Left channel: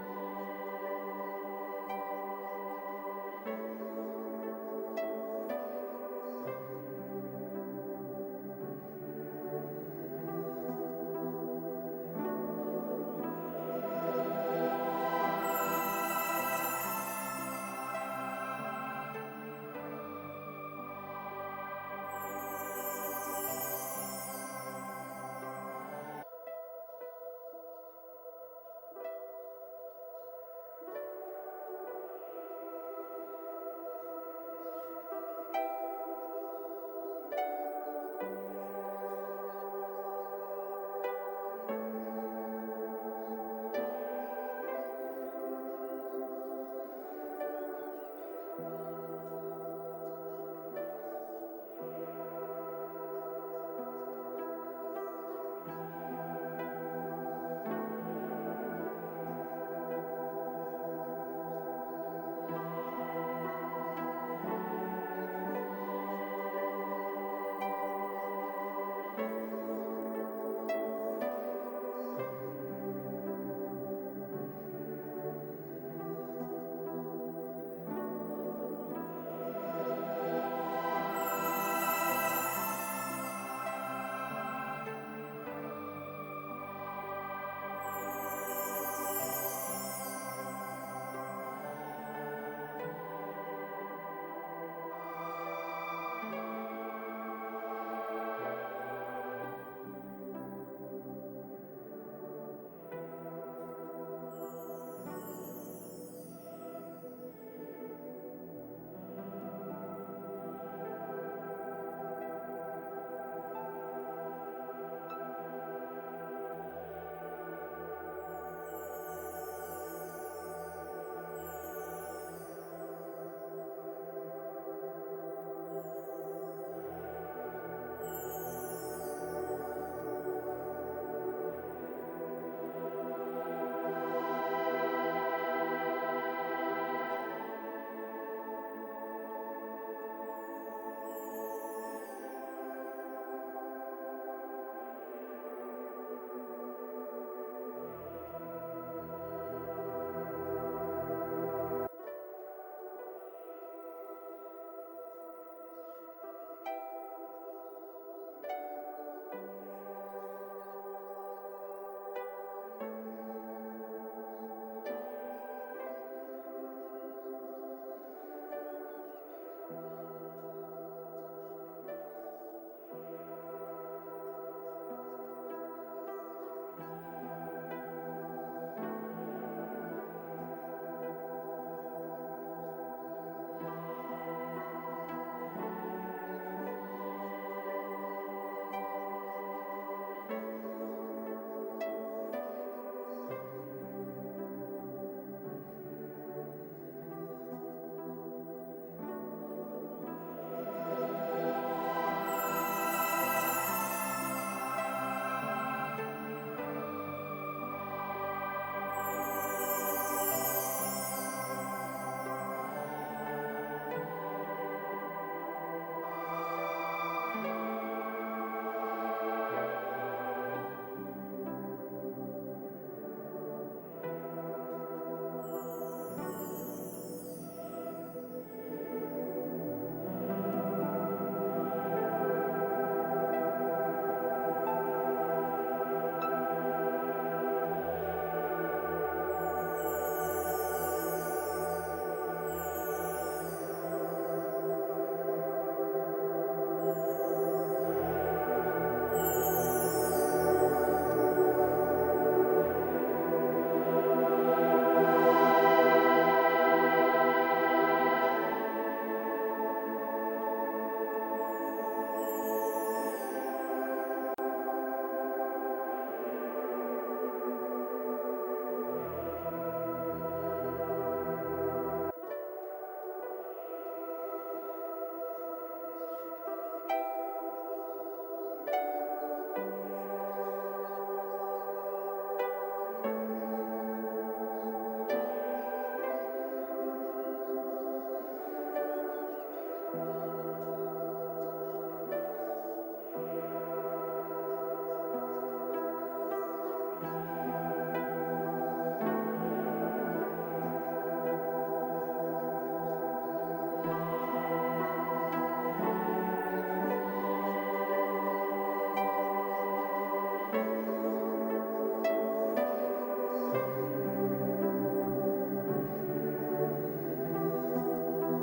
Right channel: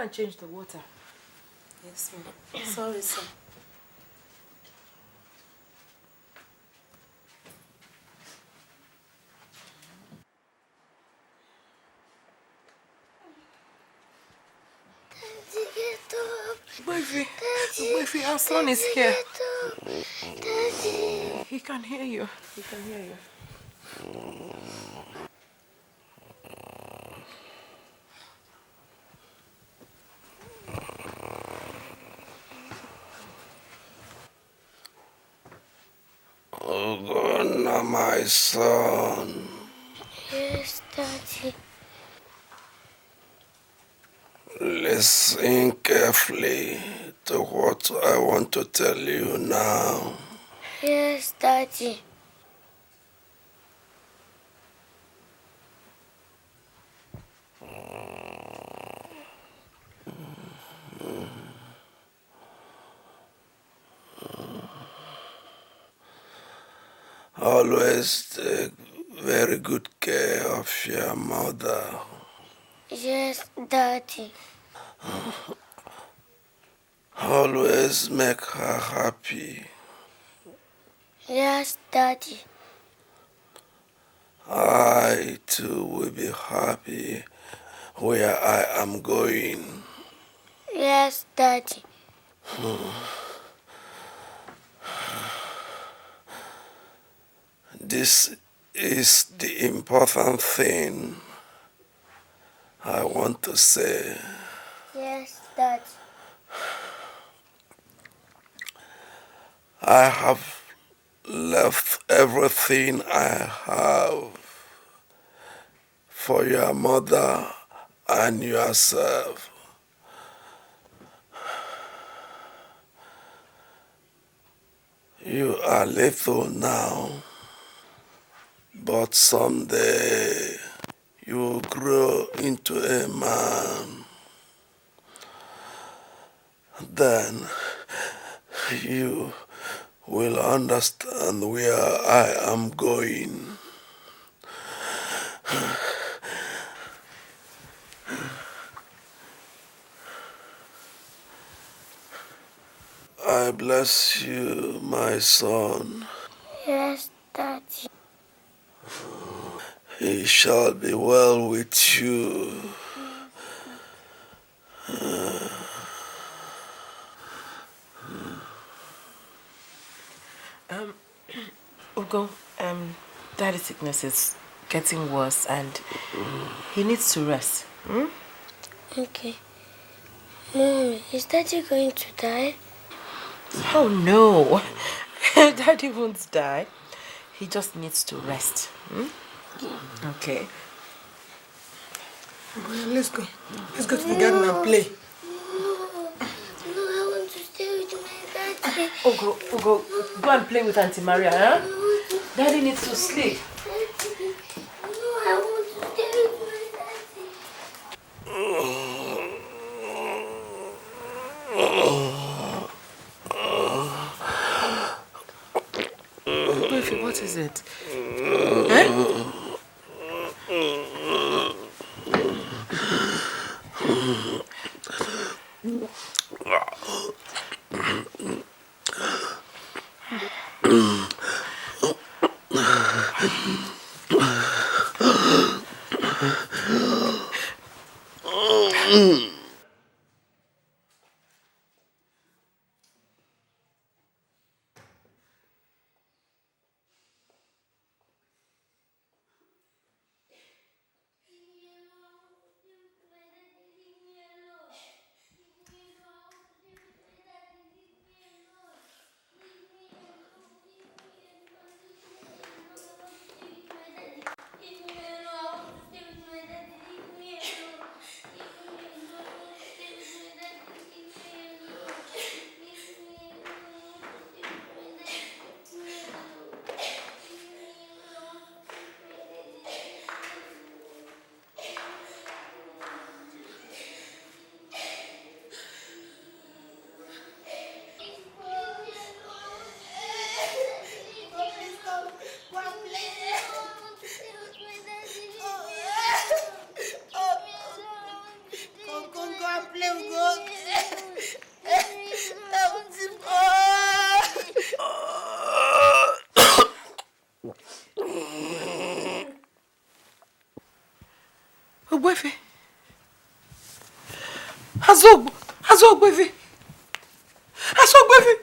and change the water. Yes, ma'am. Sorry, sir. Wifey, our son is here. He can hear you. He can hear you. Oh God, now my son. Yes, Daddy. Listen carefully to what I want to tell you now. Yes, Daddy. Always take very good care of your mother. Yes, Daddy. Always make her happy. Yes, Daddy. I too will be happy where I am going. Yes, Daddy. This is the important thing I want to say. Yes, Daddy. I have left everything I have for your mother and yourself. You are little now, but someday you will grow into a man. Then you will understand where I am going. I bless you, my son. Yes, Daddy. It shall be well with you. Ugo, Daddy's sickness is getting worse and he needs to rest. Okay. Mom, is Daddy going to die? Oh no, Daddy won't die. He just needs to rest. Okay. Let's go. Let's go to the garden and play. No, I want to stay with my daddy. Ugo, go and play with Auntie Maria, huh? Daddy needs to sleep. No, I want to stay with Baby, what is it? Huh? Ogbefe. Ogbefe. Ogbefe.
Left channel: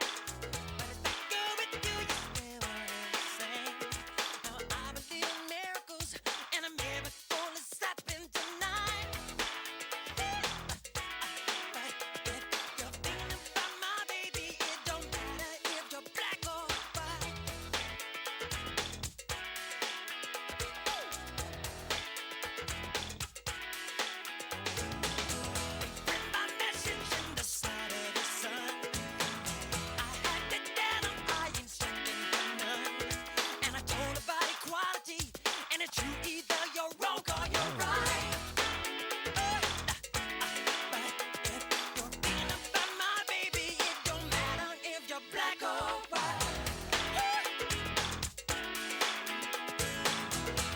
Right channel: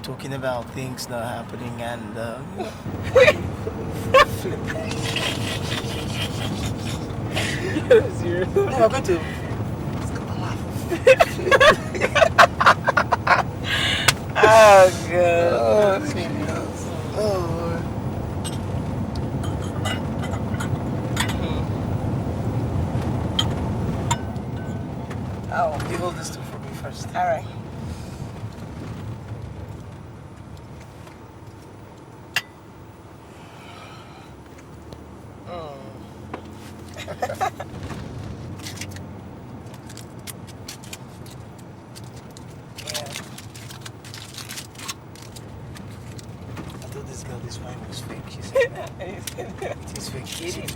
Talking about things that are happening and no, we're going to Oh, God. Oh, you hold this for me first. All right.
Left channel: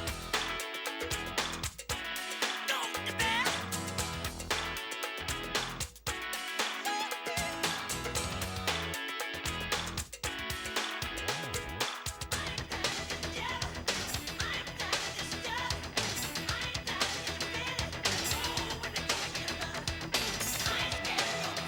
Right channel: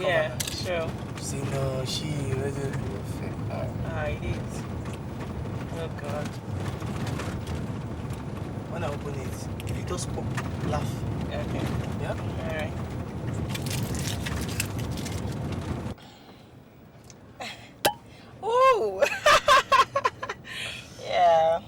Yeah, sure. See, no, she really. Oh, God. When I open it, just pop black. Yeah? All right. Ooh. Yeah.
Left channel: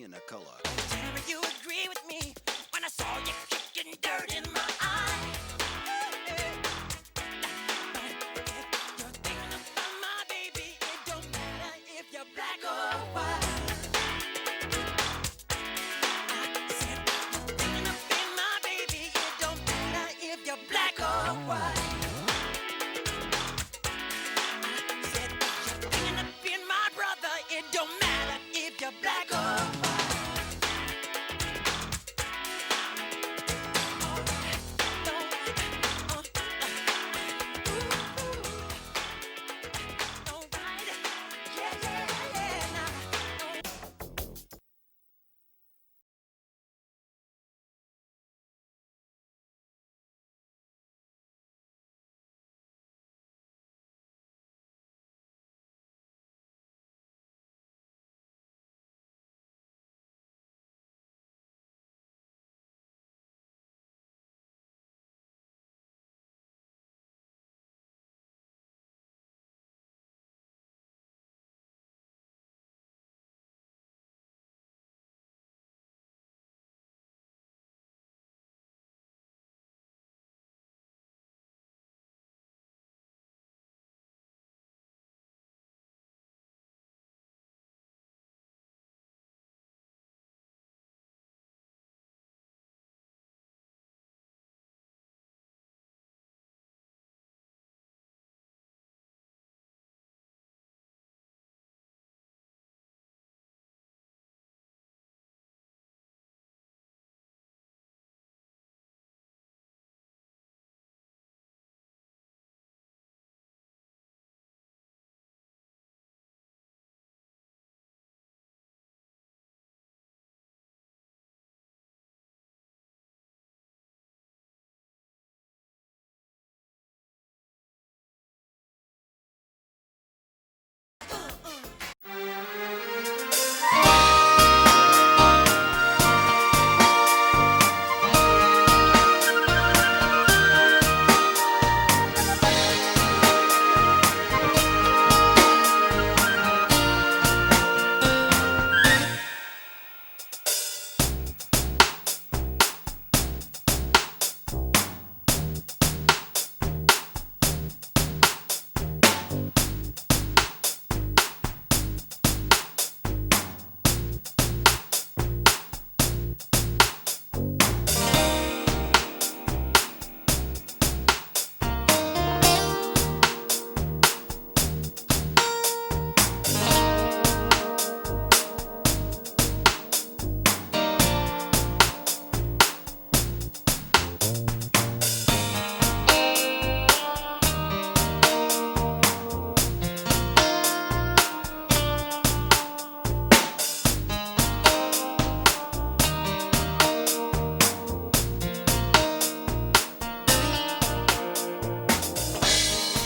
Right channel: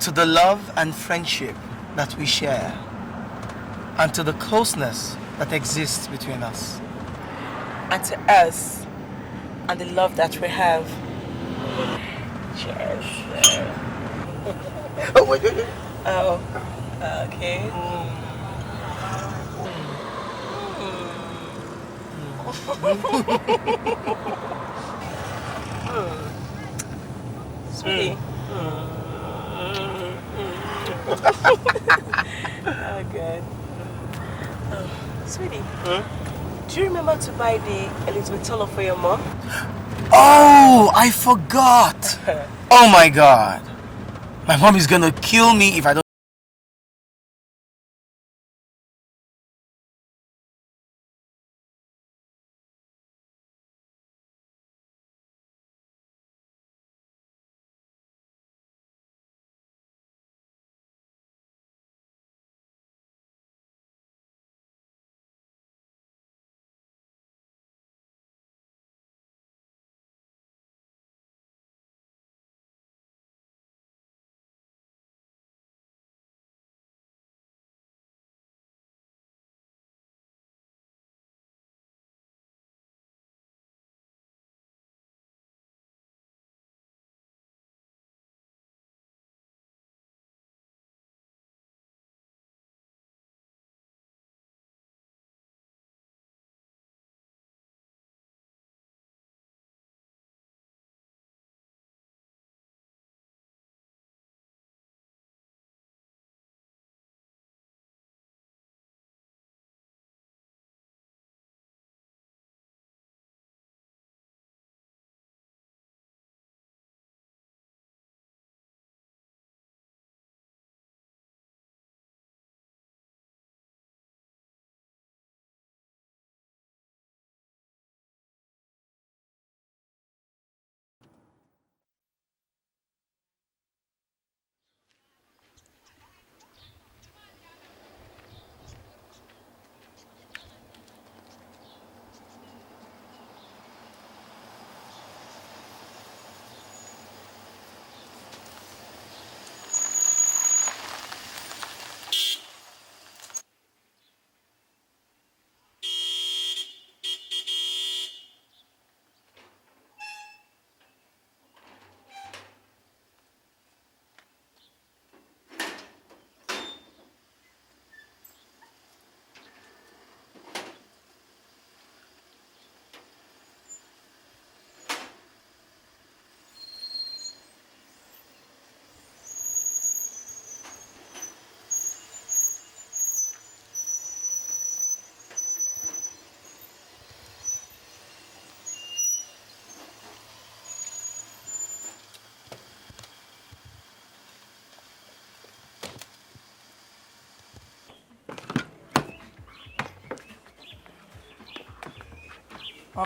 To the love and friendship that we share, and to the closeness that exists between us. And to us, and the love that we have. Oh, wait. Oh, okay. Okay. Sweetie, do you remember to buy the Elizabeth Tunnel for your mom? Oh, I forgot. Oh my God. My mom is gonna kill me if I don't.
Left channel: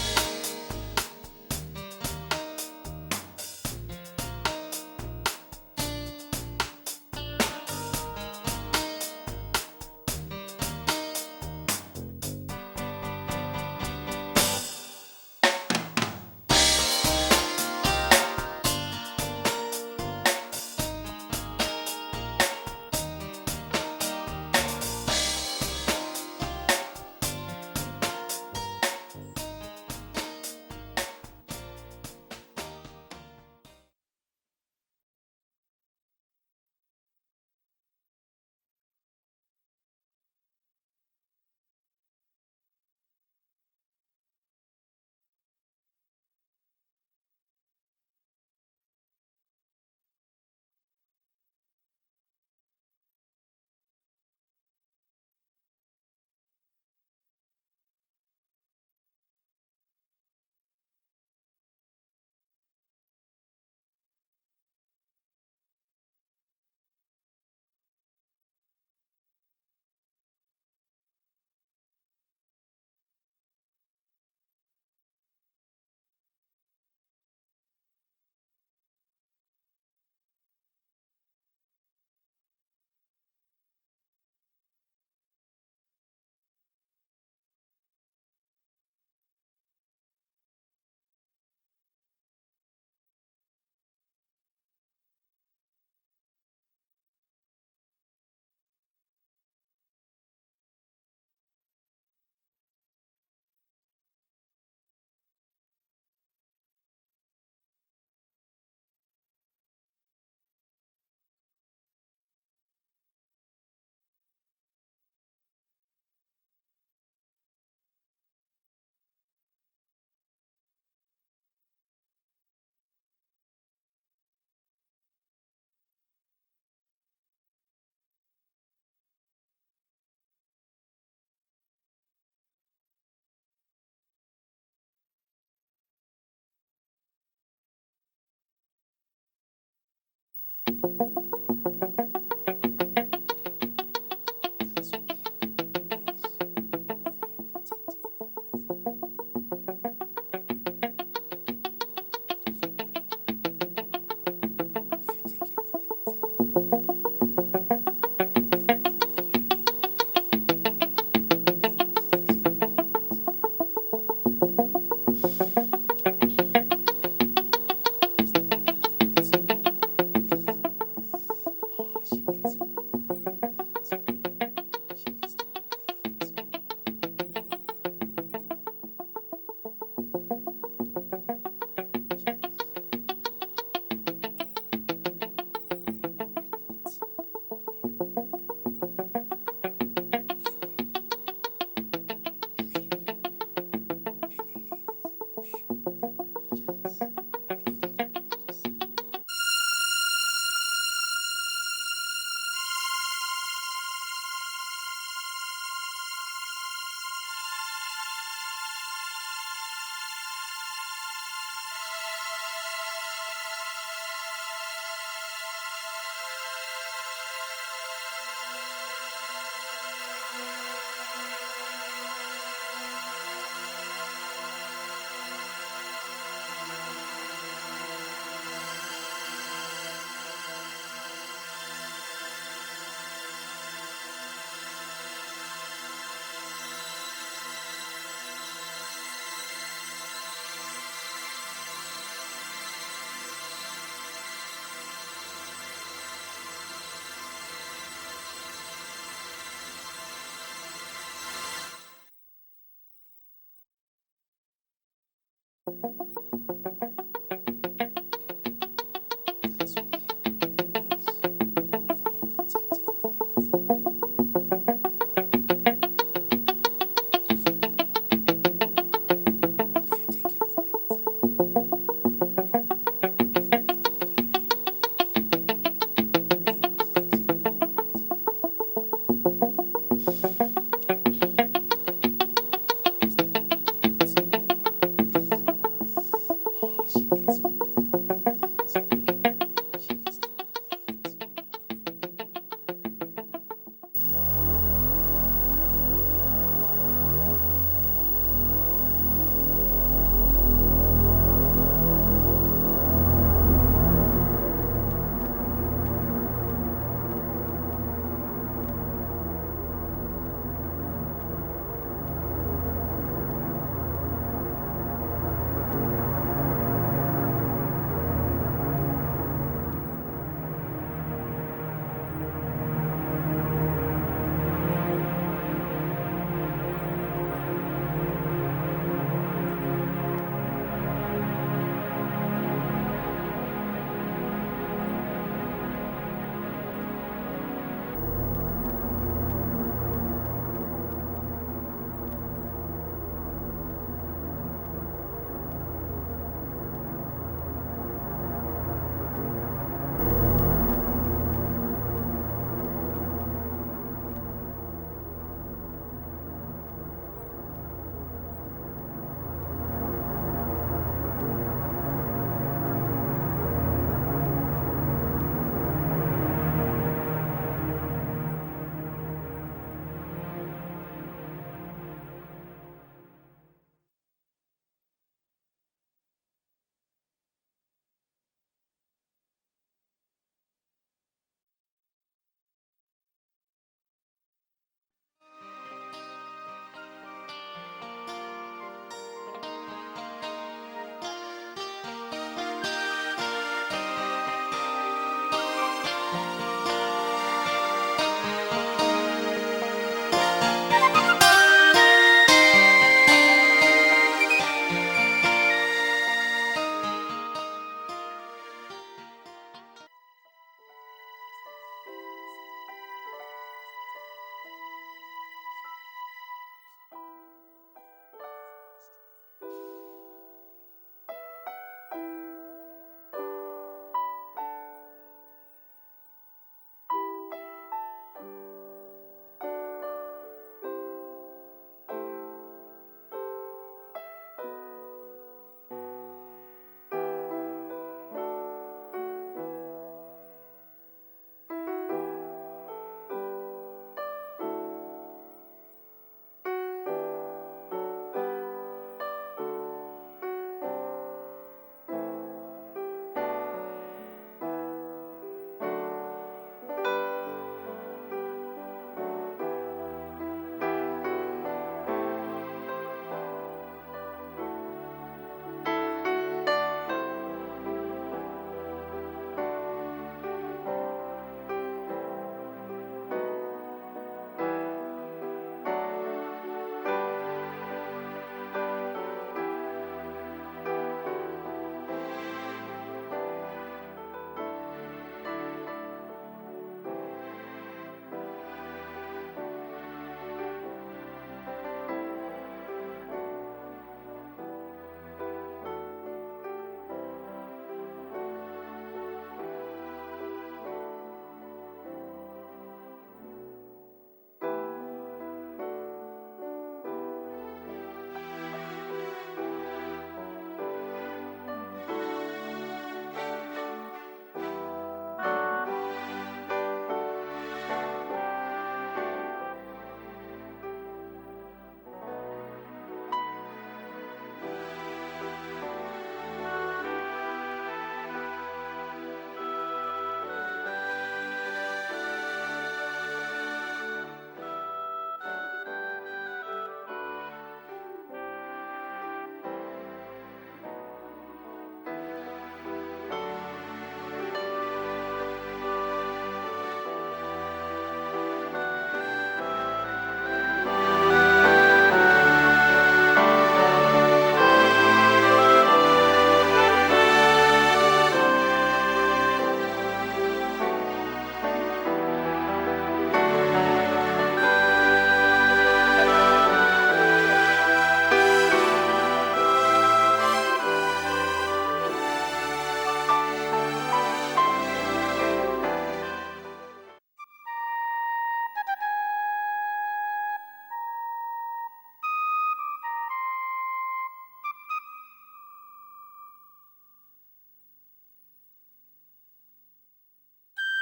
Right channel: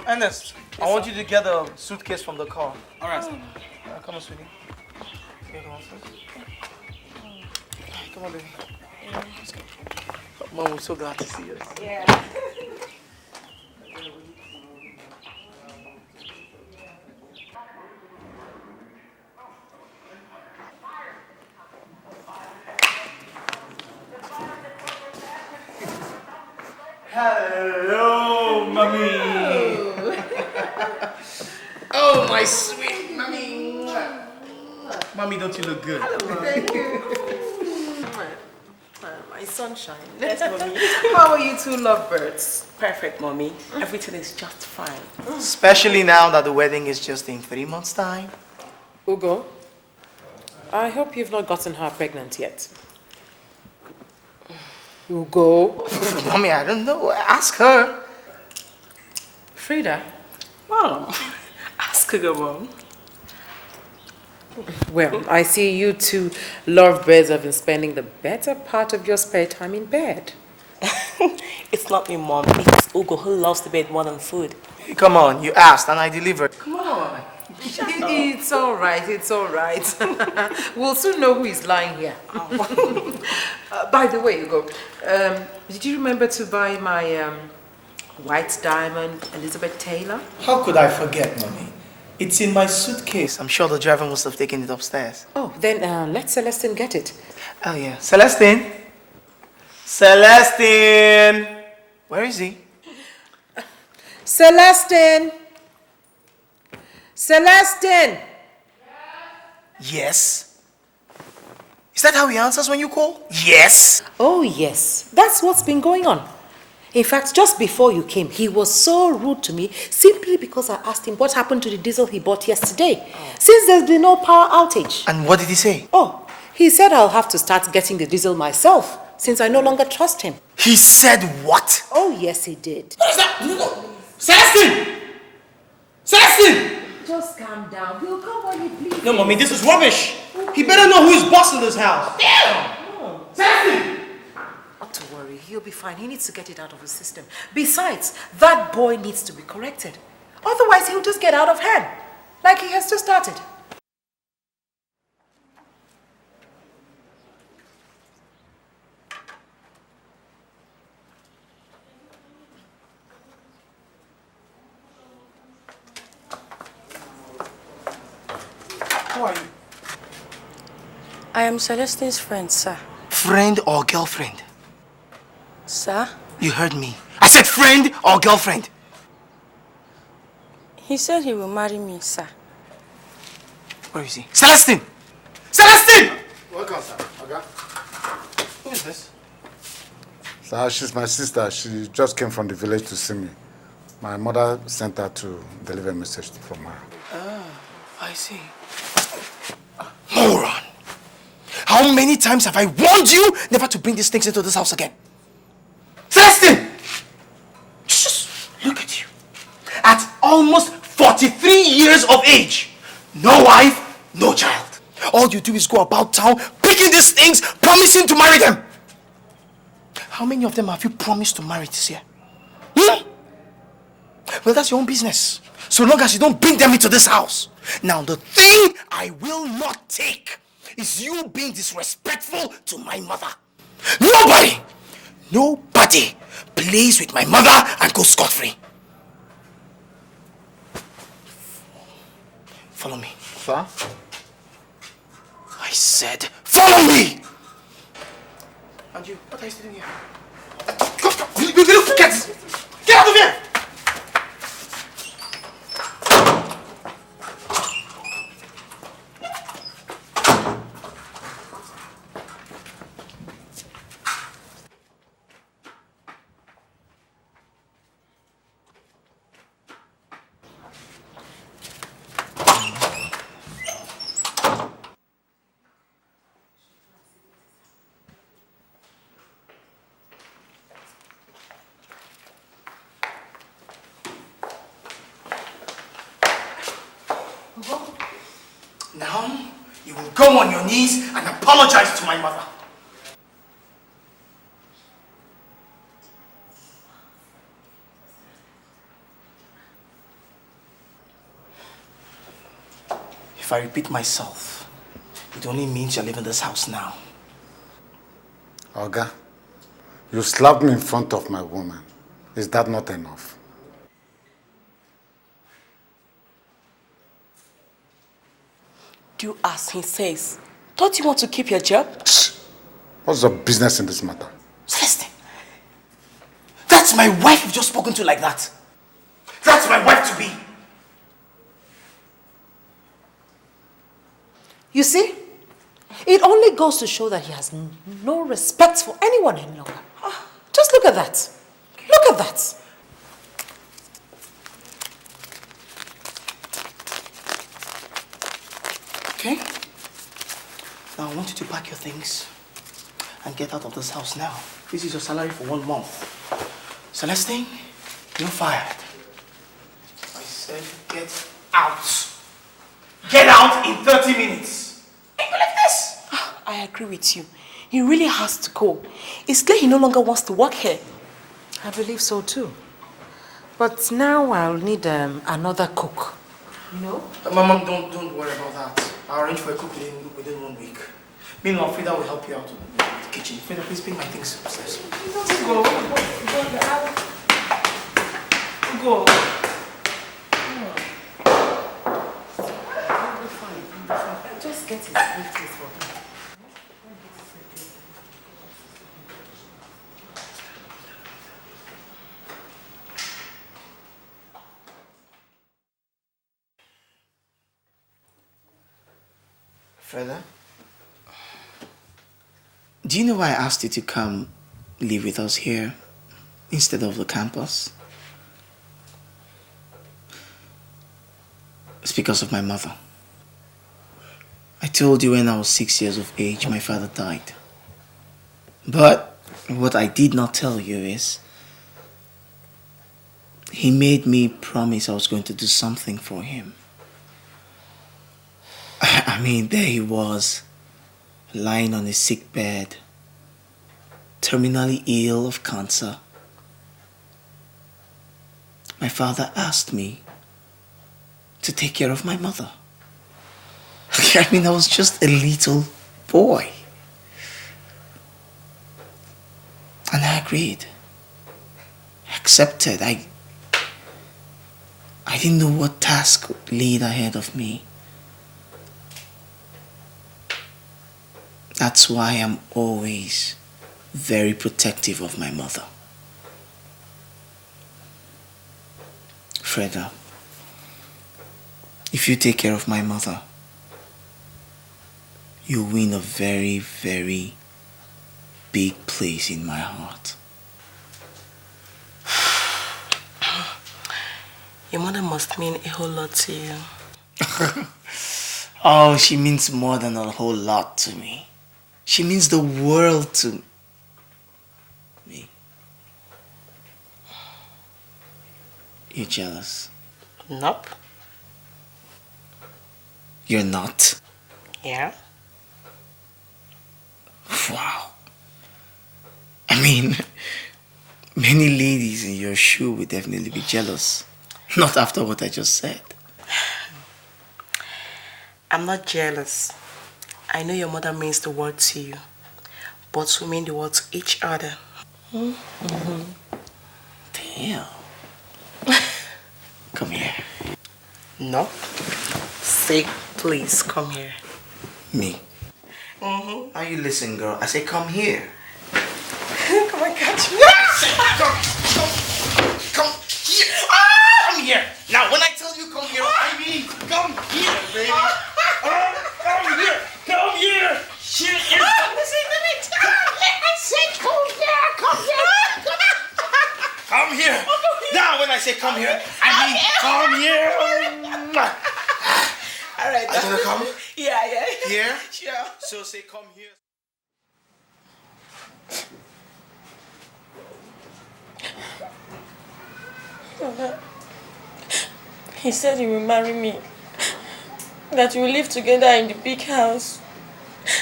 Ernest, I want you to get a suitcase from the car. All right. Come on, sweetie. Yeah, come on. Come on, baby. Mom, I'm so glad to see you. Yeah. Hello, mommy. Oh, my sweet mommy. Mommy, don't you look good? Thank you. My sunshine. Yes, mommy. How are you two lovebirds? Perfect, mommy. Everything is just fine. Especially now that the wedding is just in 3 months' time. Ugo, I hope you've not gotten her pregnant yet. Ugo. Mommy, I don't know. Ask her. Frida. Mom, ask her, mom. Well, I see you two lovebirds have been spending the better part of your spare time in bed. It's not me, mom. It's Ugo who loves the bed more than food. Hey, come on, you asked and I delivered. Come on. It's all right, it's all right. We'll soon know who is lying here. By the way, Ugo, did you remember to buy my white diamond Elizabeth Taylor? How could I forget, mommy? It's in my suitcase. I'm sure the driver must have taken it upstairs. Oh, then let Celestine get it. Oh, yeah. Celestine? Celestine! Where is he? Celestine! Celestine! Yes. Is that how he answers when you call? Yes. Oh, yes. That's what's been going on. In fact, just before you came, he was so rude to me simply because I asked him what happened to the diesel he bought yesterday, since there's been no power outage. And what did he say? Oh, he said I'll have to start getting the diesel myself, since I no longer trust him. He said what? Oh, yes, he did. What is that? Celestine! Celestine! Just calm down. He'll come when he pleases. No, mommy, this is rubbish. He better know who's boss in this house. Celestine! Not to worry, he'll be fine. He needs to get it out of his system. Besides, that boy needs to be corrected. Otherwise, he'll just get out of hand, like he has just started. I am Celestine's friend, sir. Friend or girlfriend? Sir? You heard me. I said friend or girlfriend. He said he will marry me, sir. Where is he? Celestine! Celestine! Welcome, sir. Okay. Who is this? Sir, she's my sister. She just came from the village to see me. My mother sent her to deliver a message from her. I see. Moron! How many times have I warned you never to bring these things into this house again? Celestine! Just look at you. At almost 43 years of age, no wife, no child. All you do is go about town picking these things, promising to marry them. How many of them have you promised to marry this year? Well, that's your own business. So long as you don't bring them into this house. Now, the thing I will not take is you being disrespectful to my mother. Nobody plays with my mother and goes scot-free. Follow me. Sir? I said, follow me! And you, what are you doing here? Go, get out of here! Go on your knees and apologize to my mother. I repeat myself, it only means you're leaving this house now. Oga, you slapped me in front of my woman. Is that not enough? Do as he says. Don't you want to keep your job? What's your business in this matter? Celestine, that's my wife you've just spoken to like that. That's my wife to be. You see, it only goes to show that he has no respect for anyone any longer. Just look at that. Look at that. Okay? Now I want you to pack your things and get out of this house now. This is your salary for 1 month. Celestine, you're fired. I said get out. Get out in 30 minutes. Ain't you like this? I agree with you. He really has to go. It's clear he no longer wants to work here. I believe so too. But now I'll need another cook. No? Mom, don't worry about that. I'll arrange for a cook within 1 week. Meanwhile, Frida will help you out in the kitchen. Frida, please bring my things upstairs. Go. Freda, do you know why I asked you to come live with us here instead of the campus? It's because of my mother. I told you when I was 6 years of age, my father died. But what I did not tell you is, he made me promise I was going to do something for him. I mean, there he was, lying on a sick bed, terminally ill of cancer. My father asked me to take care of my mother. I mean, I was just a little boy. And I agreed. I accepted. I didn't know what task laid ahead of me. That's why I'm always very protective of my mother. Freda, if you take care of my mother, you win a very, very big place in my heart. Your mother must mean a whole lot to you. Oh, she means more than a whole lot to me. She means the world to me. You jealous? Nope. You're not? Yeah. Wow. I mean, many ladies in your shoe would definitely be jealous. Not after what I just said. I'm not jealous. I know your mother means the word to you, but we mean the word to each other. Damn. Come here. No. Say, please, come here. Me? Are you listening, girl? I say, come here. Come on, catch me. Come here. Now, when I tell you to come here, come here. Come here. Now, when I say come here, I mean come here. All right. Are you gonna come? Yeah. Here? Sure. So say come here. He said he will marry me. That we will live together in the big house.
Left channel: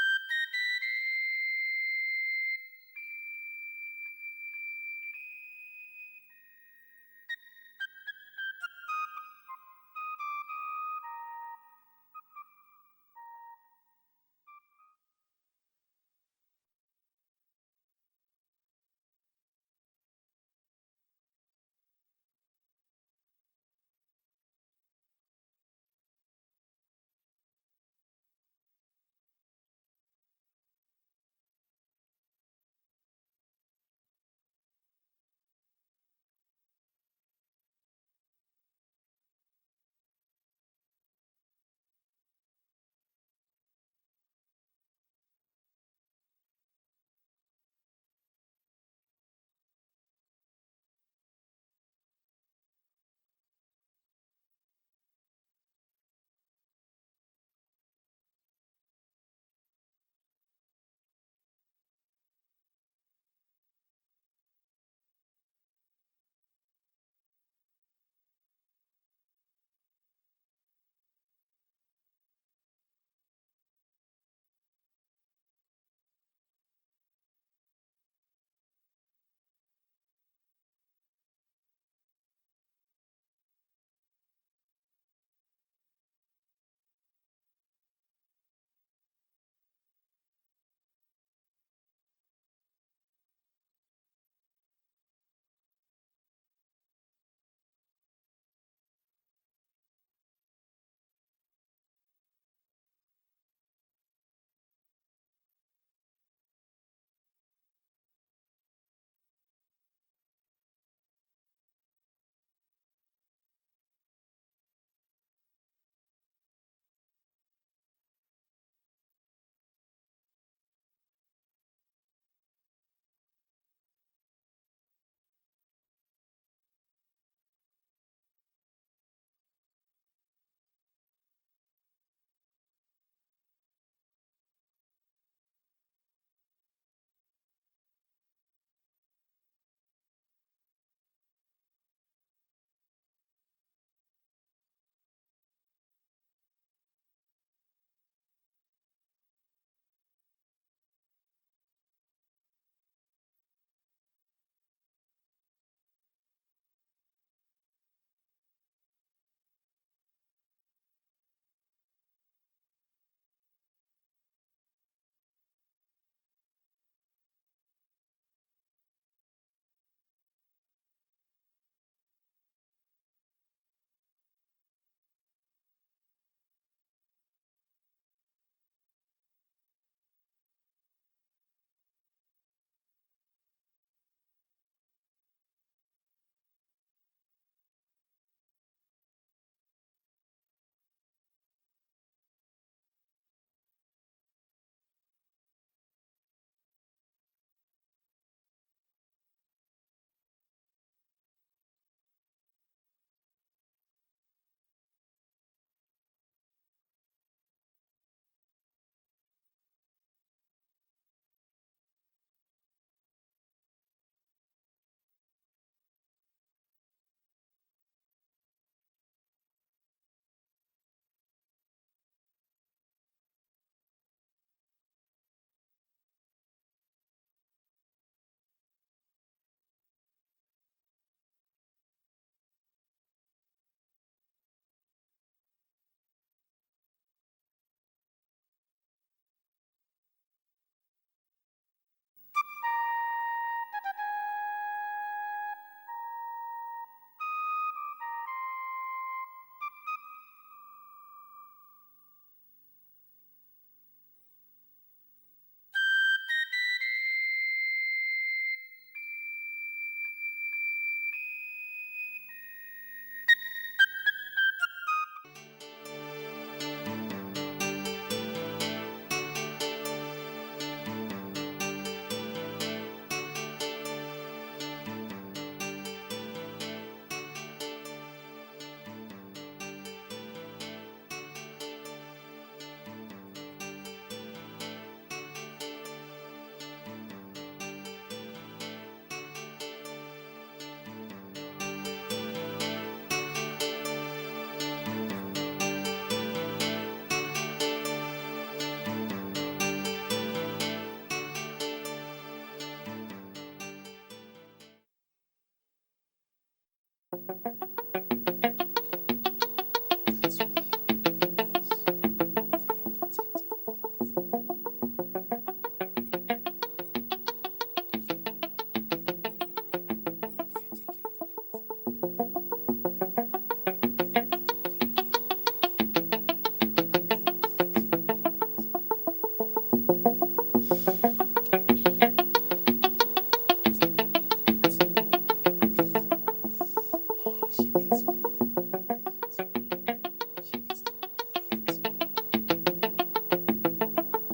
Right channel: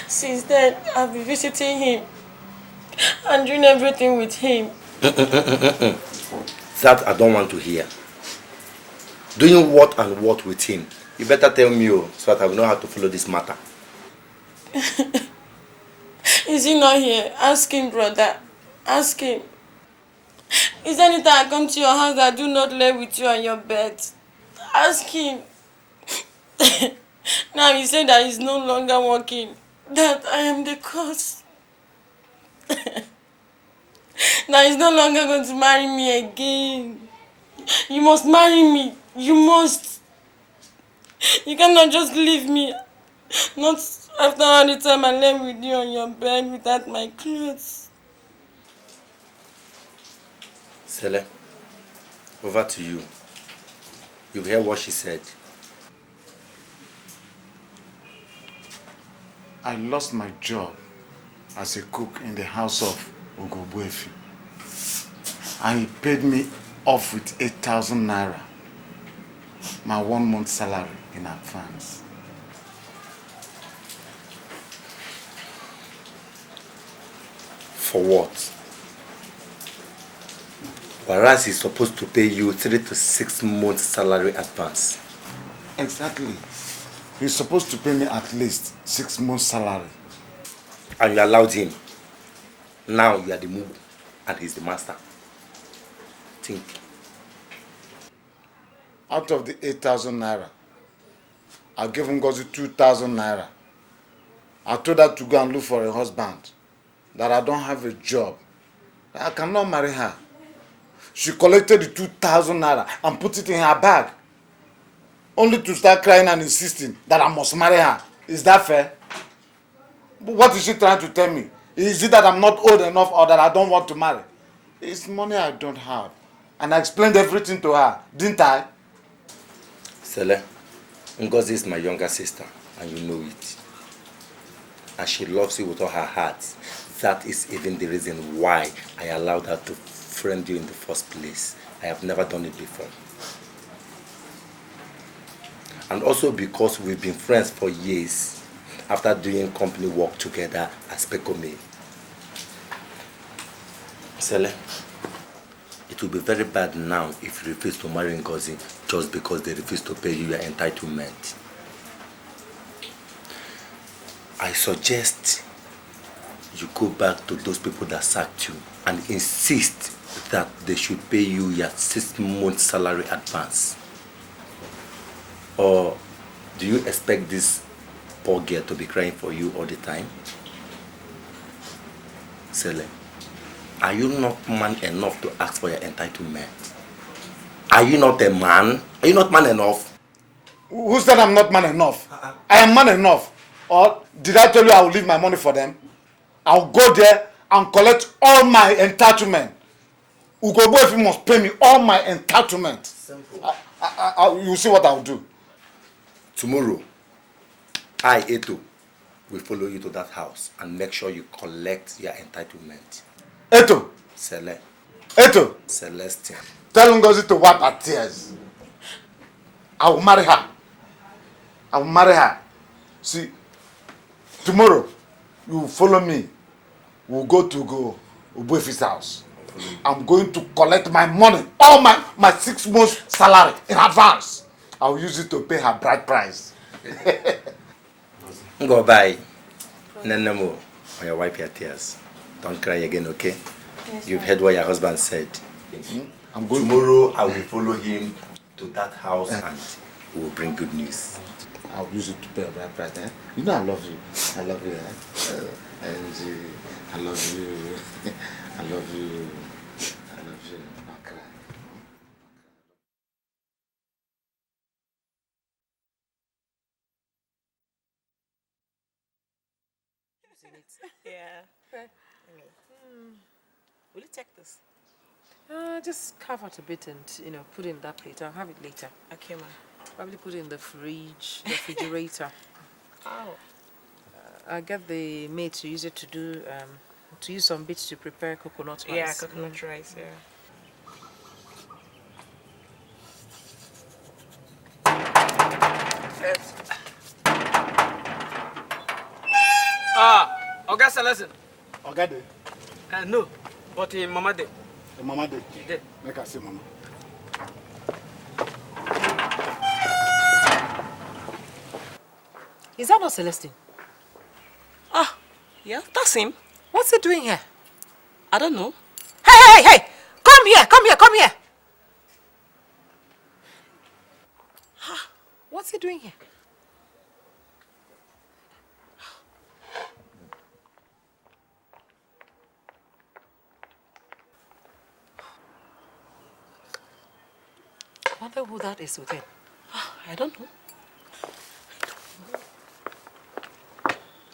Since then, I've been visiting him and doing everything with him. That I don't want to hear. Doing what and what with him? You better tell me, so that I will know how to follow this matter. Is he not here? Ask him, brother. Ask him. Is there any time I come to your house that I do not lay with you on your bed? Ask him. Now he said that he's no longer working. That I am the cause. Now he's no longer going to marry me again. You must marry me. You must. You cannot just leave me. Not after all the time I lay with you on your bed without my clothes. Sele, over to you. You hear what she said. I lost my job as a cook in the house of Ugobuefi. And he paid me off with 8,000 naira, my 1 month salary in advance. For what? Whereas he's supposed to pay you 3 to 6 months salary advance. Exactly. He's supposed to pay me at least 6 months salary. And you allowed him. Now you are the Mugu and he's the master. Think. Out of the 8,000 naira, I gave Ngozi 2,000 naira. I told her to go and look for a husband, that I don't have a job. I cannot marry her. She collected the 2,000 naira and put it in her bag, only to start crying and insisting that I must marry her. Is that fair? But what is she trying to tell me? Is it that I'm not old enough or that I don't want to marry? It's money I don't have. And I explained everything to her, didn't I? Sele, Ngozi is my younger sister, and you know it. And she loves you with all her heart. That is even the reason why I allowed her to friend you in the first place. I have never done it before. And also because we've been friends for years after doing company work together as Pekome. Sele, it will be very bad now if you refuse to marry Ngozi just because they refuse to pay you your entitlement. I suggest you go back to those people that sacked you and insist that they should pay you your 6 months salary advance. Or do you expect this poor girl to be crying for you all the time? Sele, are you not man enough to ask for your entitlement? Are you not a man? Are you not man enough? Who said I'm not man enough? I am man enough. Or did I tell you I will leave my money for them? I'll go there and collect all my entitlement. Ugobuefi must pay me all my entitlement. Simple. You see what I'll do. Tomorrow, I, Eto, will follow you to that house and make sure you collect your entitlement. Eto. Sele. Eto. Celestine. Tell Ngozi to wipe her tears. I will marry her. I will marry her. See, tomorrow, you will follow me. We'll go to Ubuefi's house. I'm going to collect my money, all my 6 months salary in advance. I'll use it to pay her bride price. Go bye. Nenemo, or you wipe your tears. Don't cry again, okay? Yes. You've heard what your husband said. I'm going tomorrow I will follow him to that house and we will bring good news. I'll use it to pay her bride price. Eh? You know I love you. I love you. Eh? I love you. I love you. I love you. Don't cry. Just carve out a bit and put it in that plate. I'll have it later. Okay, ma'am. I'll put it in the fridge, refrigerator. I'll get the maid to use it to use some bits to prepare coconut rice. Yeah, coconut rice, yeah. Oga Celestine. Oga de? No, but Mama de. Mama de? She did. Make her say Mama. Is that not Celestine? Ah, yeah, that's him. What's he doing here? I don't know. Hey! Come here! What's he doing here? What the hell that is with him? I don't know.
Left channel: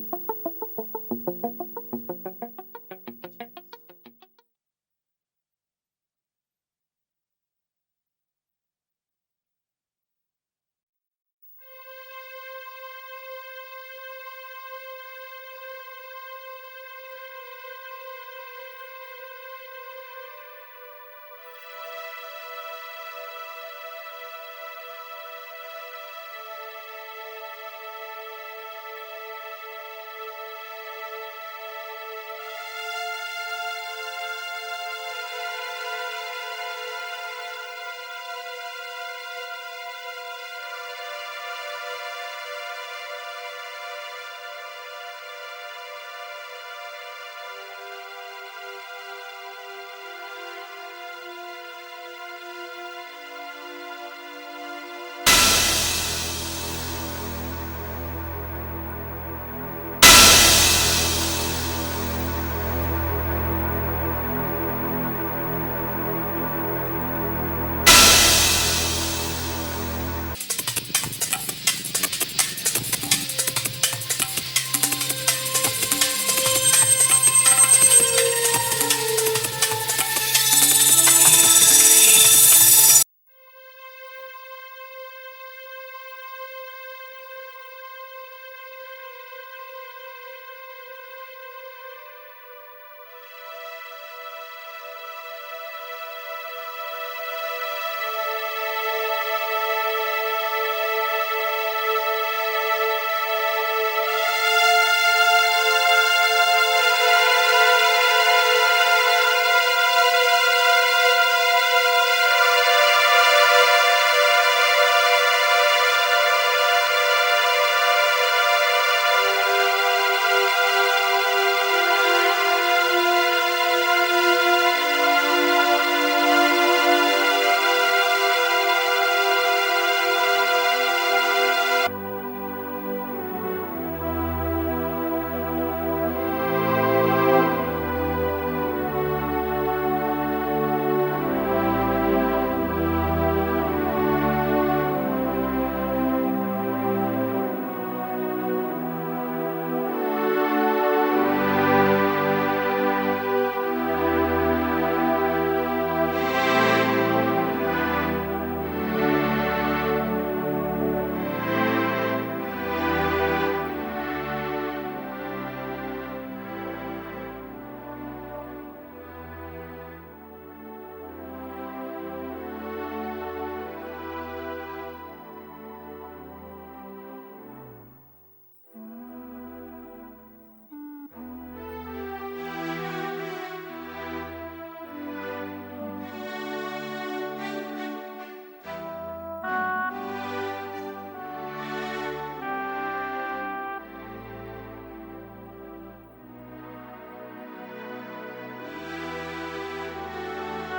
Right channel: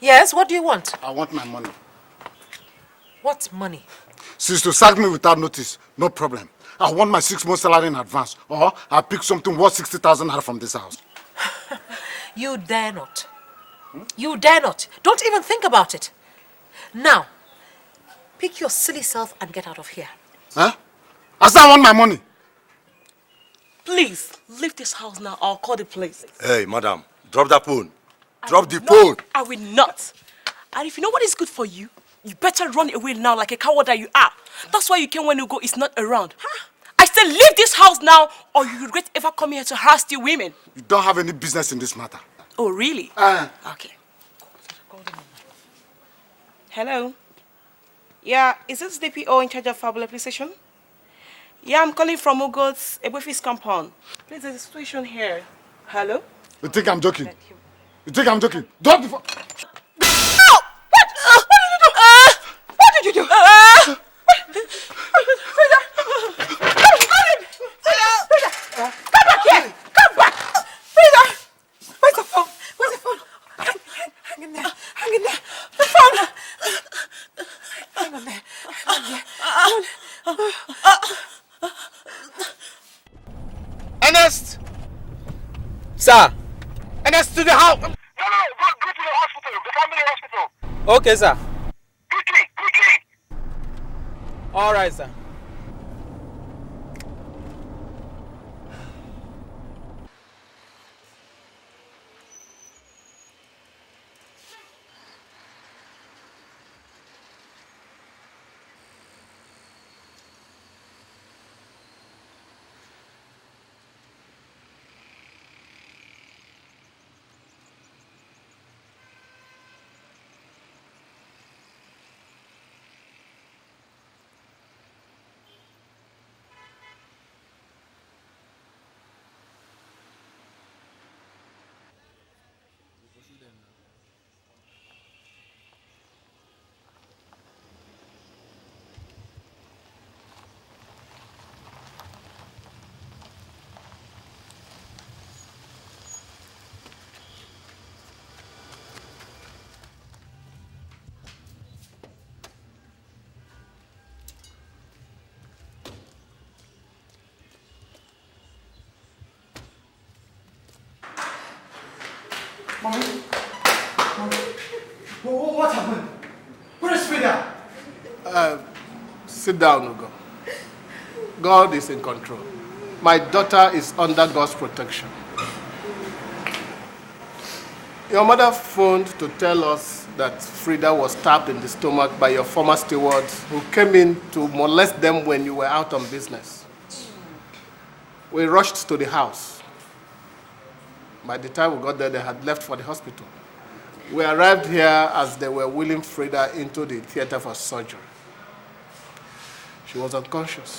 Yes, what do you want? I want my money. What money? Since to sack me without notice, no problem. I want my 6 months salary in advance, or I'll pick something worth 60,000 naira from this house. You dare not. You dare not. Don't even think about it. Now, pick your silly self and get out of here. Huh? I said I want my money. Please, leave this house now. I'll call the police. Hey, madam, drop that phone. Drop the No, phone. I will not. And if you know what is good for you, you better run away now like a coward that you are. That's why you came when Ugo is not around. I said leave this house now or you regret ever coming here to harass the women. You don't have any business in this matter. Oh, really? Okay. Hello? Yeah, is this DPO in charge of Fabula Precision? Yeah, I'm calling from Ugo's Ebofis compound. There's a situation here. Hello? You think I'm joking? Drop the phone. No! What did you do? Come back here! Come back! Ernest! Sir. Ernest, to the house! Okay, sir. Quickly! All right, sir. Sit down, Ugo. God is in control. My daughter is under God's protection. Your mother phoned to tell us that Frida was stabbed in the stomach by your former stewards who came in to molest them when you were out on business. We rushed to the house. By the time we got there, they had left for the hospital. We arrived here as they were wheeling Frida into the theater for surgery. She was unconscious.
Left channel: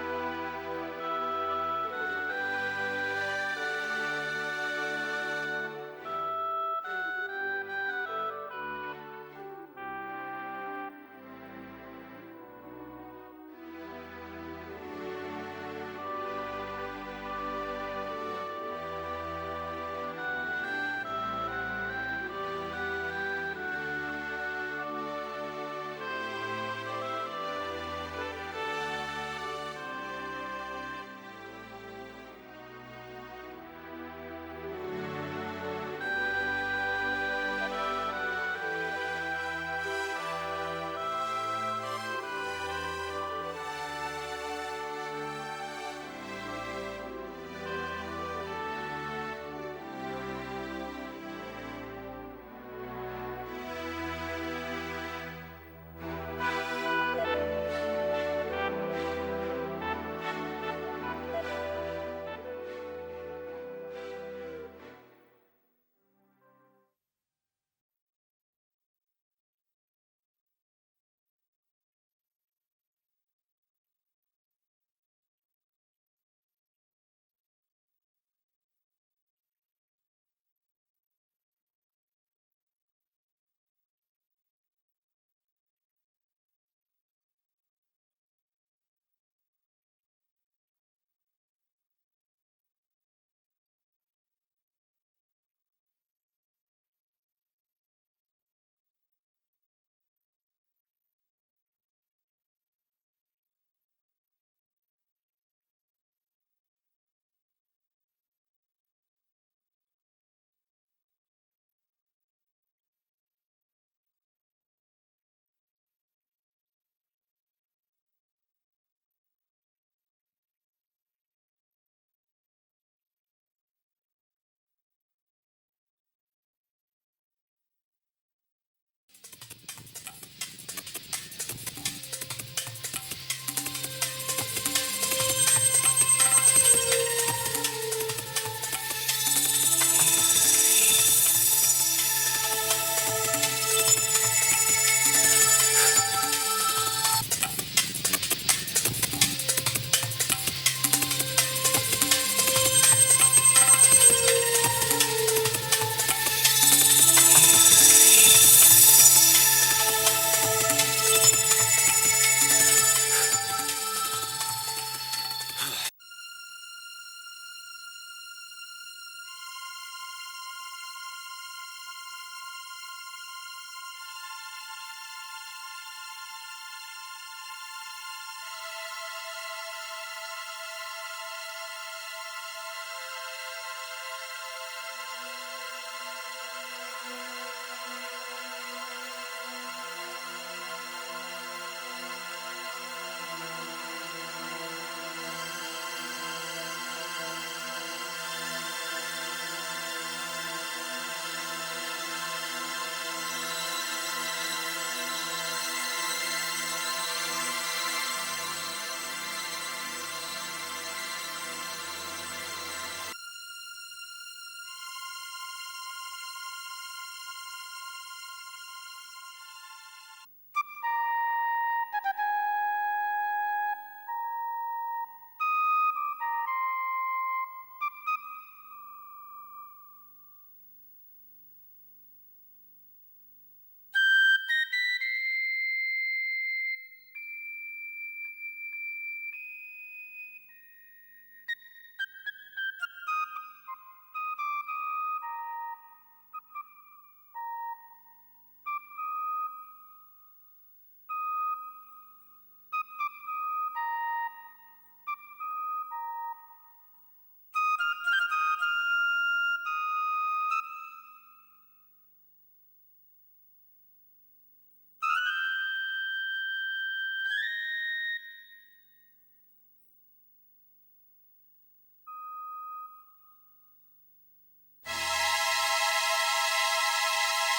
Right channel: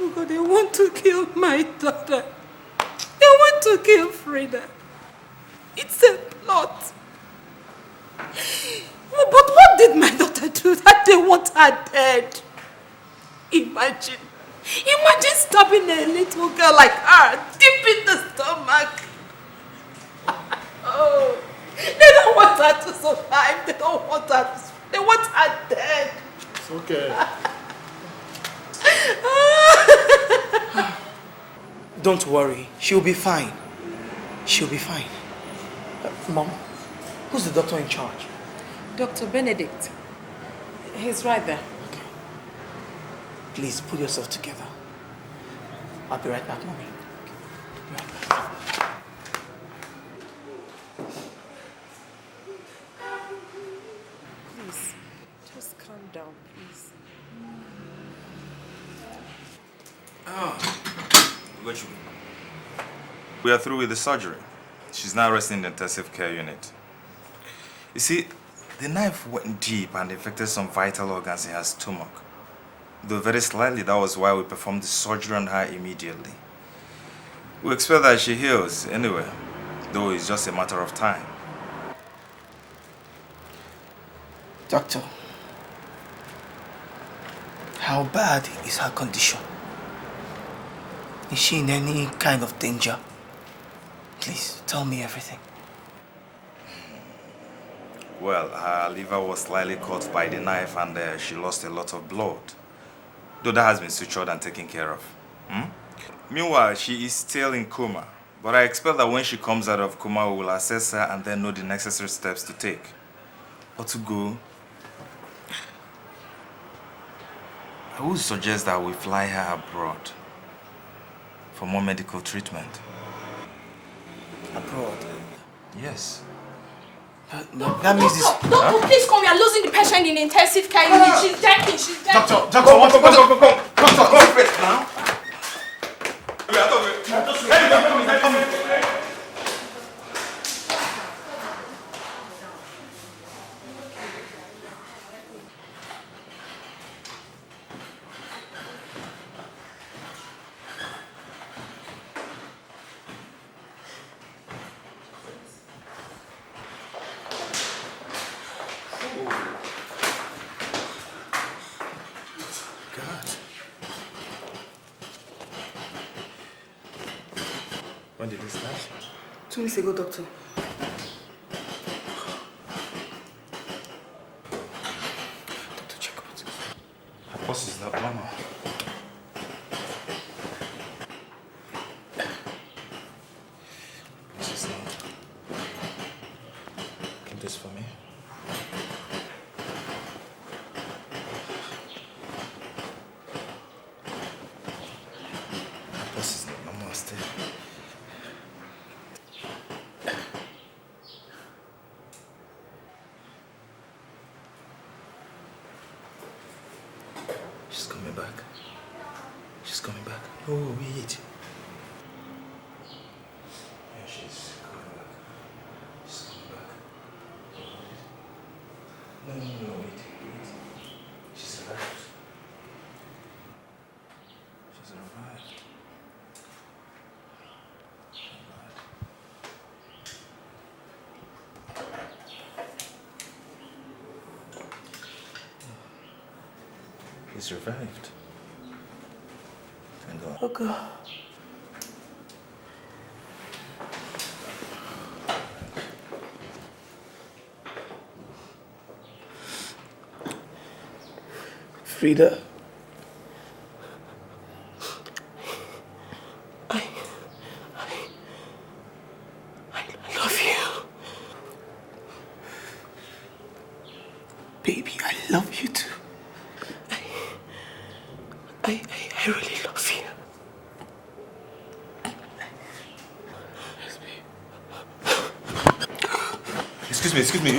Ugo, they want to kill my daughter. They want to kill Frida. It's a plot. But what did my daughter do that they want her dead? Imagine stabbing a little girl like her deep in the stomach. Oh, they don't want her to survive. They don't want her to, they want her dead. It's okay. Don't worry, she'll be fine. She'll be fine. Mom, who's the doctor in charge? Dr. Benedict. He's right there. Please pull yourself together. I'll be right back, Mommy. Please, just calm down. We are through with the surgery. She's now resting in the intensive care unit. You see, the knife went deep and affected some vital organs in her stomach. Though very slightly, that was why we performed the surgery on her immediately. We expect that she heals anyway, though it's just a matter of time. Doctor, how bad is her condition? Is she in any kind of danger? Please, tell me everything. Well, her liver was slightly cut by the knife and she lost a lot of blood. Though that has been sutured and taken care of. Meanwhile, she is still in coma. But I expect that when she comes out of coma, we will assess her and then know the necessary steps to take. Or to go. I would suggest that we fly her abroad for more medical treatment. Abroad? Yes. But that means this... Doctor, please come. We are losing the patient in the intensive care unit. She's dying. She's dying. Doctor, come first now. When did this start? 2 weeks ago, doctor. Her pulse is not normal. He's revived. Thank God. Oh God. Frida. I love you. Baby, I love you too. I really love you. Excuse me.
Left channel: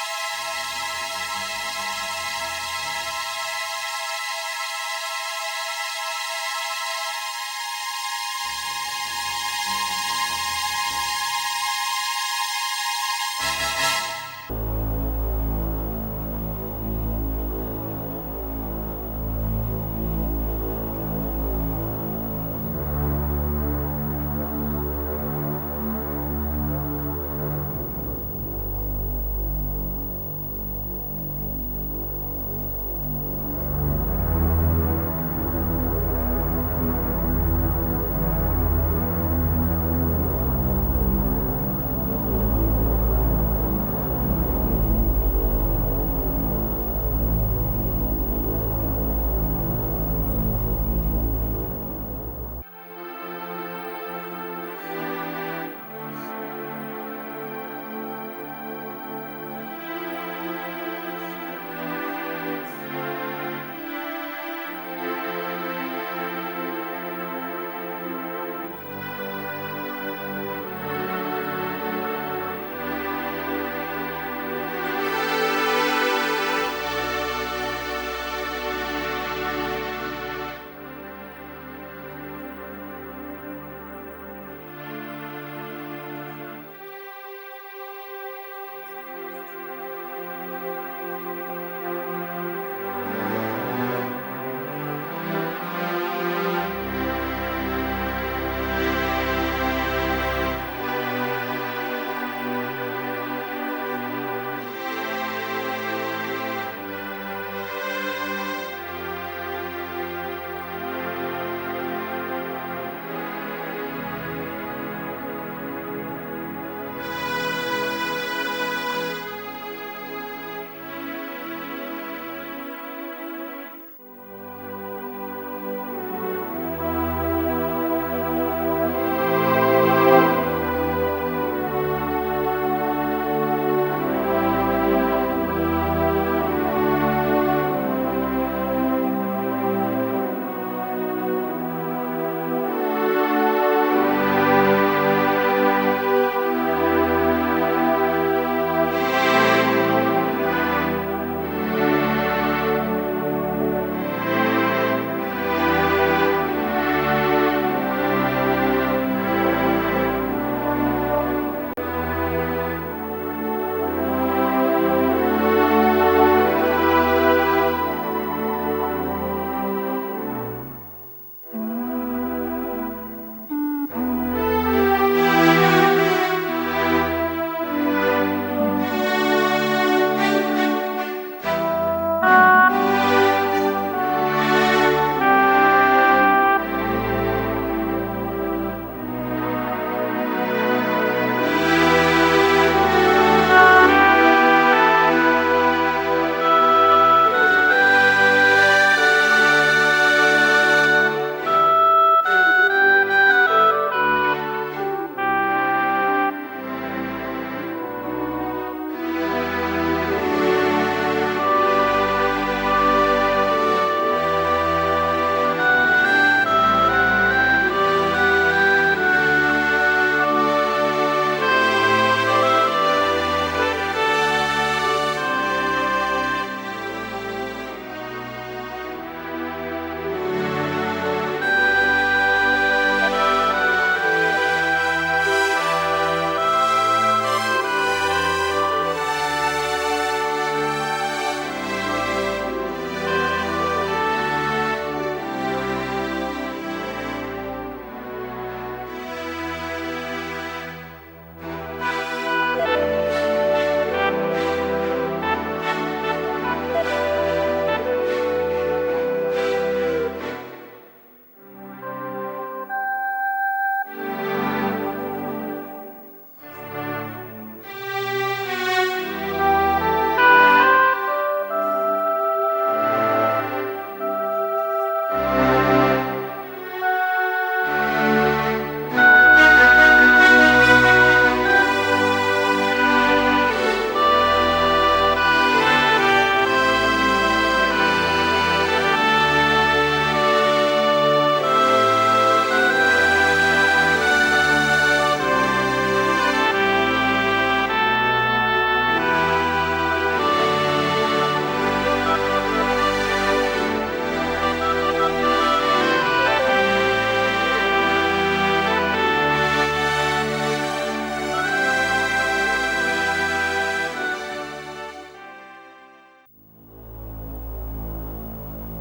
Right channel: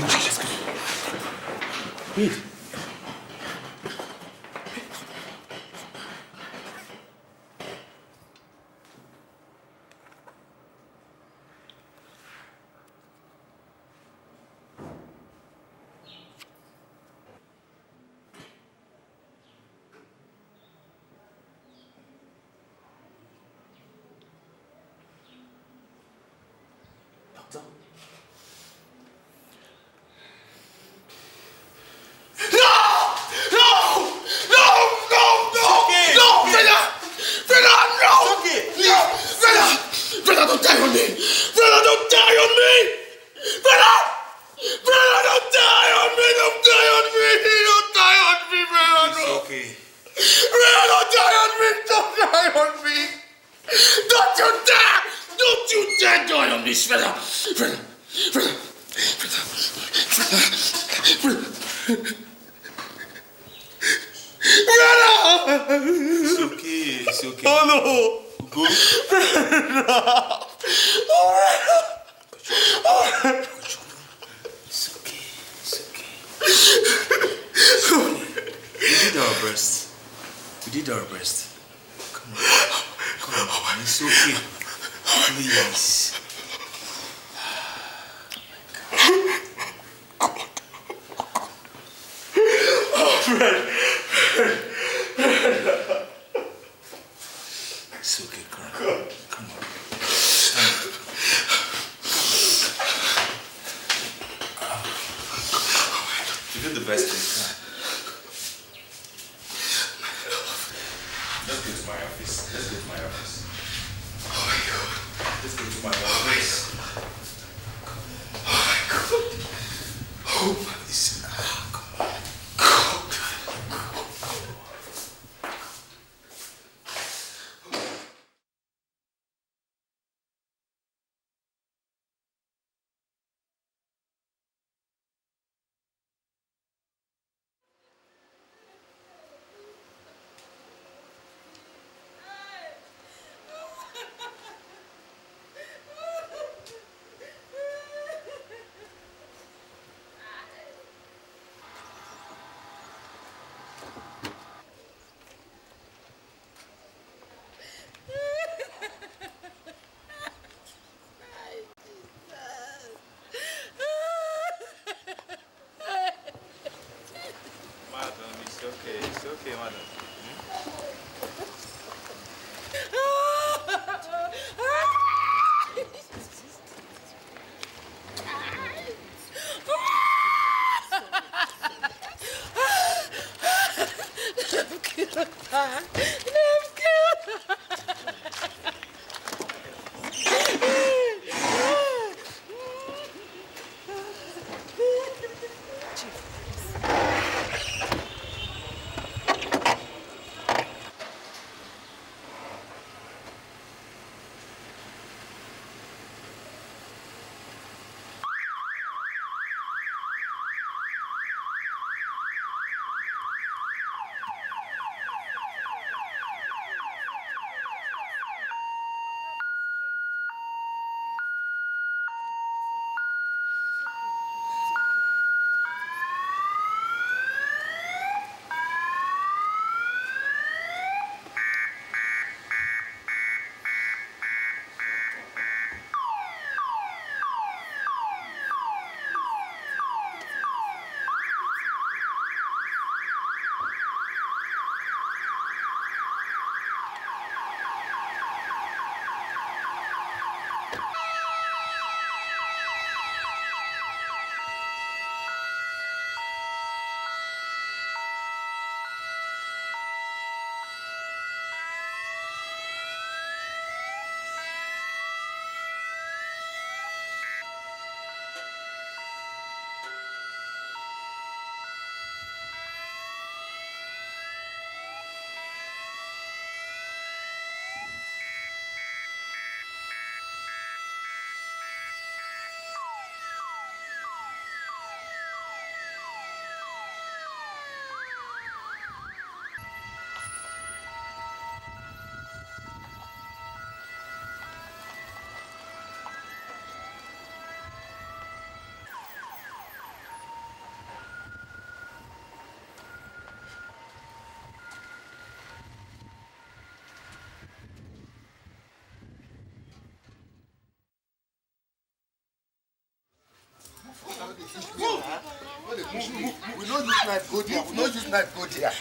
knife go there. We no use knife go there.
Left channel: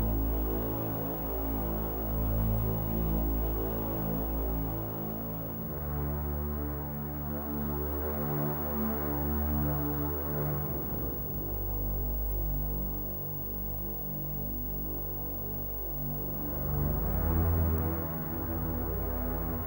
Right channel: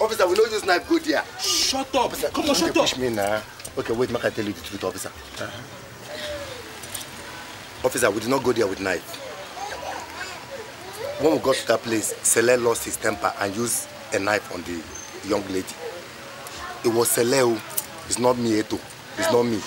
Officer, we no use knife go there. Shut up. Officer, come on, shut up. Push me now. Okay, wait, make I tell you the truth, officer. Officer, we did not go there with knife. When we got to that place, Sele lost his temper and used a knife on the young lady. It was Sele. It's not me, Eto. It's not me.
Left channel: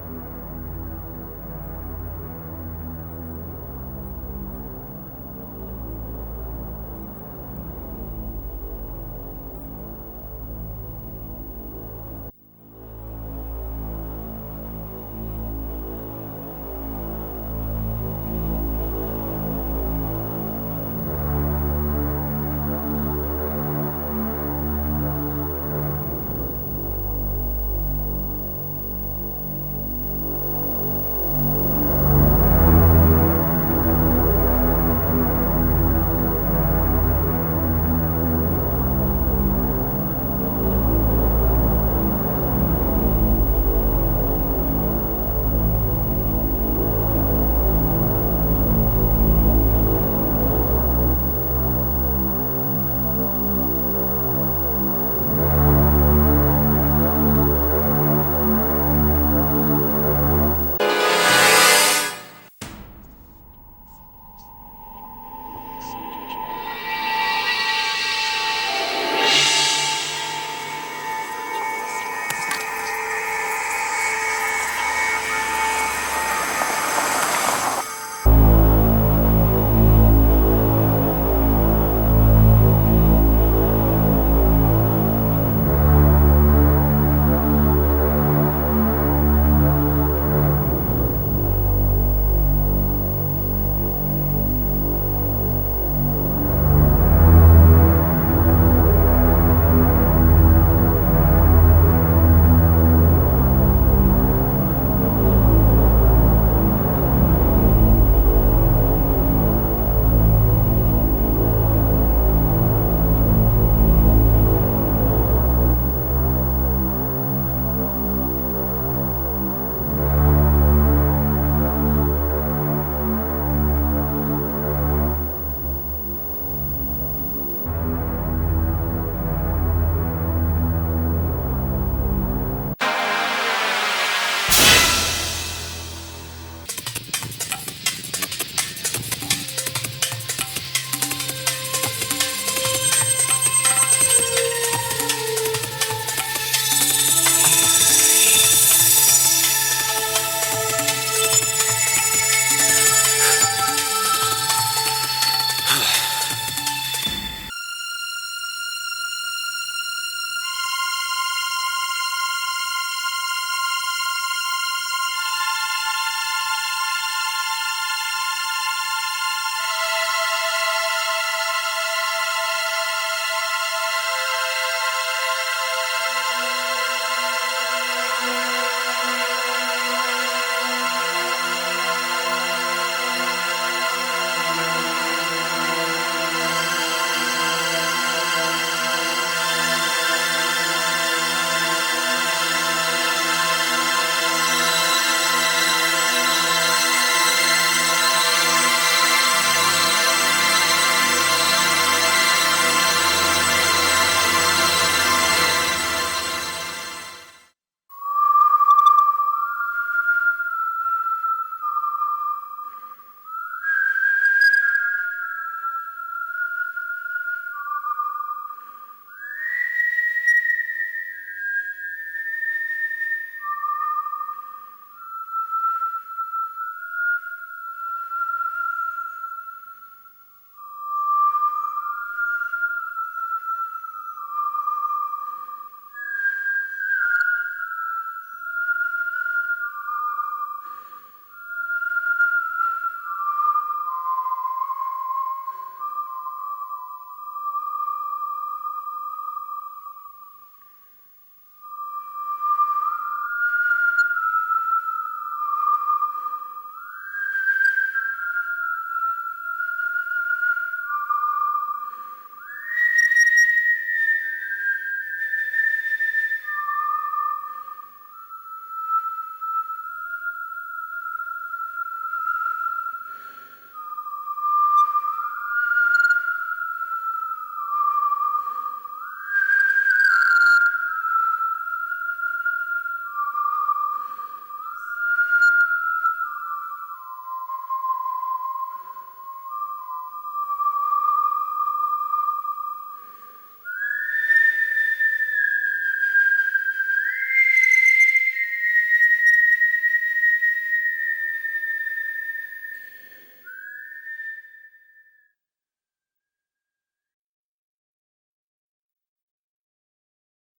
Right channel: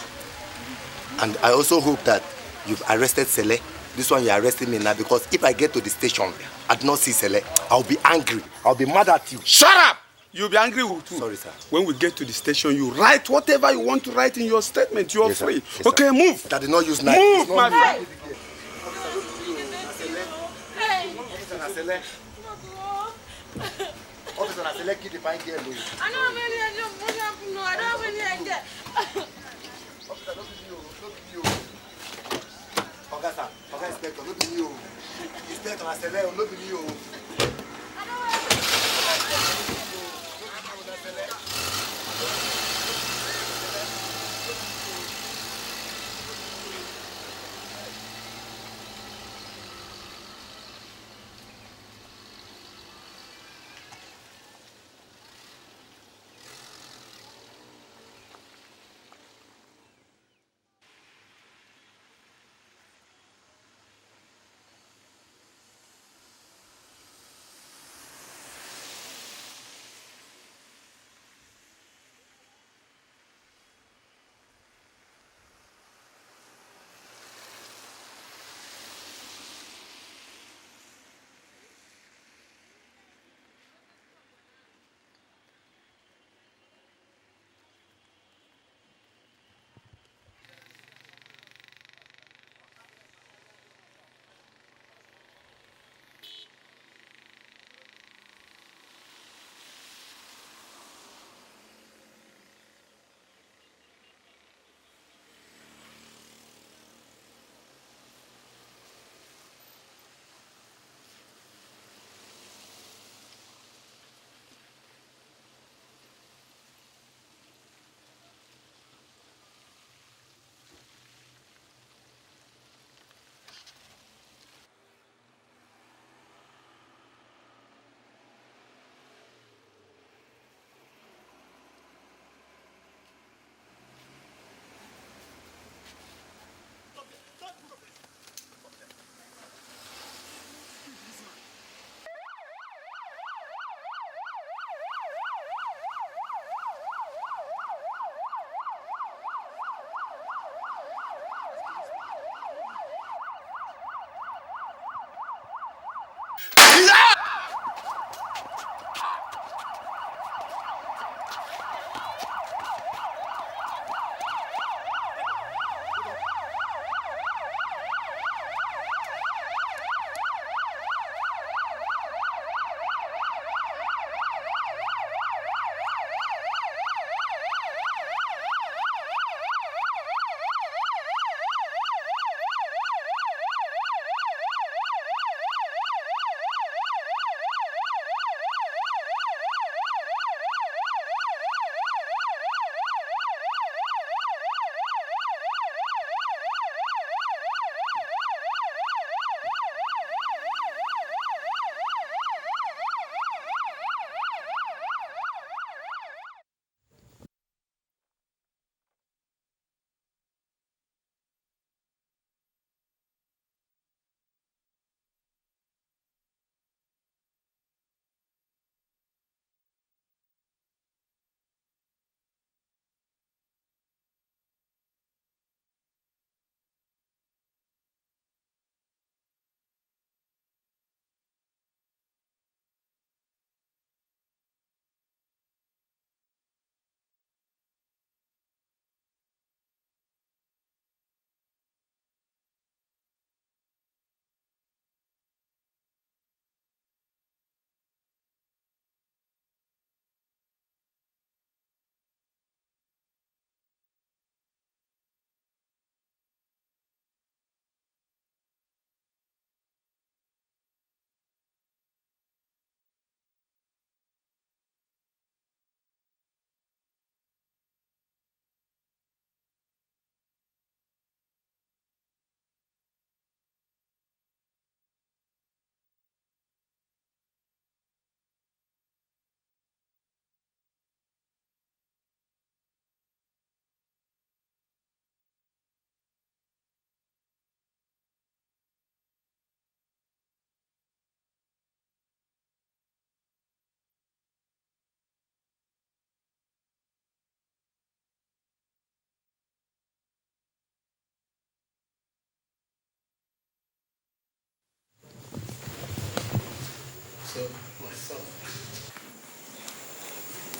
And I also hope that you've arrested Sele. This one you're arresting me now because if I get to the station and not see Sele, I'll be angry. I'll be mad at you. Shut up! You'll be angry with who? Sorry, sir. When we get to the station, you write whatever you want to write in your statement. You're Yes, free. yes, okay, move. That did not use knife. Move, my friend.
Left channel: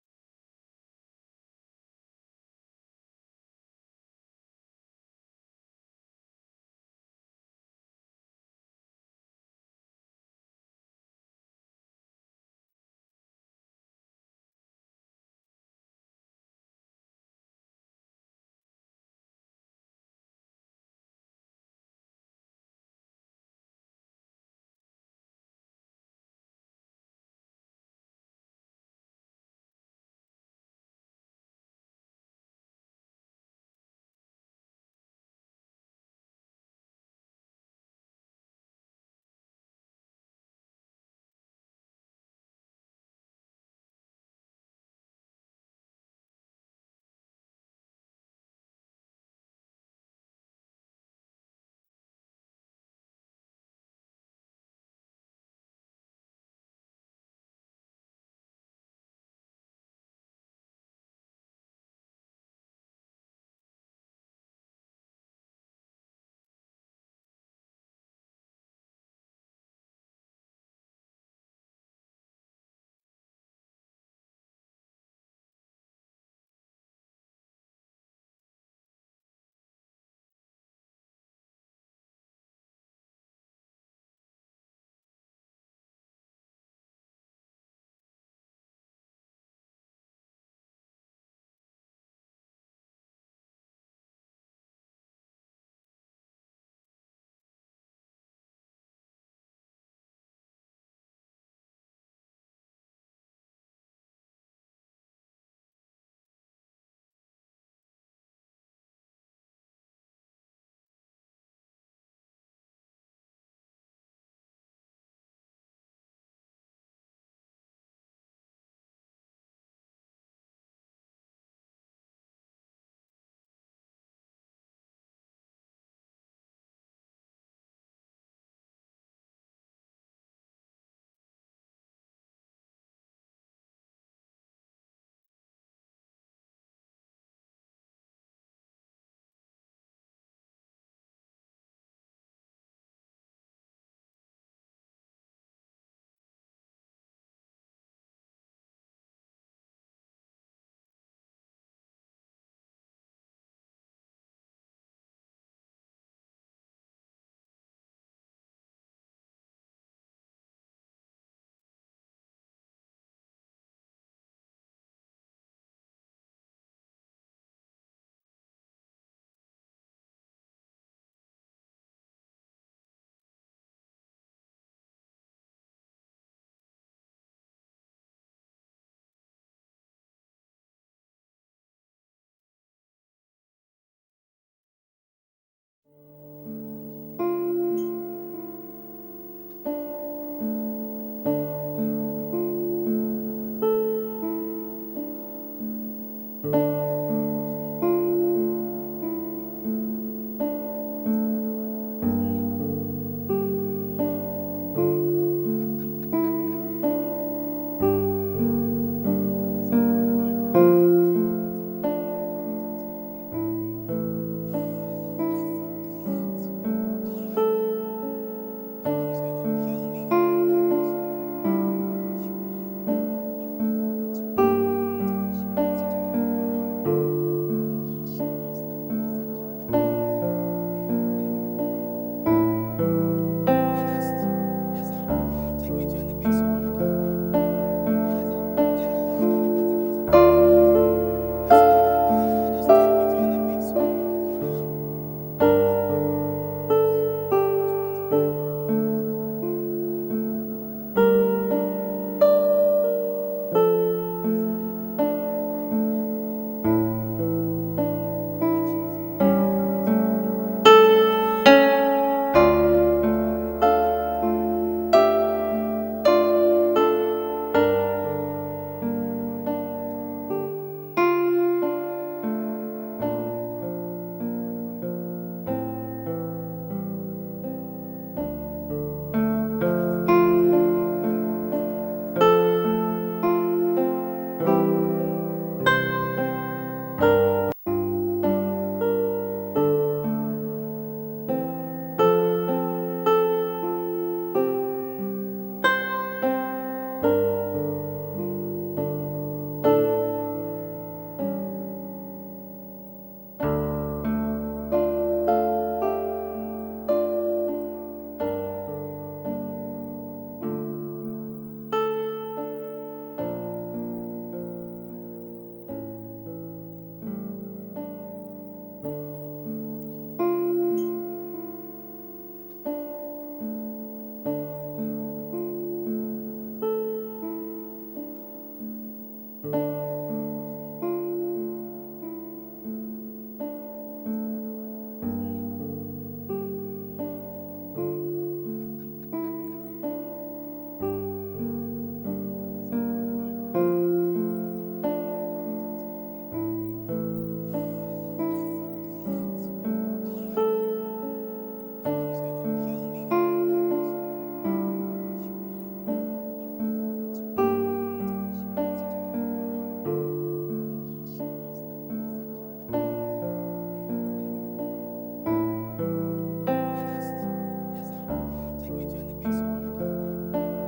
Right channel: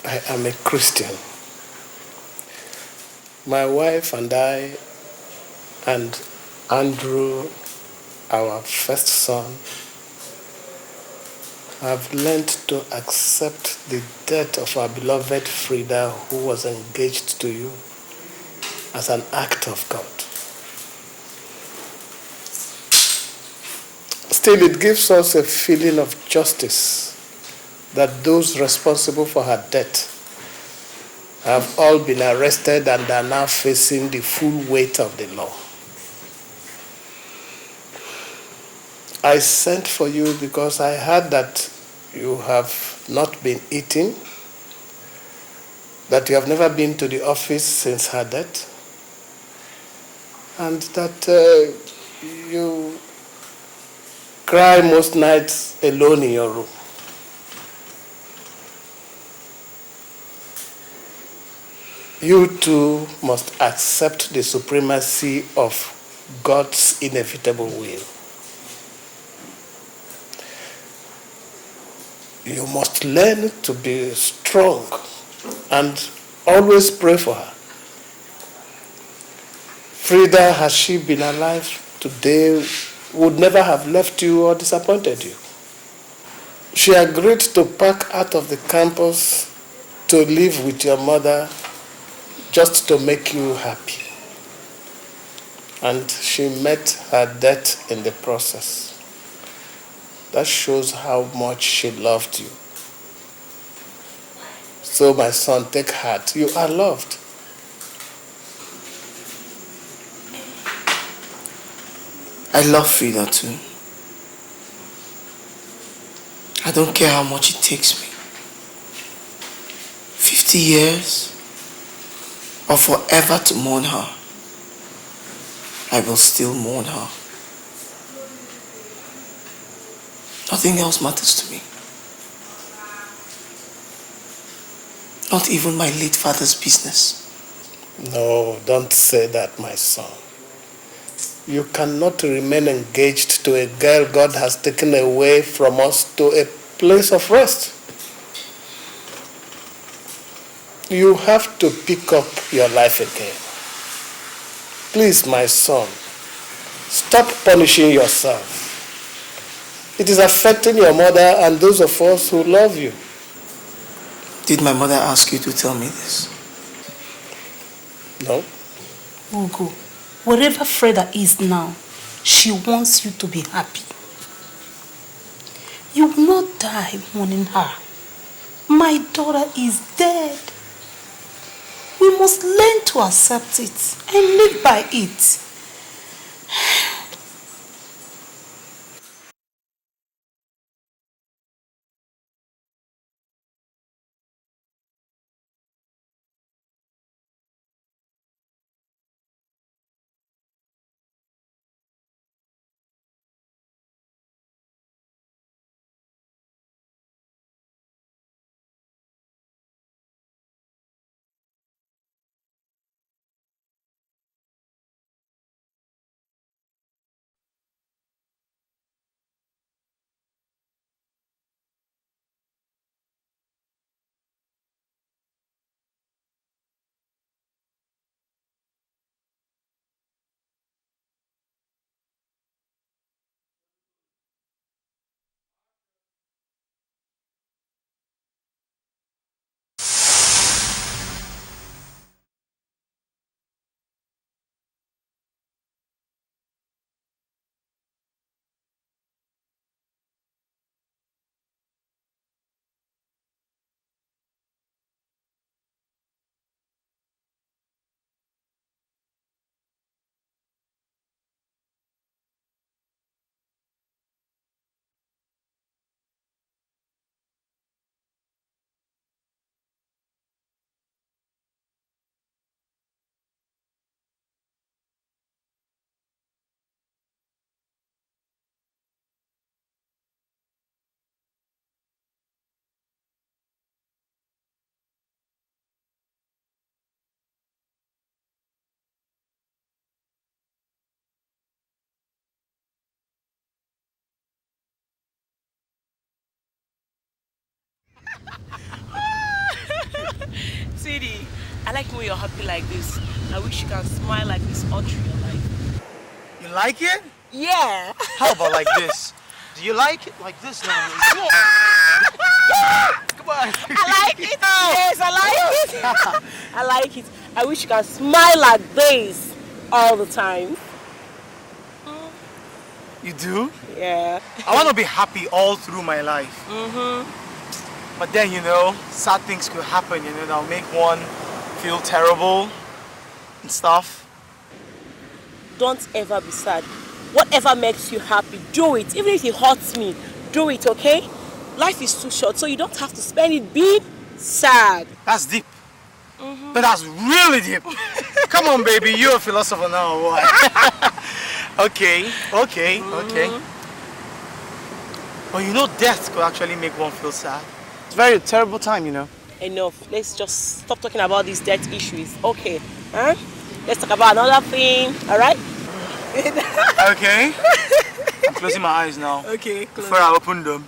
I am a Christian. My wife and I and Andrew, our first son, have learned to accept the death of our beloved Frida, who was engaged to you, as an act of God. Still, it gives us a feeling of justice that those responsible for her death have all been arrested and are now facing the full weight of the law. I sent for you because I heard that you have not been eating, that you have never been to the office since her death, and that you cry most nights alone in your room. You too must accept the supremacy of God's inevitable will. You must learn to be strong and always pray for her. Frida, had she been alive today, would never have left you or disappointed you. She agreed to pack out of the campus to live with your mother just to make you happy. And she met her death in the process. That shows how much she loved you. So my son, take heart. You are loved. I love Frida too. I don't care how much it takes me. 50 years or forever to mourn her. I will still mourn her. Nothing else matters to me. Not even my late father's business. No, don't say that, my son. You cannot remain engaged to a girl God has taken away from us to a place of rest. You have to pick up your life again. Please, my son, stop punishing yourself. It is affecting your mother and those of us who love you. Did my mother ask you to tell me this? No. Ugo, wherever Freda is now, she wants you to be happy. You will not die mourning her. My daughter is dead. We must learn to accept it and live by it. Sweetie, I like when you're happy like this. I wish you can smile like this all through your life. You like it? Yeah. How about like this? Do you like it like this? Come on. Come on. I like it. Yes, I like it. I like it. I wish you can smile like this all the time. You do? Yeah. I want to be happy all through my life. But then, you know, sad things could happen, you know, that'll make one feel terrible and stuff. Don't ever be sad. Whatever makes you happy, do it. Even if it hurts me, do it, okay? Life is too short, so you don't have to spend it being sad. That's deep. But that's really deep. Come on, baby, you're a philosopher now, or what? Okay. But you know, death could actually make one feel sad. It's a very terrible time, you know. Enough. Let's just stop talking about these death issues. Okay. Huh? Let's talk about another thing, alright? Okay. I'm closing my eyes now. Okay. Before I open them,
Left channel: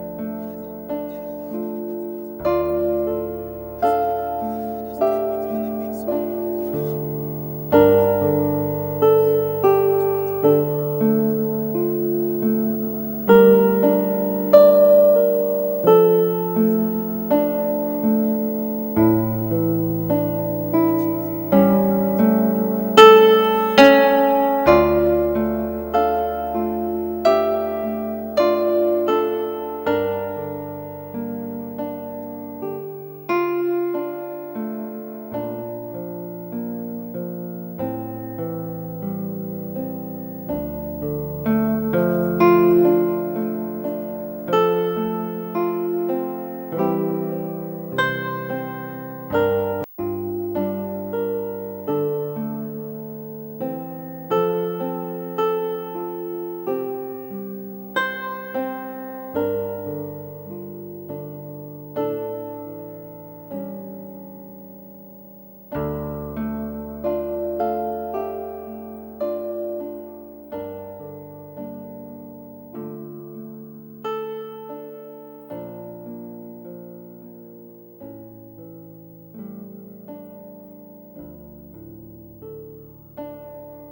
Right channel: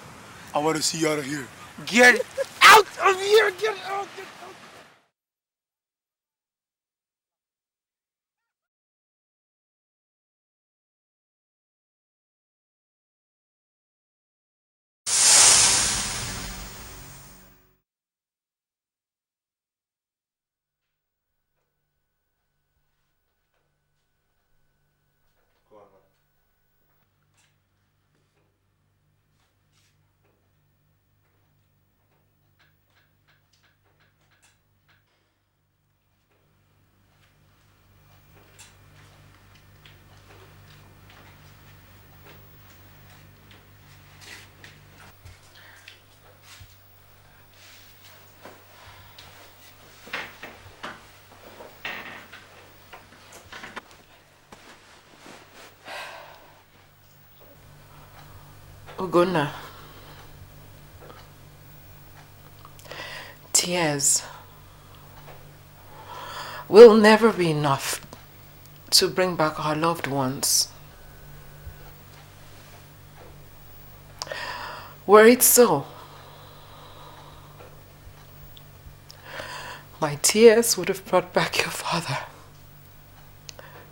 I want to see you out of here. Get out of here! Get out! Tears will never be enough to bring back our loved ones. Were it so, my tears would have brought back your father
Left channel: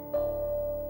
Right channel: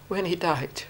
when he died.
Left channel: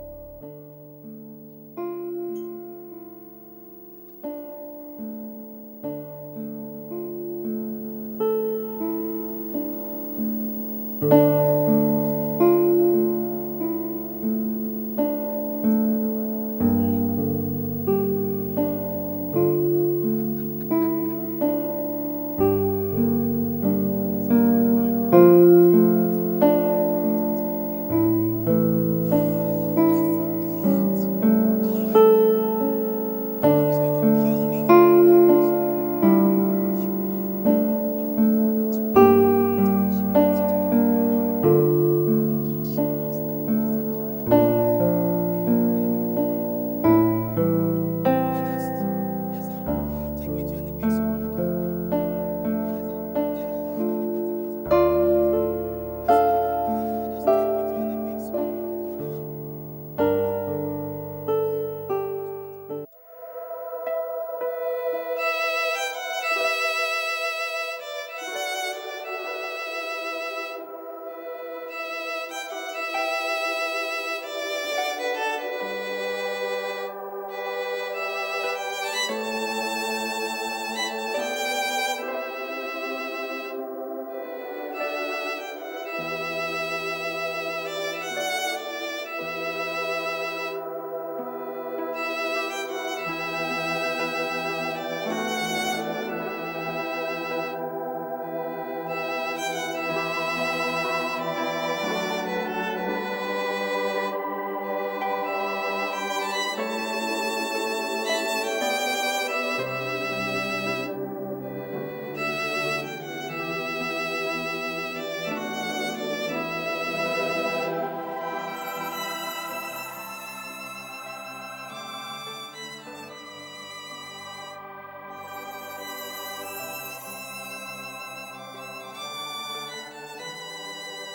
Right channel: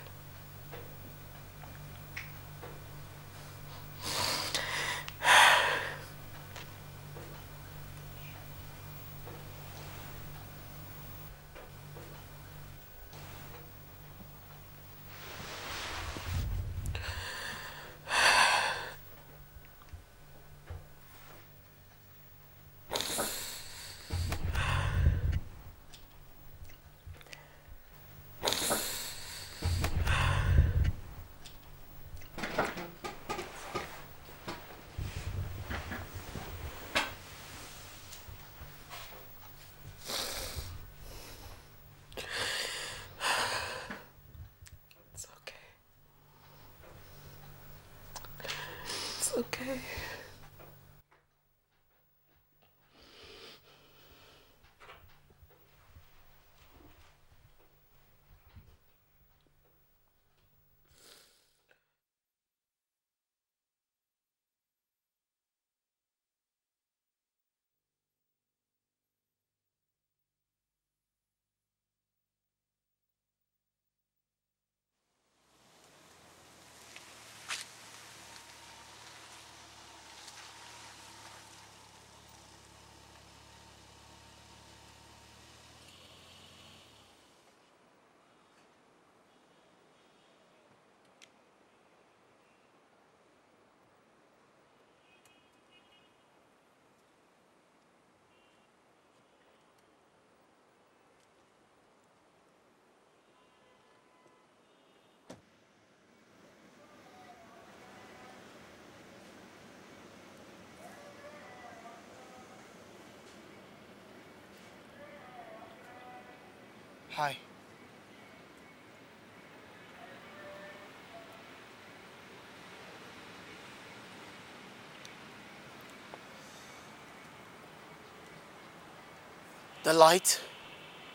The light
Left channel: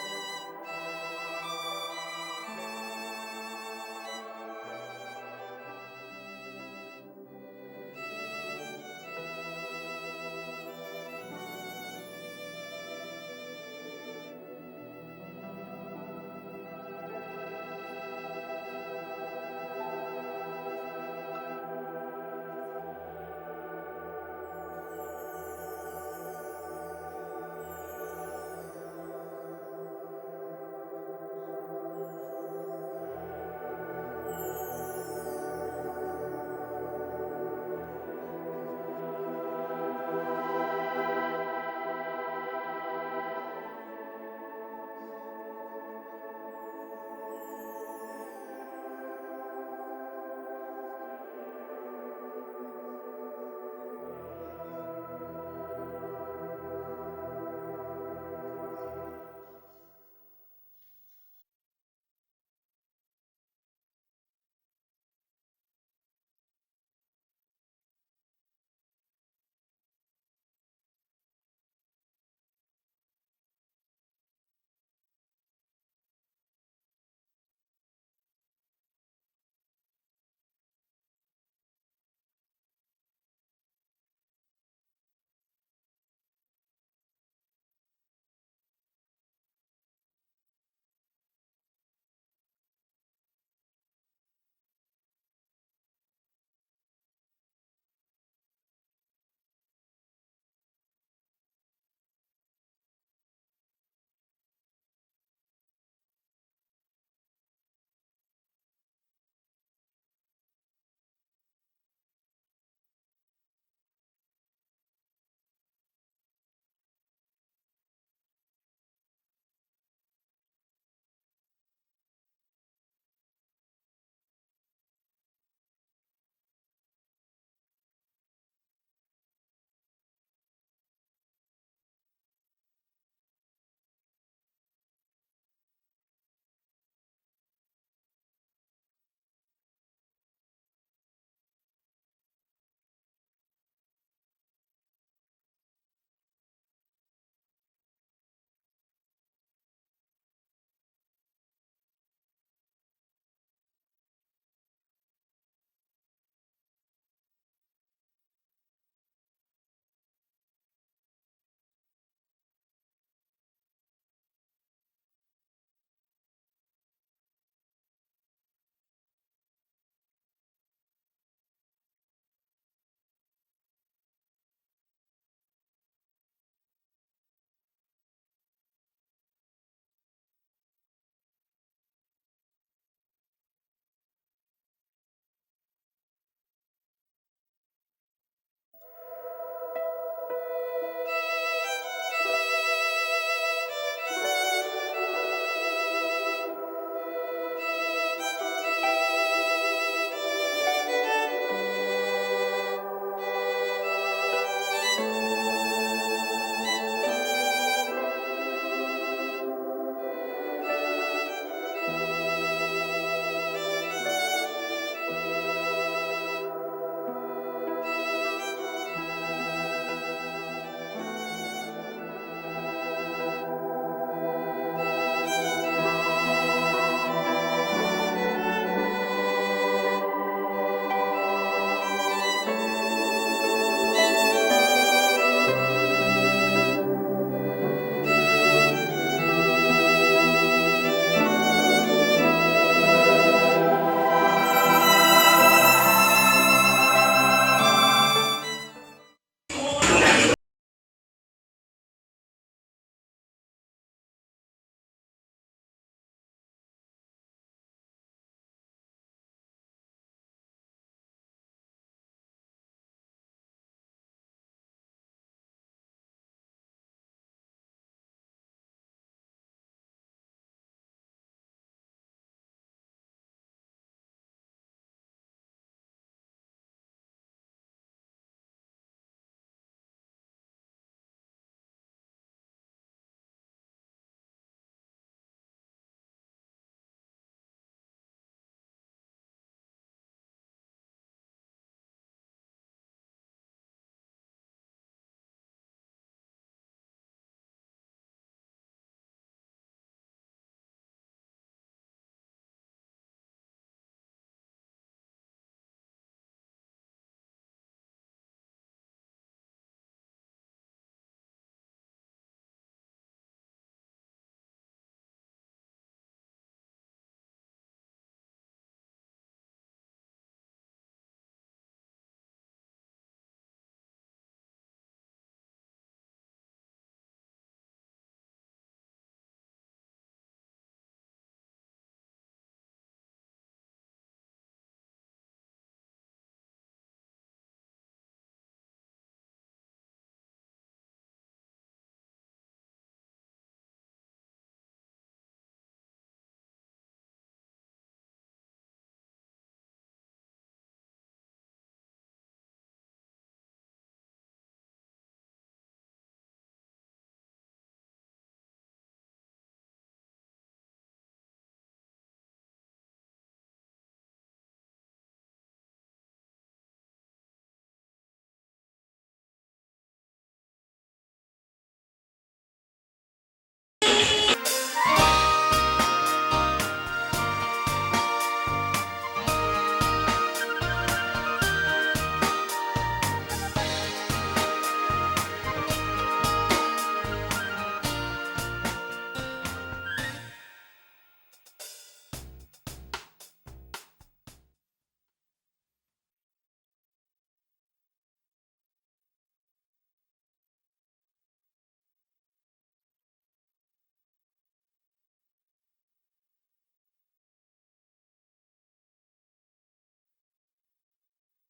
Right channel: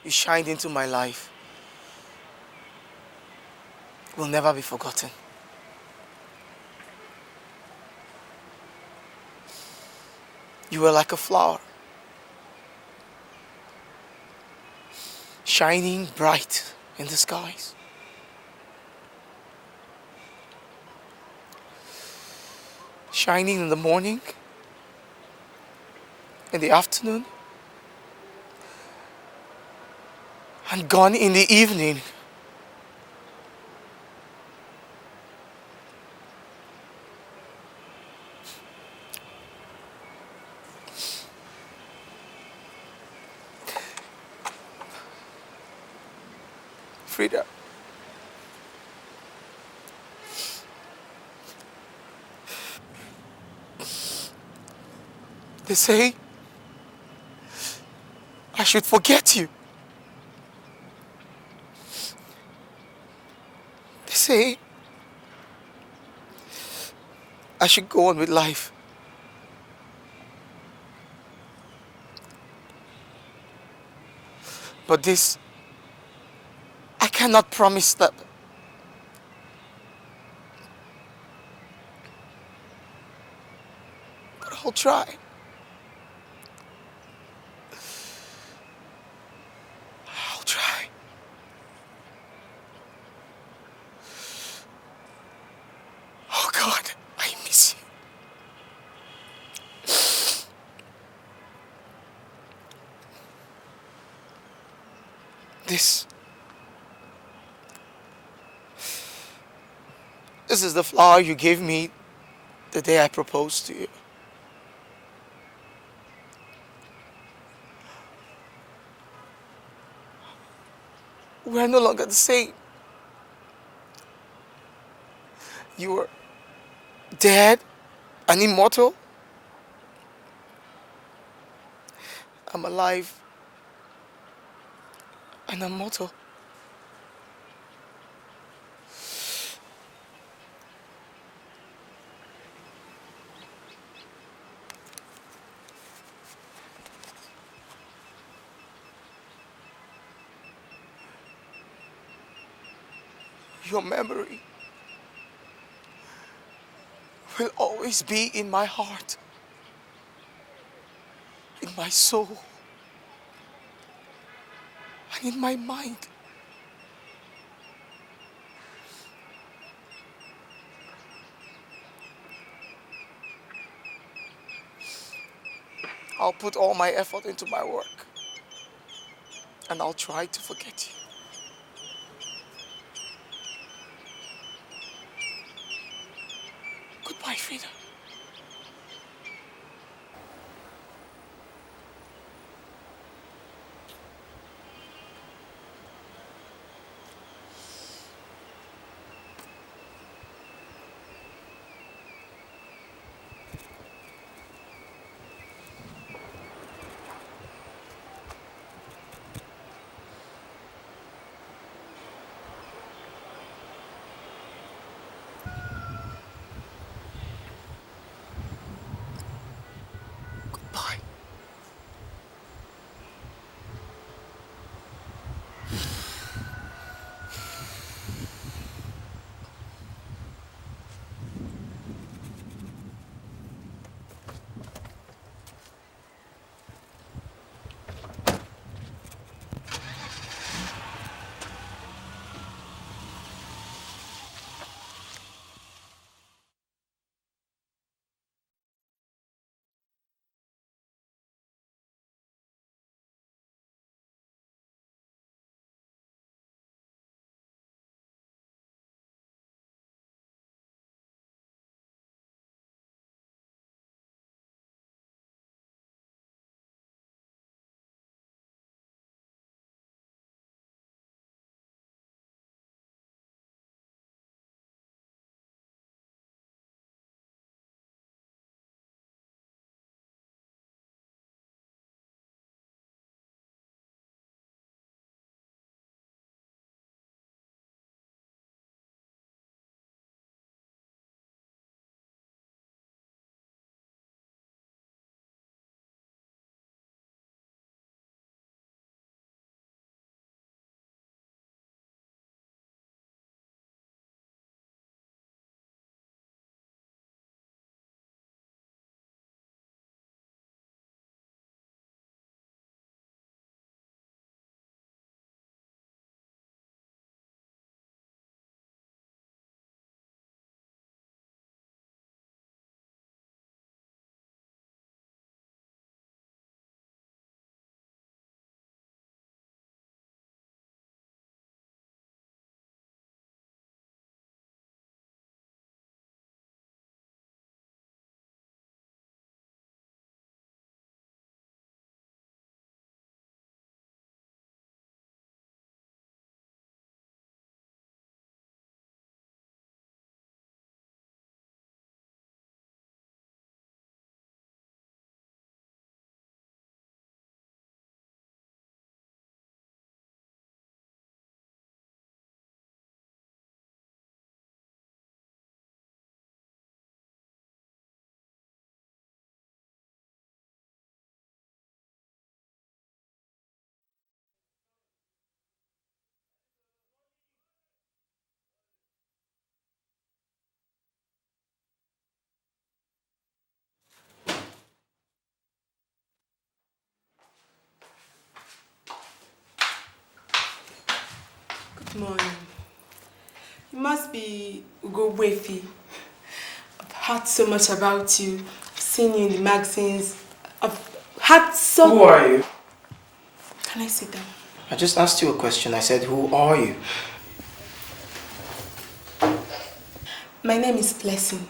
you shined into my life will never be forgotten. You were like a flower shining bright in the skies. Shining in the morning, in the afternoon, and gone in the evening. Frida, they say I should forget you. They say I should go on with life. But this, I cannot promise that. But I'll try. I'll try. Oh God, I miss you. This is the flower you gave me the day I proposed to you. We're no longer the same. You were dead and immortal. I'm alive and immortal. Your memory will always be in my heart, in my soul, and in my mind. I'll put all my effort into my work, and I'll try to forget you. Goodbye, Frida. Wefi, I've heard so much about you. I've seen you in the magazines. I've had so... Who are you? Can I sit down? I just asked you a question. I said, who are you? My name is Blessing.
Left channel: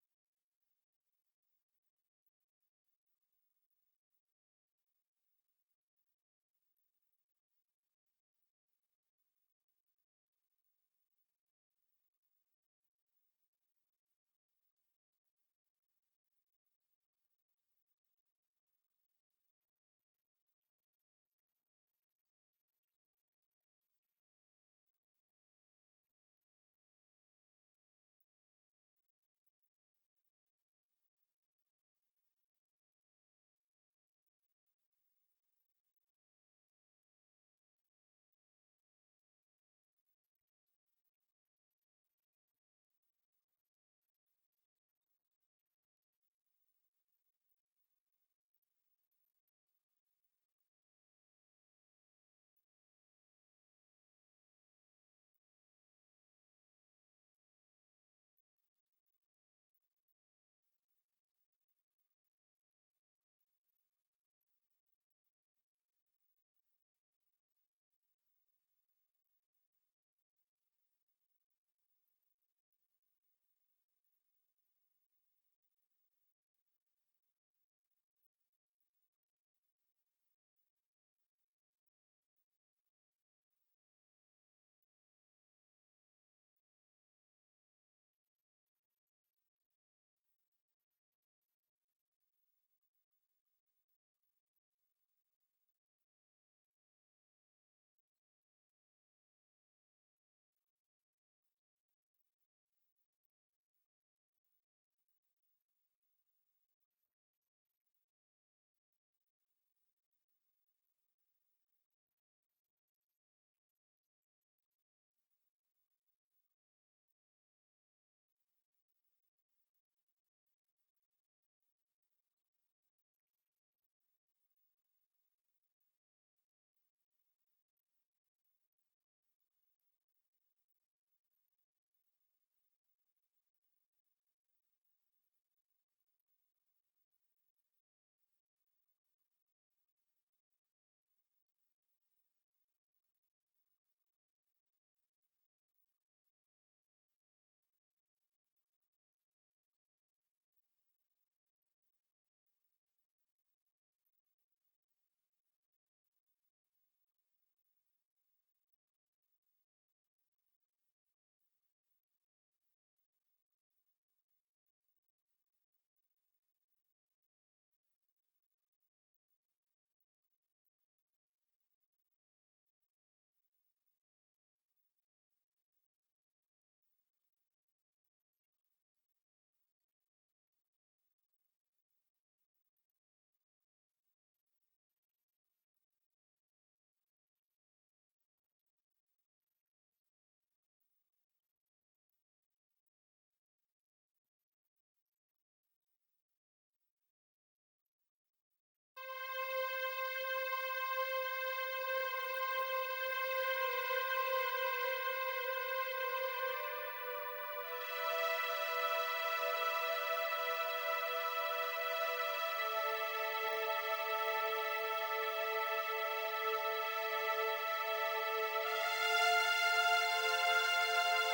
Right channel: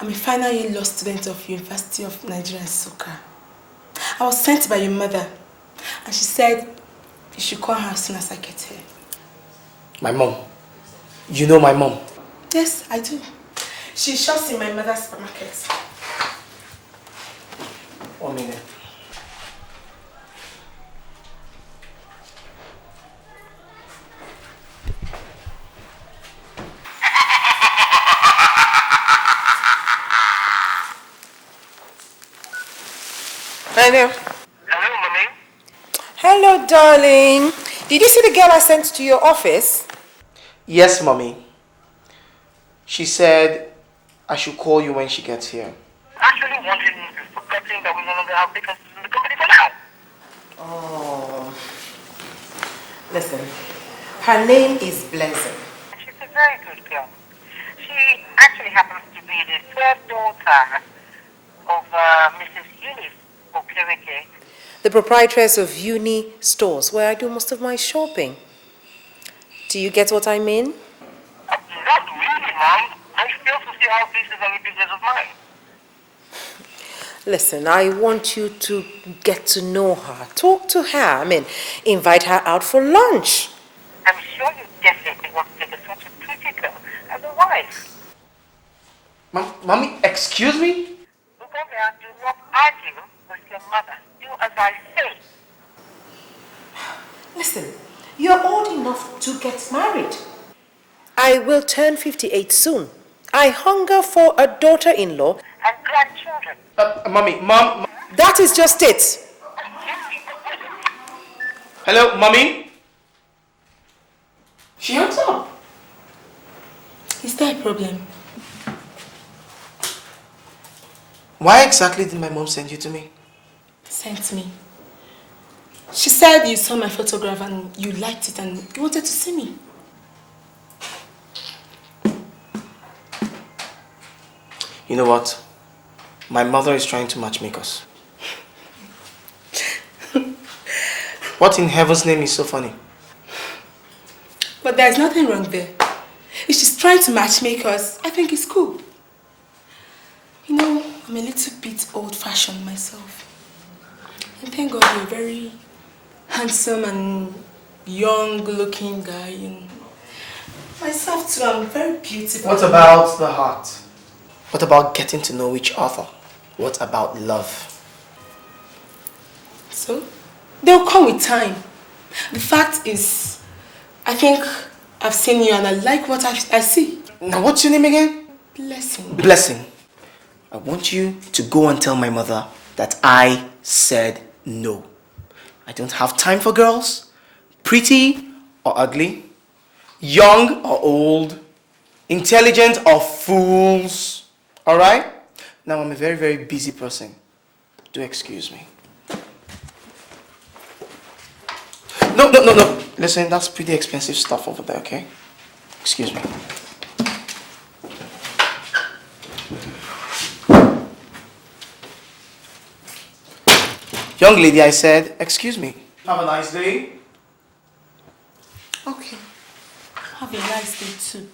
I'm a final year law student of University of Nigeria, Soka. I was sent by your mother, and she said you should call her as soon as I get here. My mom. You know my mom? Yes, I do. She shops in my mother's supermarket. 1 minute. Hello. Hello, Mommy. Hello, darling. Did you see the girl I sent to your office? Yes, Mommy. She said I should call you when she gets here. Actually wanted me to forgetting that we no longer have vacancies in the company for now. Oh. Listen, her name is Blessing. She's a very good girl. She actually happens to be the third daughter of Mrs. Eunice Okereke. The proprietress of Uni Stores, where I do most of my shopping. Do you get what I mean? Not really, Mom. I fail to see how this is any business of mine. Listen, I want you to get to know her. Talk to her. I mean, invite her out for lunch. I'm sure you definitely want to take such a pretty girl as a wife. Mommy, excuse me? Uganda, do not argue with your mother. Do as I say. Listen, you're old enough to get married. I will turn 58 soon. I hunger for a daughter-in-law. And grandchildren. Mommy, Mom. That is just it. Hello, Mommy? She hangs up. Is there a problem? Why exactly did my mom send you to me? Sent me. She said you saw my photograph and you liked it and you wanted to see me. You know what? My mother is trying to matchmake us. What in heaven's name is so funny? But there's nothing wrong there. If she's trying to matchmake us, I think it's cool. You know, I'm a little bit old-fashioned myself. And thank God you're a very handsome and young-looking guy. And myself too, I'm very beautiful. What about the heart? What about getting to know each other? What about love? So, they'll come with time. The fact is, I think I've seen you and I like what I see. Now, what's your name again? Blessing. Blessing. I want you to go and tell my mother that I said no. I don't have time for girls, pretty or ugly, young or old, intelligent or fools. All right? Now, I'm a very, very busy person. Do excuse me. No. Listen, that's pretty expensive stuff over there, okay? Excuse me. Young lady, I said, excuse me. Have a nice day. Okay. Have a nice day too.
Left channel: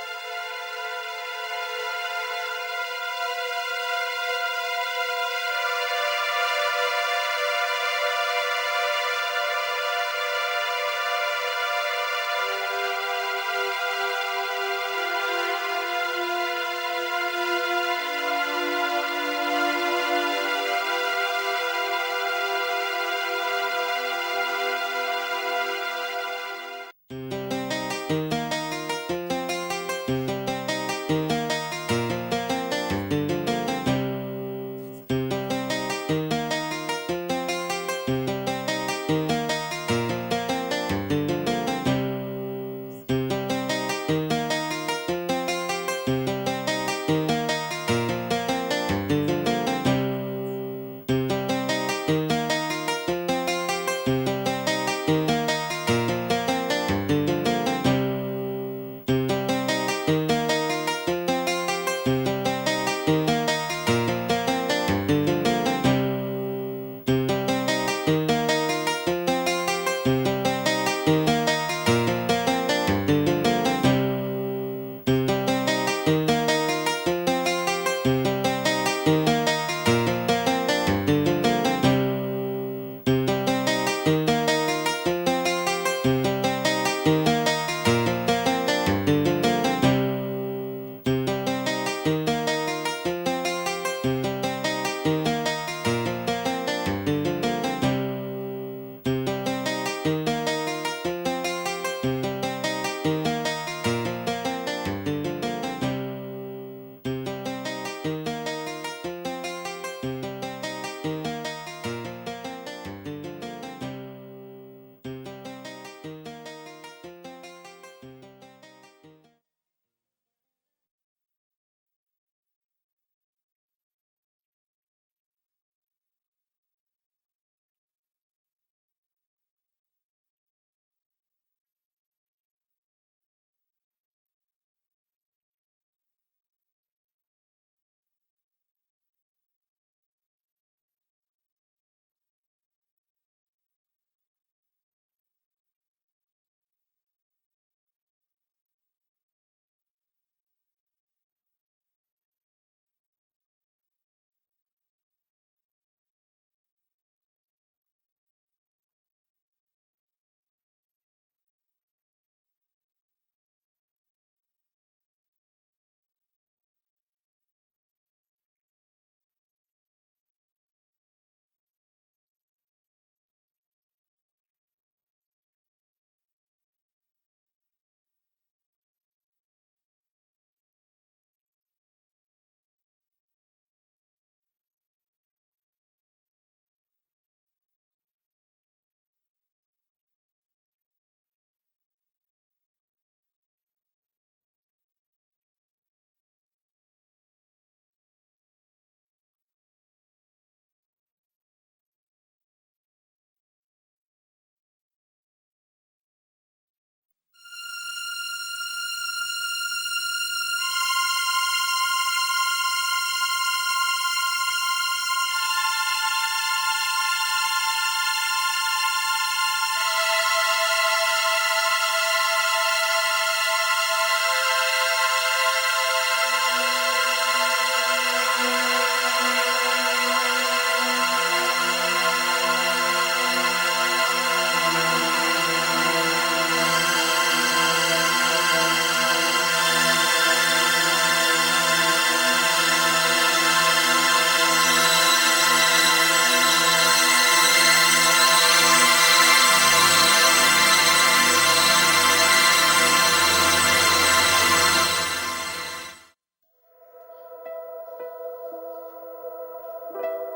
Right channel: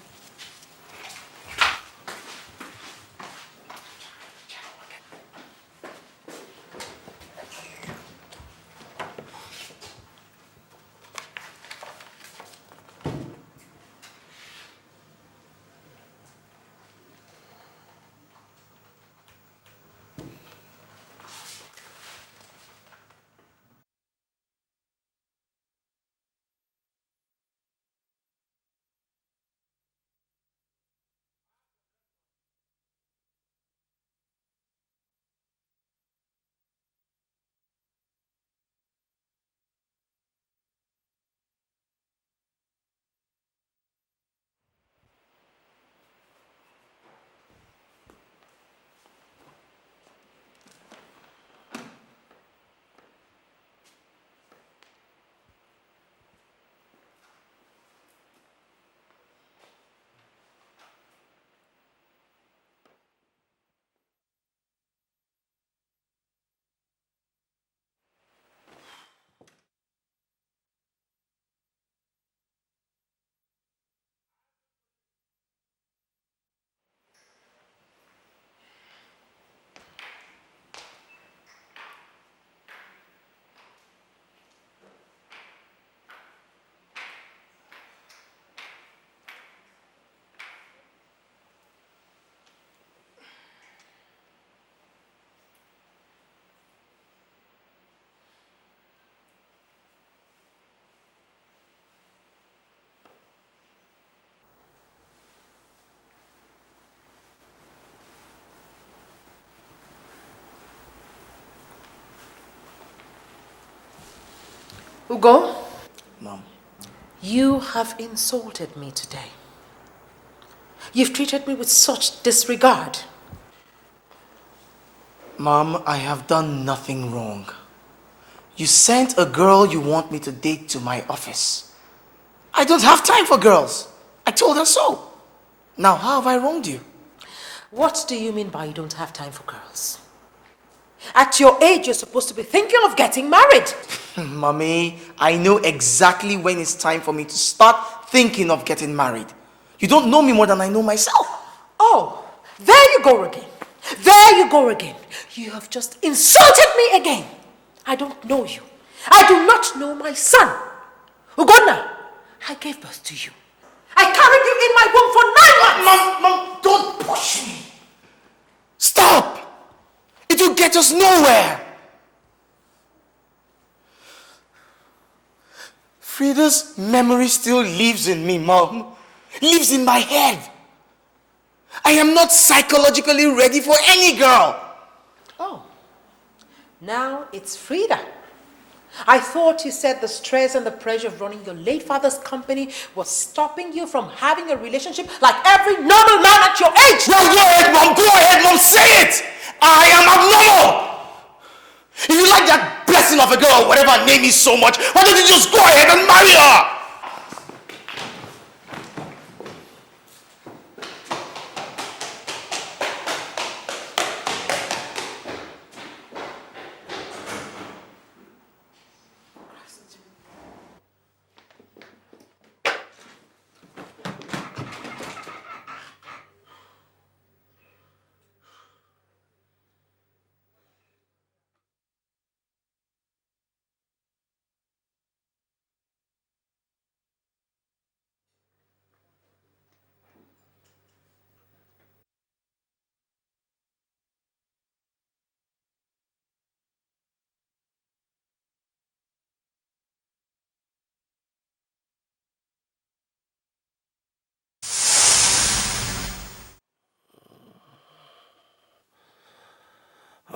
Ugo? Mom. You have insulted me today. You've treated me with such disregard. Mom, I have done nothing wrong. You sent a girl you want me to date to my office. I don't have time for girls. I told her so. Now, how have I wronged you? What do you mean by you don't have time for girls? At your age, you're supposed to be thinking of getting married. Mommy, I know exactly when it's time for me to start thinking of getting married. You don't know me more than I know myself. Oh, there you go again. There you go again. You have just insulted me again. I don't know you. I do not know my son. Ugonna, I gave birth to you. I carried you in my womb for 9 months. Mom, don't push me. Stop. It will get us nowhere. Frida's memory still lives in me, Mom. Lives in my head. I am not psychologically ready for any girl. Oh, now it's Frida. I thought you said the stress and the pressure of running your late father's company was stopping you from having a relationship like every normal man at your age. Well, go ahead, Mom, say it. I am abnormal. If you like that blessing of a girl, whatever her name is so much, why don't you just go ahead and marry her?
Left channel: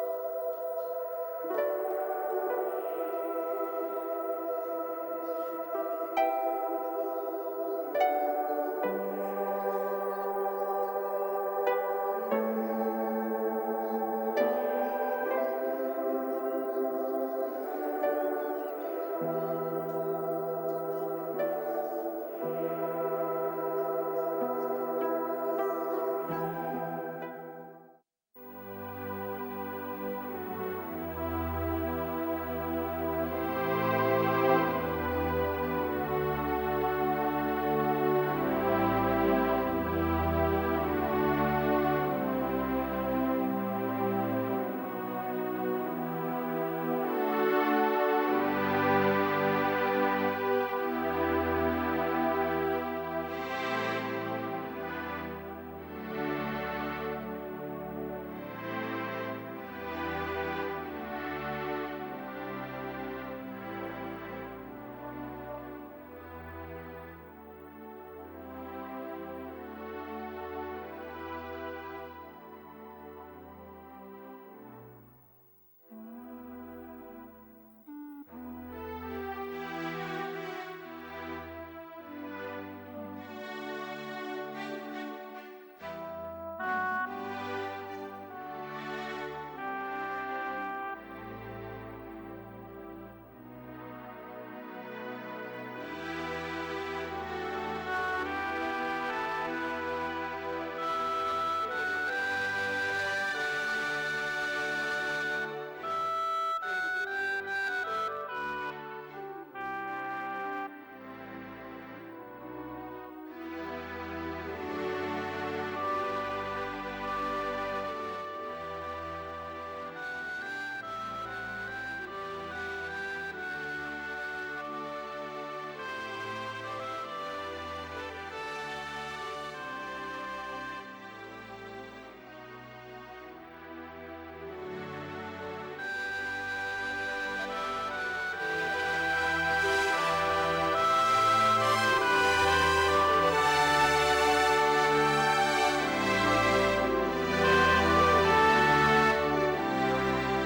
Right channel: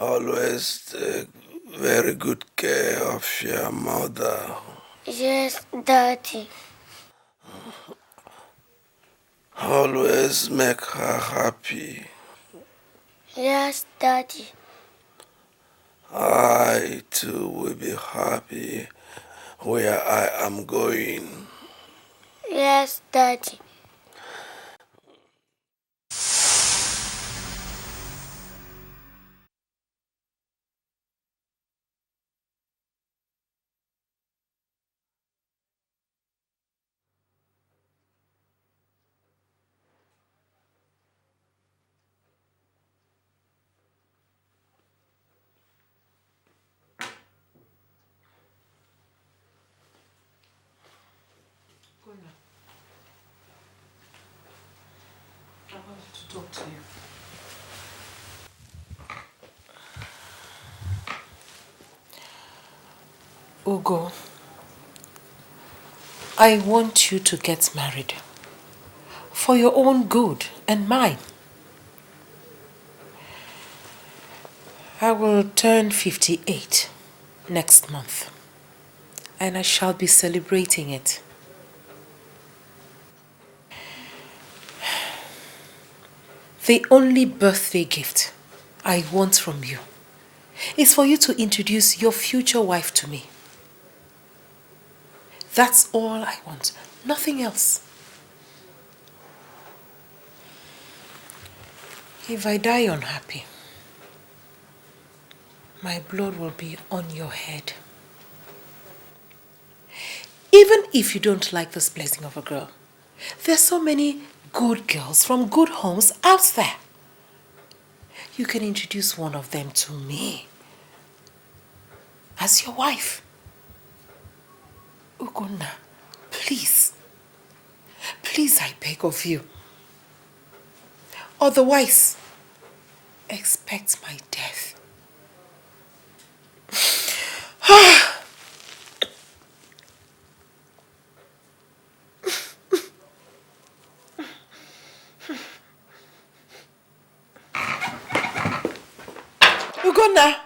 Always take very good care of your mother. Yes, Daddy. Always make her happy. Yes, Daddy. I too will be happy where I am going. Yes, Daddy. Ugo, I want you to get married for your own good and mine. I will turn 58 next month, and I shall be celebrating it. The only birthday gift I want from you is for you to introduce your future wife to me. That's all I want, nothing else. If I die unhappy, my blood will be on your head. Even if you don't like this blessing of a girl, there's so many good girls from good homes out there. You can introduce one of them to me as your wife. Ugonna, please, please, I beg of you. Otherwise, expect my death. Ugonna.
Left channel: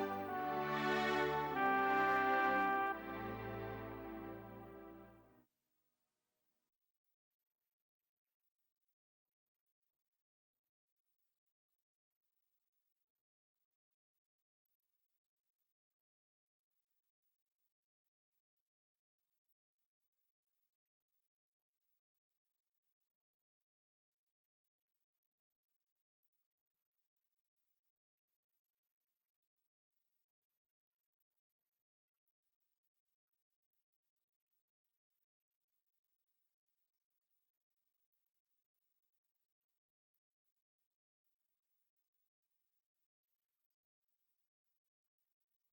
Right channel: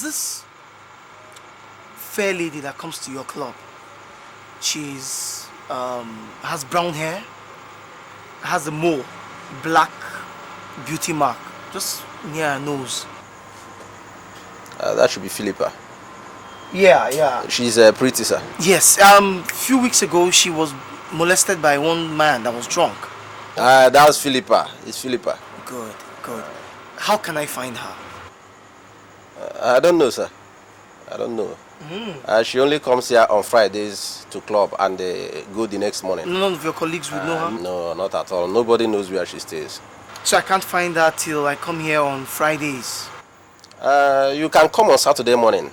There's this fair lady that comes to your club. She's has brown hair, has a mole, black beauty mark, just near her nose. That should be Philippa. Yeah. She's pretty, sir. Yes. Few weeks ago she was molested by one man that was drunk. That's Philippa. It's Philippa. Good. How can I find her? I don't know, sir. I don't know. She only comes here on Fridays to club and go the next morning. None of your colleagues would know her? No, not at all. Nobody knows where she stays. So I can't find her till I come here on Fridays? You can come on Saturday morning.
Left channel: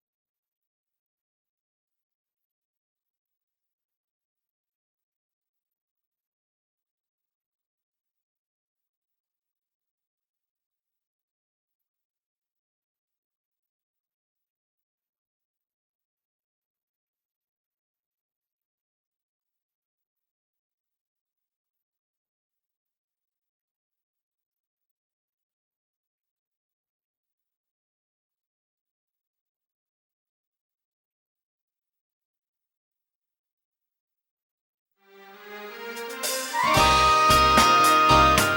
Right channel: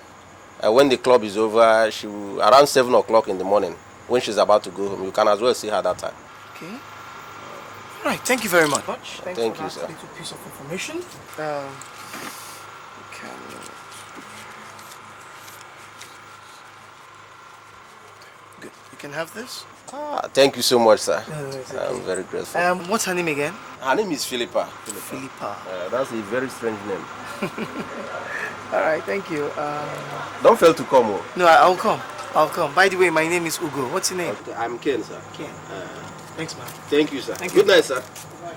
When the club is over, around 7 o'clock in the morning, when she's about to go home. You can as well see her that time. Okay. All right, thank you very much. Thank you, sir. Little piece of information. Good. You can have this. Thank you so much, sir. No, it's okay. I'm very grateful. What's her name again? Her name is Philippa. Philippa. That's a very strange name. All right, thank you. Don't fail to come. Oh. No, I'll come. By the way, my name is Ugo. What's your name? Okay, I'm Ken, sir. Ken. Thanks. Thank you, sir. Good night, sir.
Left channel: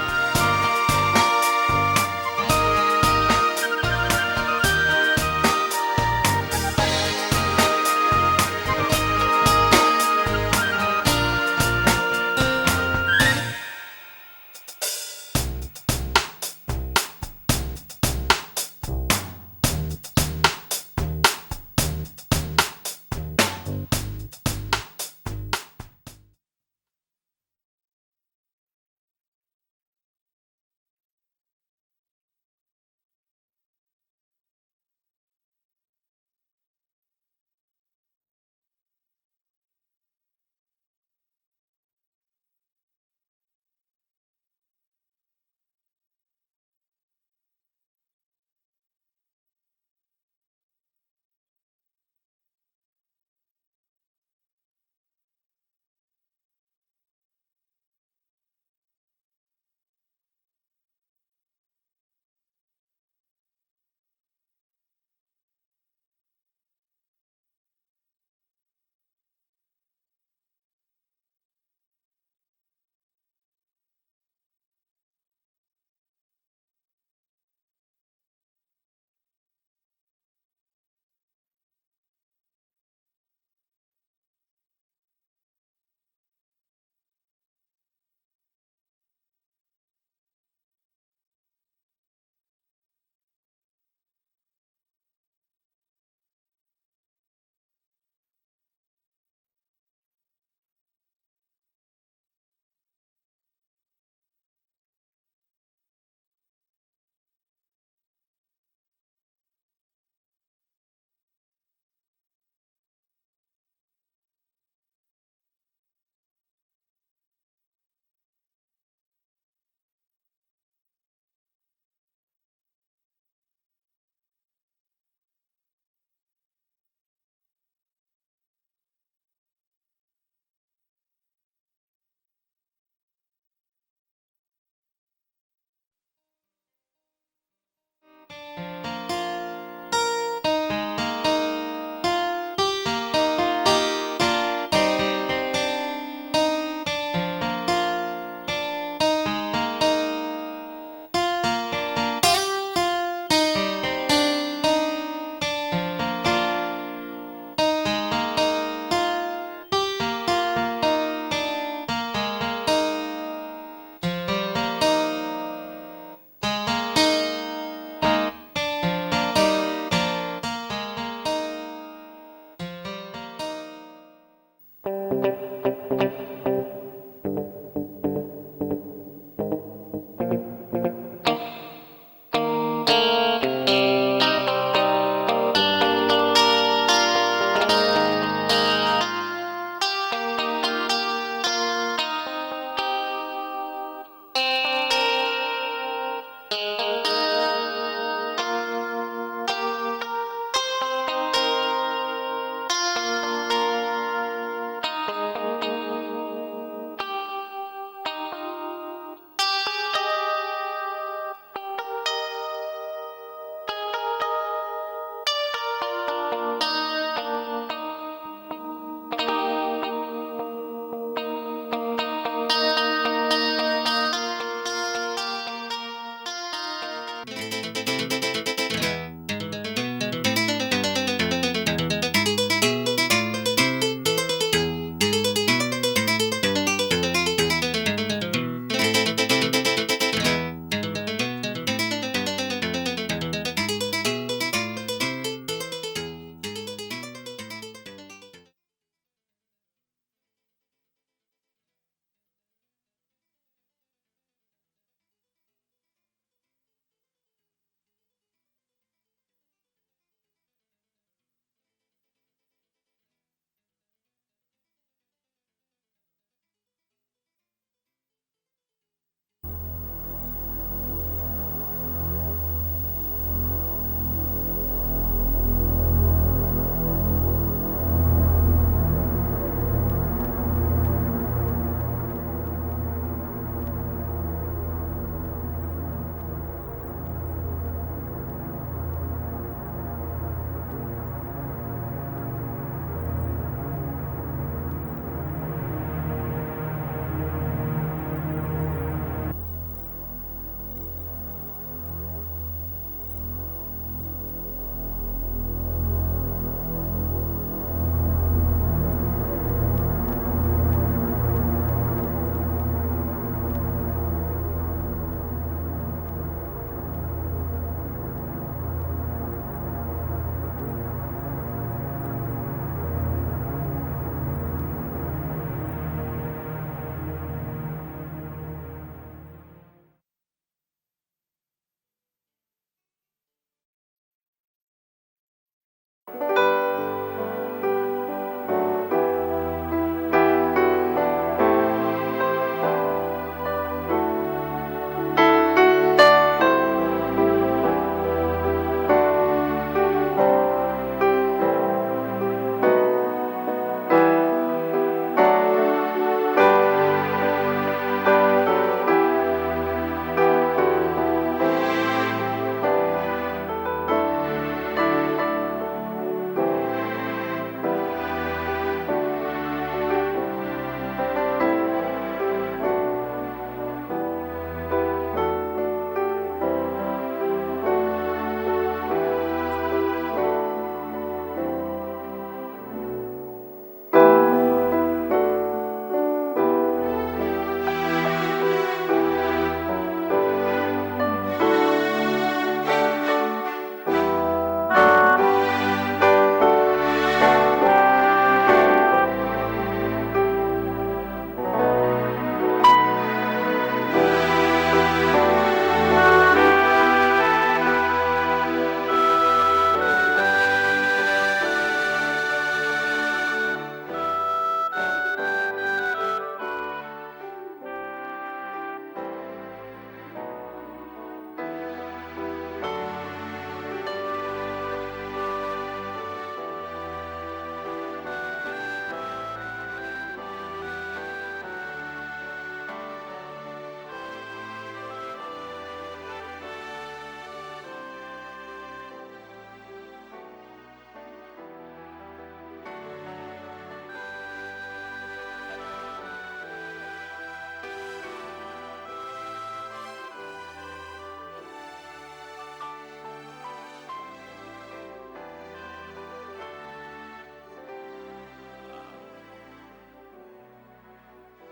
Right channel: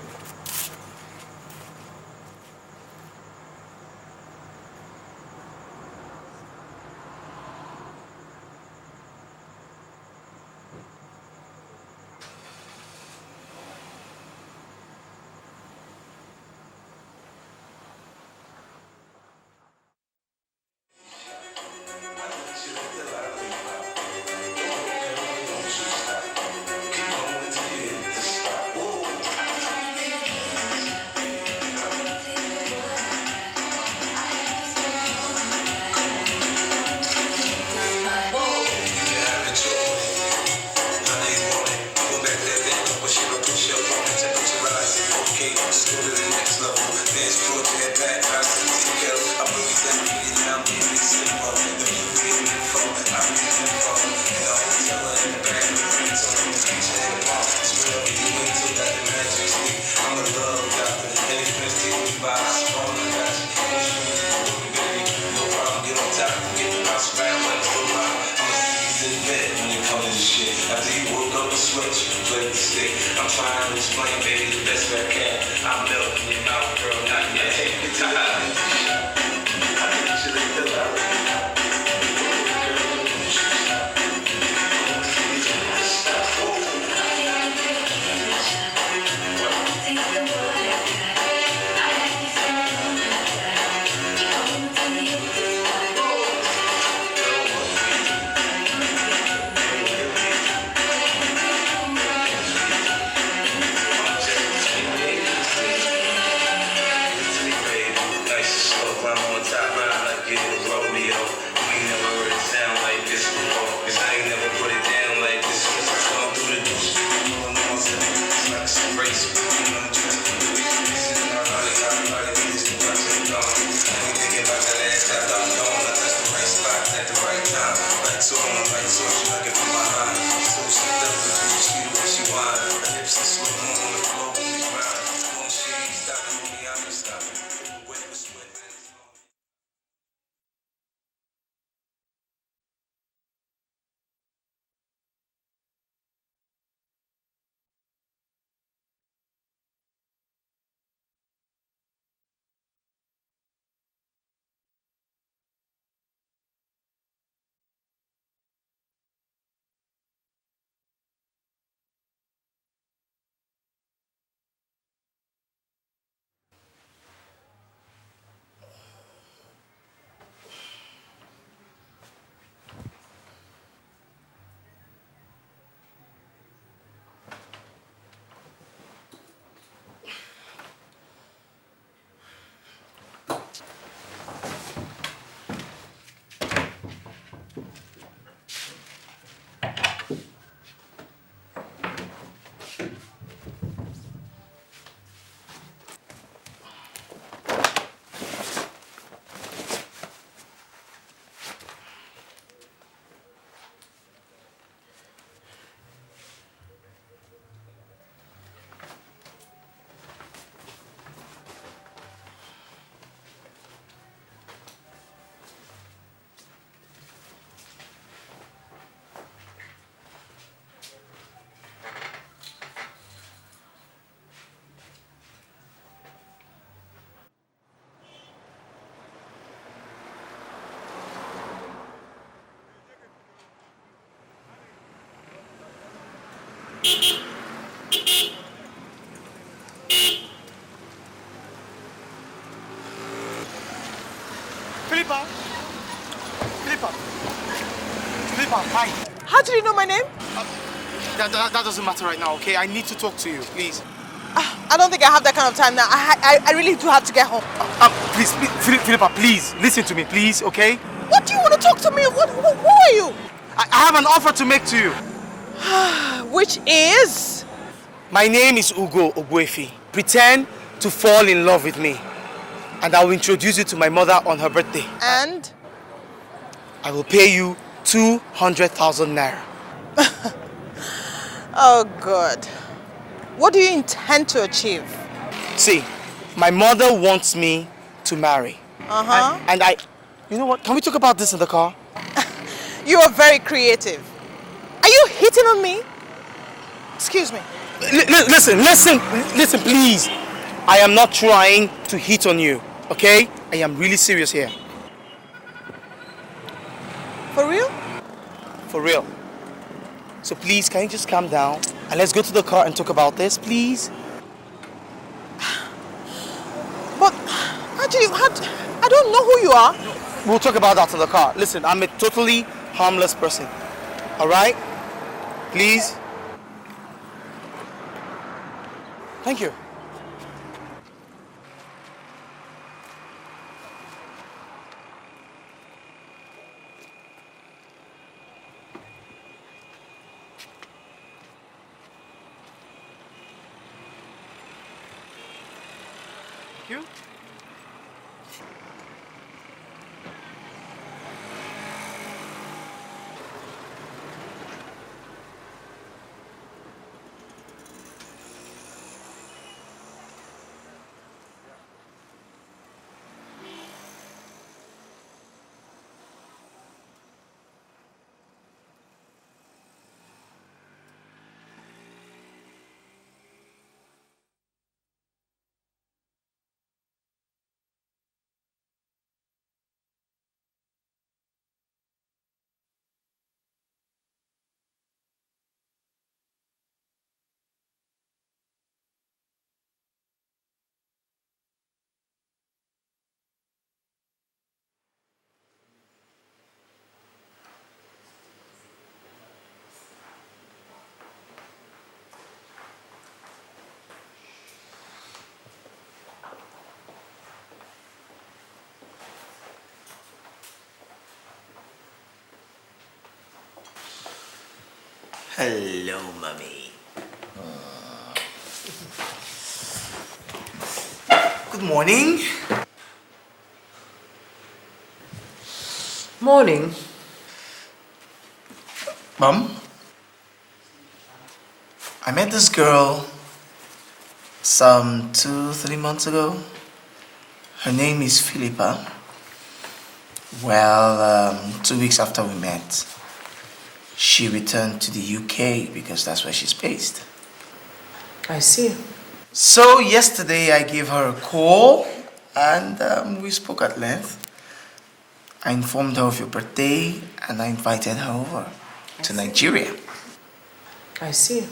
Hi. How do you know my name? That doesn't matter right now, okay? I need to talk to you, please. I don't think I have that kind of time now. I really do have to get home. Please, Philippa, please, listen to me, please, okay? What do you want to talk to me? Who are you? I have an offer to make to you. Which is? My name is Ugo Ogbuefi. Pretend to fall in love with me, and I will introduce you to my mother on her birthday. And? I will pay you 200,000 naira. Oh, God. What do you intend to achieve? See, my mother wants me to marry. Uh-huh. And I... You know what? Can we talk about this in the car? You are very creative. Are you hitting on me? Excuse me. Listen, please. I am not trying to hit on you, okay? I am really serious here. For real? For real. So please, can you just calm down and let's go to the car and talk about this, please? But, actually, I don't know who you are. We'll talk about that in the car. Listen, I'm a totally harmless person, all right? Please? Thank you. Morning. Morning. Mom, I met this girl some 2-3 months ago. Her name is Philippa. Well, 2 weeks after we met, she returned to the UK because that's where she's based. I see. So yesterday I gave her a call and we spoke at length. I informed her of your birthday and I invited her over to Nigeria. I see.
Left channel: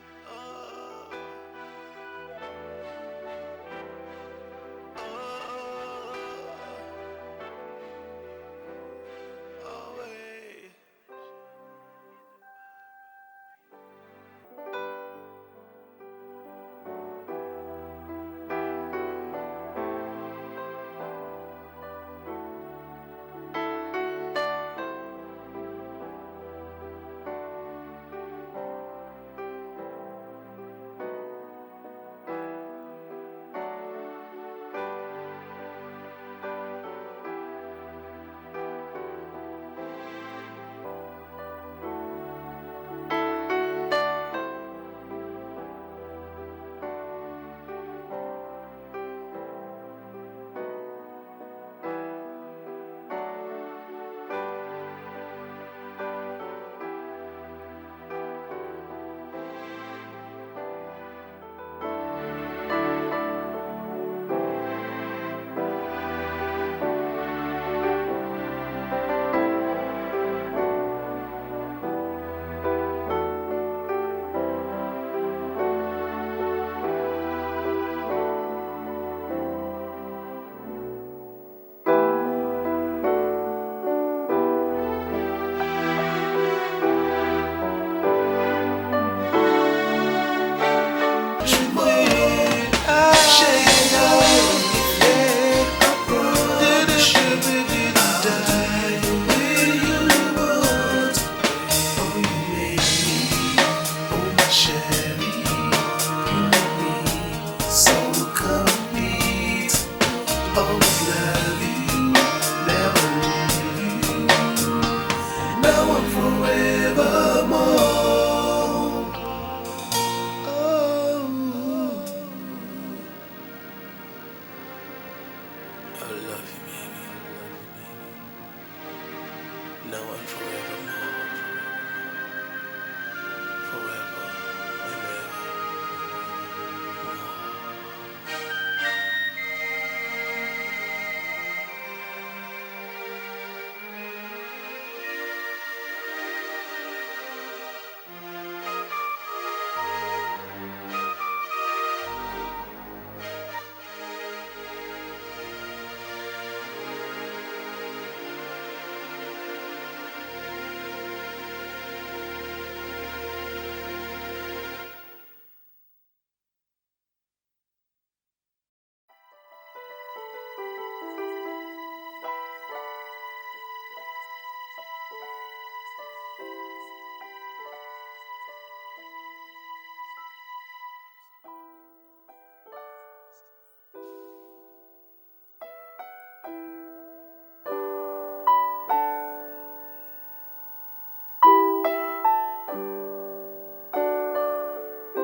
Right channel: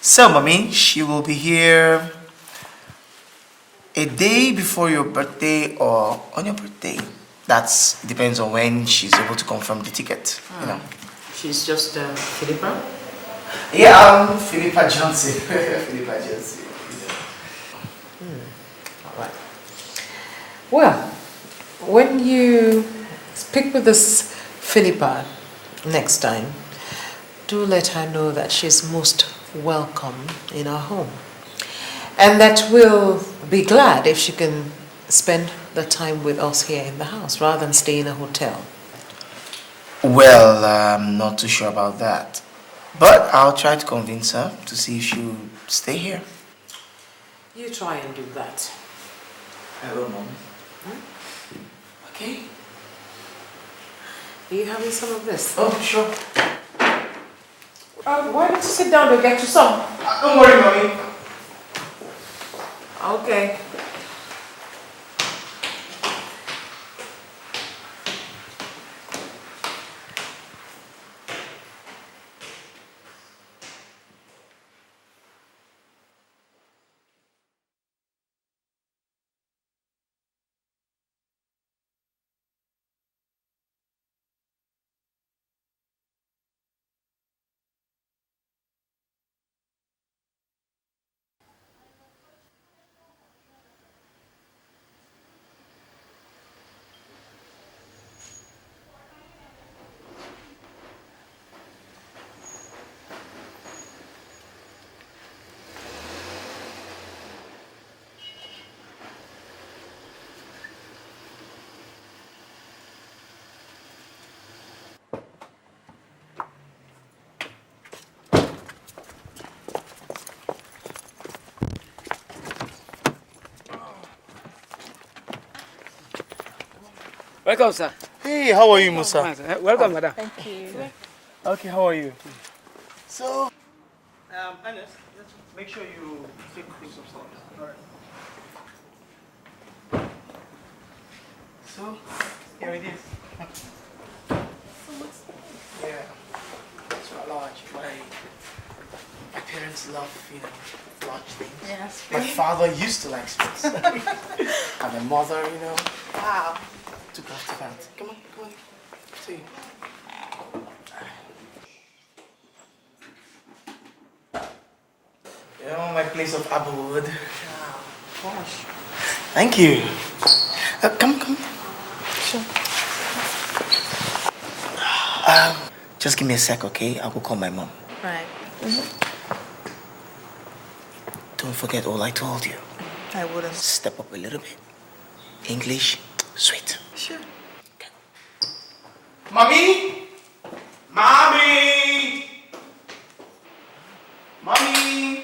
So, Mommy, she will be here a day before your birthday or on your birthday. That depends on when she's able to confirm the ticket, you know. She's just Philippa? Yeah, I'm Philippa Johnson. Philippa Johnson. Right. Well, when you speak with this Philippa next time, do let her know that she's most welcome in our home. And that we'll be glad if she can spend the time with us here in the house rather than stay in a hotel. Well, I'm not too sure about that. But I'll try to convince her to see if she'll stay here. You try and do that. I will, Mom. Okay. Are you having some of this? Oh, sure. Why don't you sit down and get you some? Don't worry, Mommy. Okay. Welcome, sir. Hey, how are you, Musa? Welcome, madam. Okay, how are you? So, My father used to like sweets. And my mother, you know. Wow. Took after that. You know, my place of abode. Gosh. Thank you. Come. Sure. Just give me a sec, okay? I'll go call my mom. Right. Don't forget all I told you. I wouldn't. Step up a little bit. English, sweet. Sure. Mommy! Mommy! Mommy!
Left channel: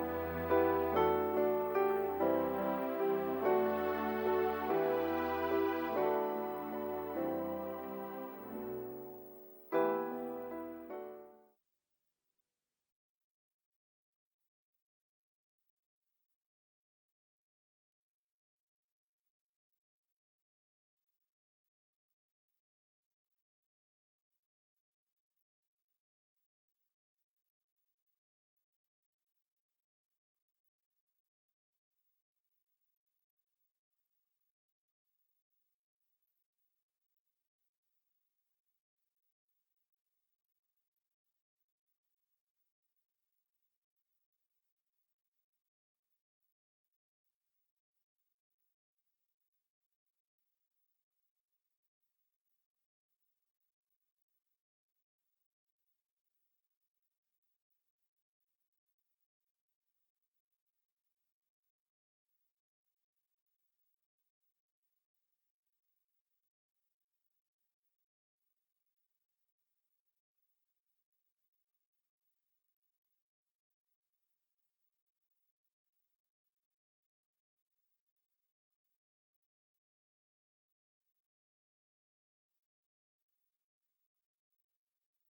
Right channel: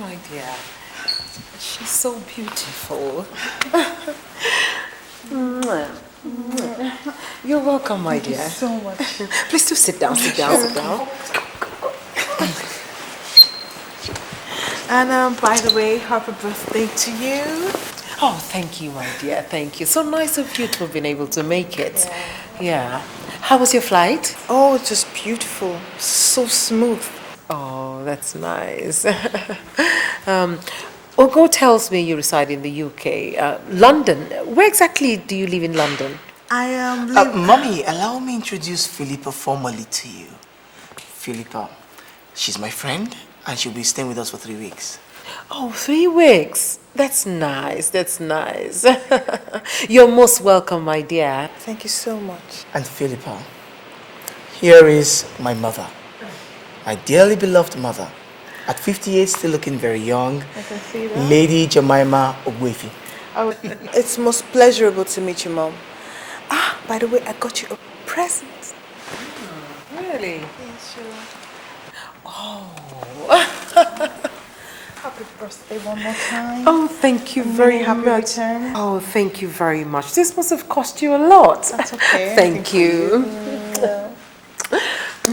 My dear, she's so beautiful. You're welcome, my dear. Thank you so much. Please do sit down, sit down. And by the way, happy birthday to you. Oh, thank you, my dear. Thank you. So nice of you to have been able to make it. Yeah. How was your flight? Oh, just beautiful. So smooth. Oh, that's nice. Ogo tells me you reside in the UK. London. Where exactly do you live in London? I am. Mommy, allow me introduce Philippa formally to you. Philippa, she's my friend, and she'll be staying with us for 3 weeks. Oh, 3 weeks. That's nice. That's nice. You're most welcome, my dear. Thank you so much. And Philippa, here is my mother, my dearly beloved mother. At 58, still looking very young. I can see that. Lady Jemima Ogwefi. Oh, it's most pleasurable to meet you, Mom. Ah, by the way, I got you a present. Really? Yes, sure. Oh. Happy birthday one more time. Oh, thank you very happy much. return. Oh, thank you very much. This must have cost you a lot. That's okay. Thank you.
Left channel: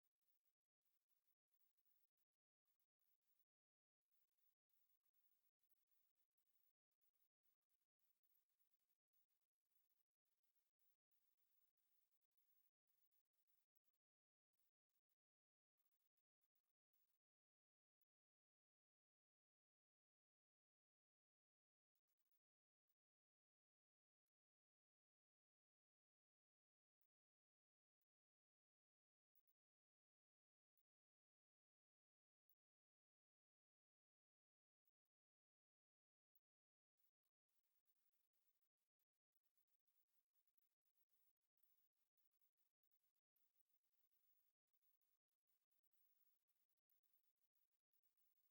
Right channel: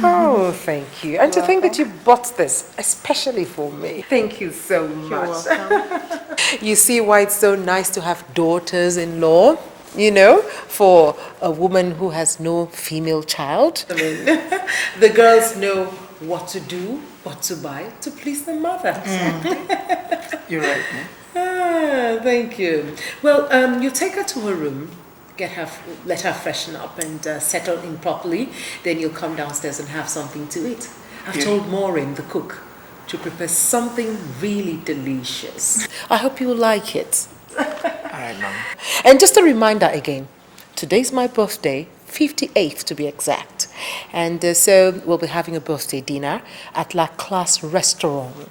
Oh, thank you. And to think that you bought this especially for me. Thank you so much. You're welcome. You see why it's so nice to have daughters-in-law, you know, for a woman who has no female child. I mean, the girls know what to do, what to buy to please the mother. You're right, Ah, thank you. Well, you take her to her room, let her freshen up and settle in properly. Then you'll come downstairs and have something to eat. I've told Maureen, the cook, to prepare something really delicious. I hope you will like it. All right, Mom. And just a reminder again, today's my birthday, 58th to be exact. And so we'll be having a birthday dinner at La Classe Restaurant.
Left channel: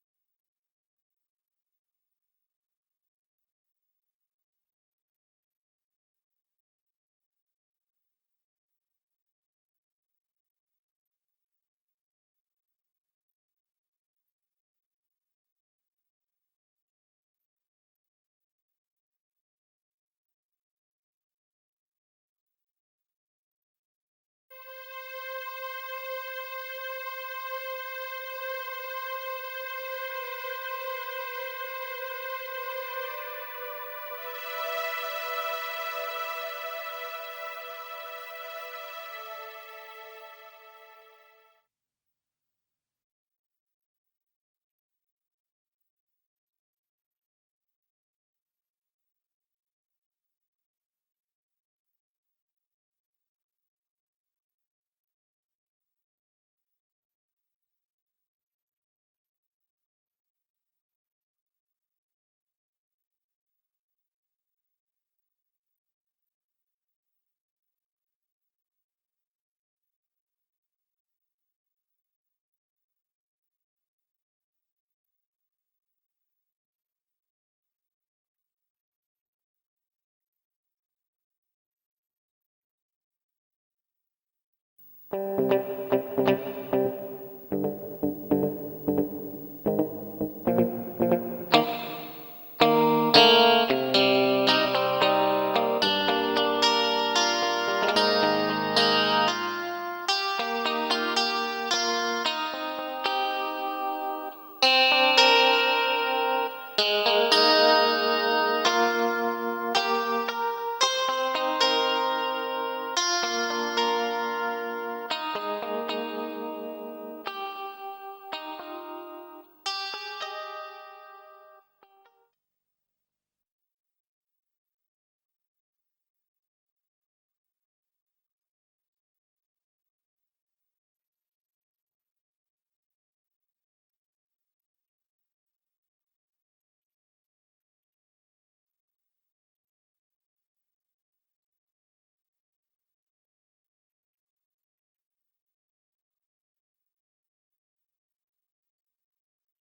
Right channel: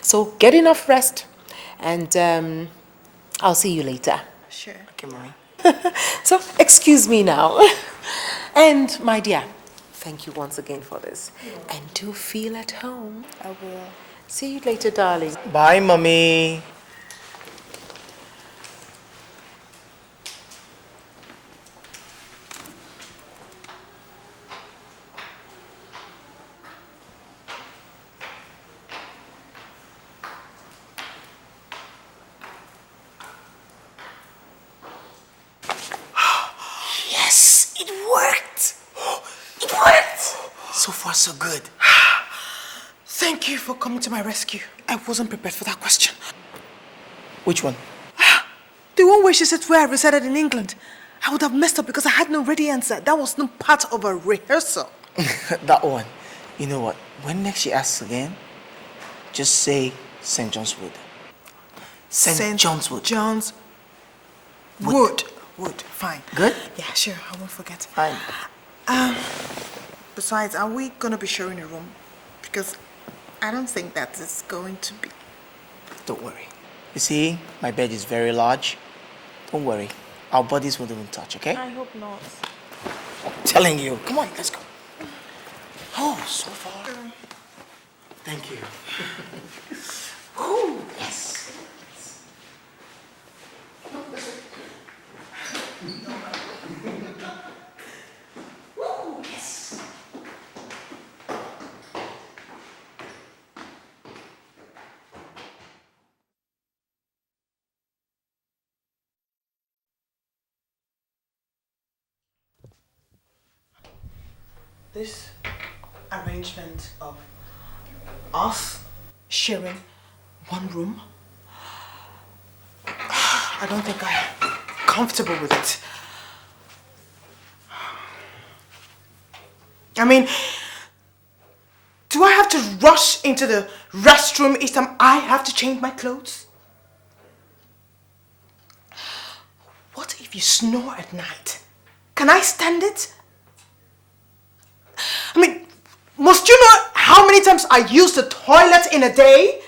So get enough rest and I'll see you later. Sure. Okay, Mommy. So excuse me now. And my dear, thank you once again for this. And do feel at home. I will. See you later, darling. Bye, Mommy. Yes, it worked. It worked. So far, so good. Thank you for coming to my rescue. I wasn't prepared for that question. Which one? The one where she said where I resided in England. I would have messed up because I had no ready answer. That was not part of a rehearsal. That one. You know what? When next she asks again, just say St. John's Wood. St. John's Wood. John's Wood. Wood. Fine. Good? Yeah, sure. I won't forget. Fine. Besides, are we going to be sharing a room? Because I don't think that is going to be. Don't worry. You see, my bed is very large. Don't worry. Our bodies won't even touch, okay? I hope not. I'm telling you. Come on, let's go. Oh, so far. Thank you. Ooh, yes. Us sharing one room? I don't think I'm comfortable with it. I mean, do I have to rush into the restroom each time I have to change my clothes? What if you snore at night? Can I stand it? I mean, must you know how many times I use the toilet in a day?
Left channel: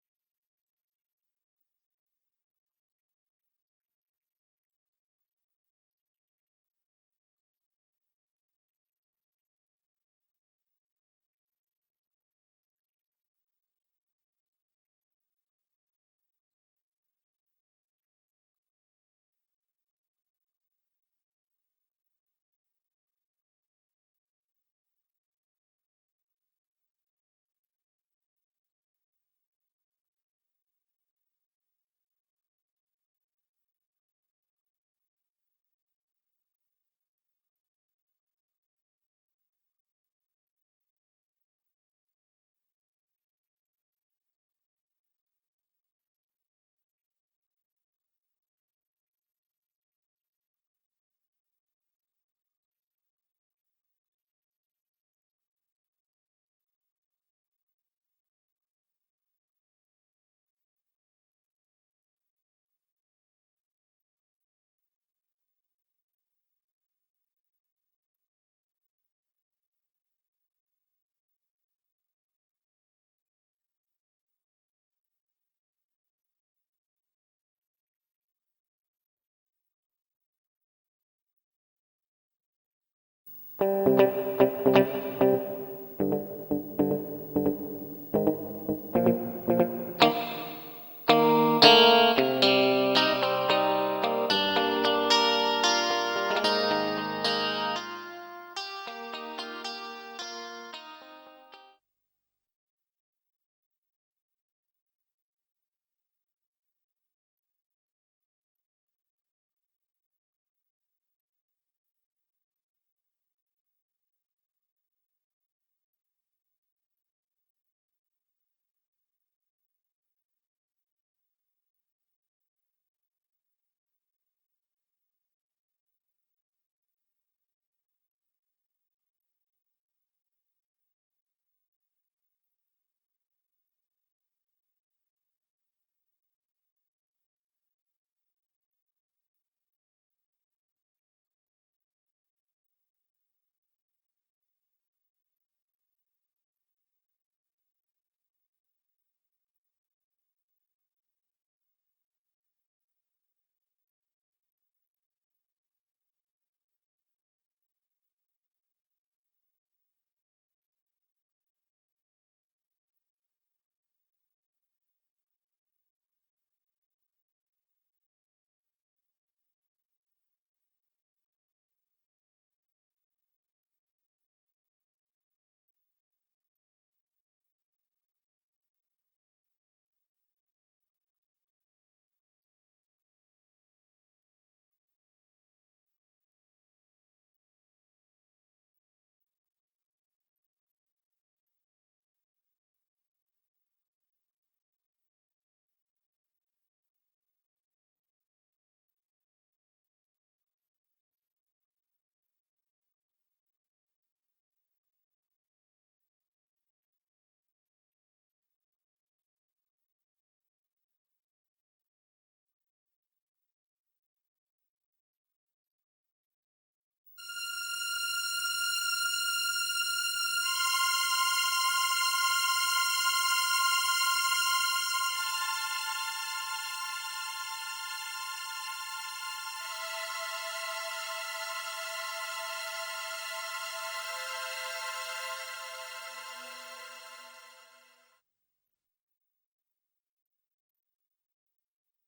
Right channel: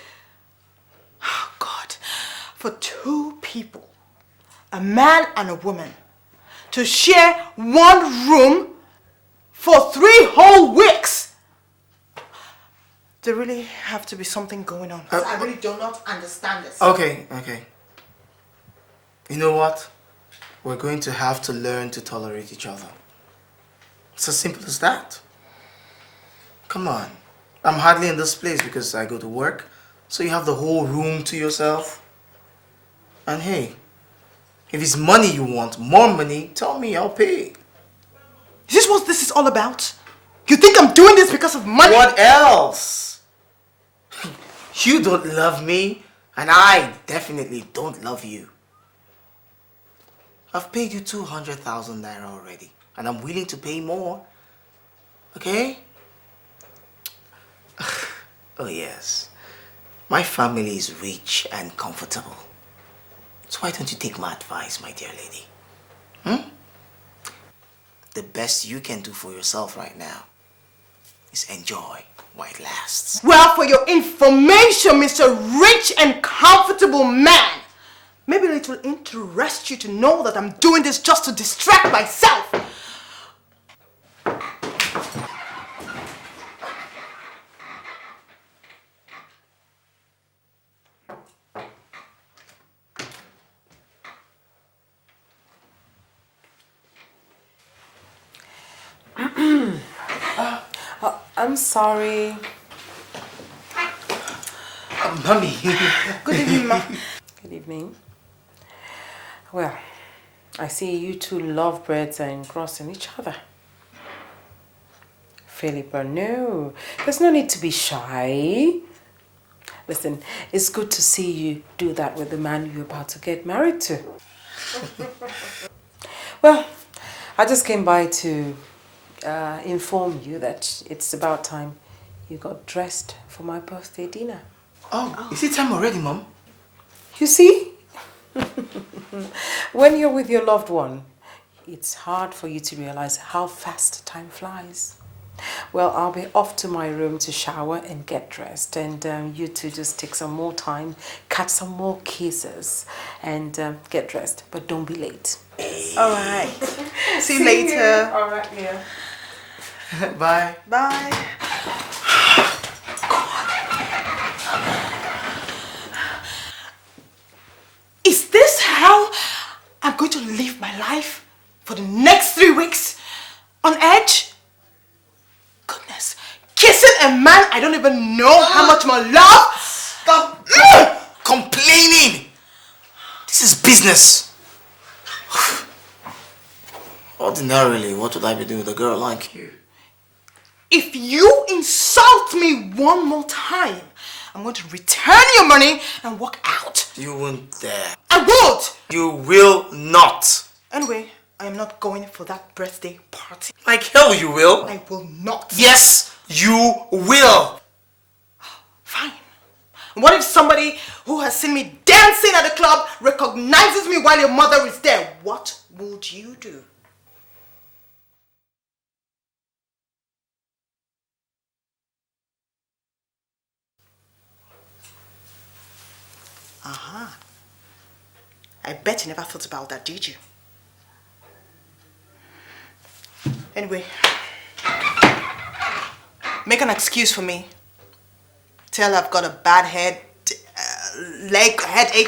Oh, God. For two people, a man and a woman, to share one room for 3 whole weeks. There really have to be something going on. I really do not understand this. Okay. You know what? We're going to have to learn to tolerate each other. It's as simple as that. Come on. I'm hardly in this place because I go to work, so you have the whole room to yourself. And hey, if it's money you want, more money, tell me, I'll pay. Is this what this is all about? You think I'm doing this because of money? What else? You don't love me, and I definitely don't love you. I've paid you 200,000 naira already, and I'm willing to pay more. Okay? Oh yes, my family is rich and comfortable. So why don't you take my advice, my dear lady? The best you can do for yourself right now is enjoy while it lasts. Well, for your information, Mr. Rich and Comfortable Man, maybe it will interest you to know that I'm doing this just to distract myself. I'm sorry. Mommy. Good evening, Ma. Good evening. Well, I see you two lovebirds are engrossing each other. Philippa, no. There's no need to be shy. Listen, it's good to see you do that with the man you're about to get married to. Well, I just came by to inform you that it's about time you got dressed for my birthday dinner. Oh, is it time already, Mom? You see? When you're with your loved one, it's hard for you to realize how fast time flies. Well, I'll be off to my room to shower and get dressed, and you two just take some more time, catch some more kisses, and get dressed. But don't be late. All right. See you later. All right, yeah. Bye. Bye. Is this how I'm going to live my life for the next 3 weeks? On edge? Goodness. Kissing a man I don't even know how much more love? Stop complaining. This is business. Ordinarily, what would I be doing with a girl like you? If you insult me one more time, I'm going to return your money and walk out. You won't dare. I won't! You will not. Anyway, I am not going for that birthday party. Like hell you will. I will not. Yes, you will. Fine. What if somebody who has seen me dancing at the club recognizes me while your mother is there? What would you do? I bet you never thought about that, did you? Anyway, make an excuse for me. Tell I've got a bad headache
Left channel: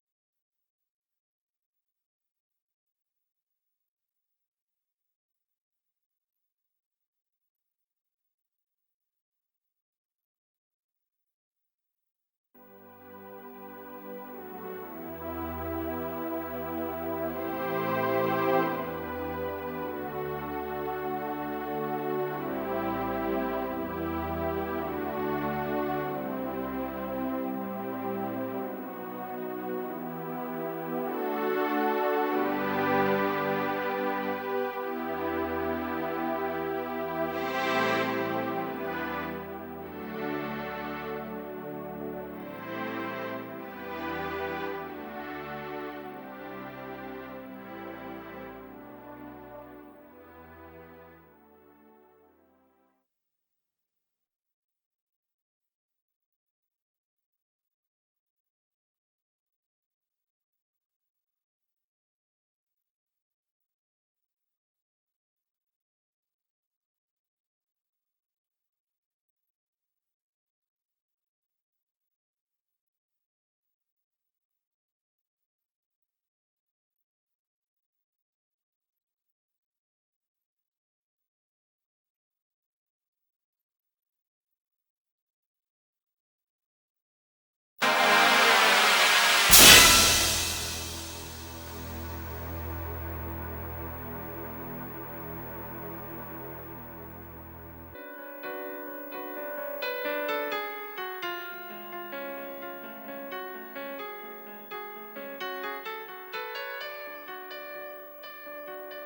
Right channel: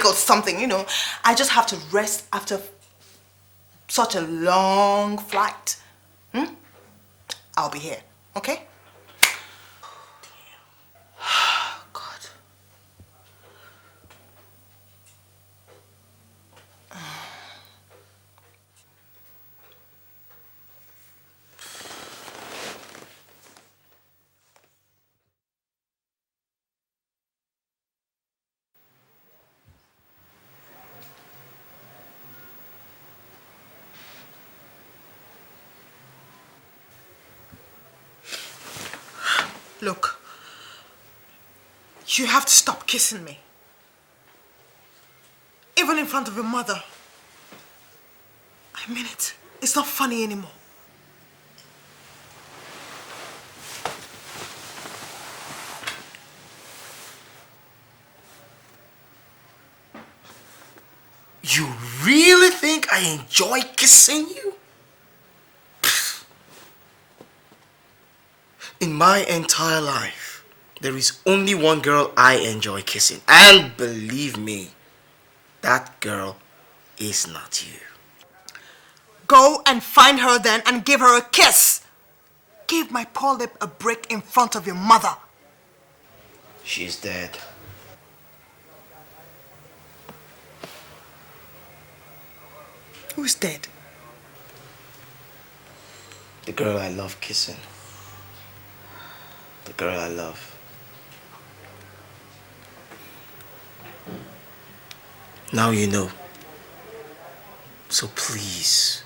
or something, you know. I just have to rest after such a long flight. I'll be here, okay? Look, you have to stop kissing me. Even in front of your mother. I mean it. It's not funny anymore. You really think I enjoy kissing you? In my entire life, there is only one girl I enjoy kissing. And believe me, that girl is not you. Go and find her then and give her a kiss. Give my poor lip a break in front of your mother. She's dead. Who's dead? The girl I love kissing. The girl I love. Now you know. So please,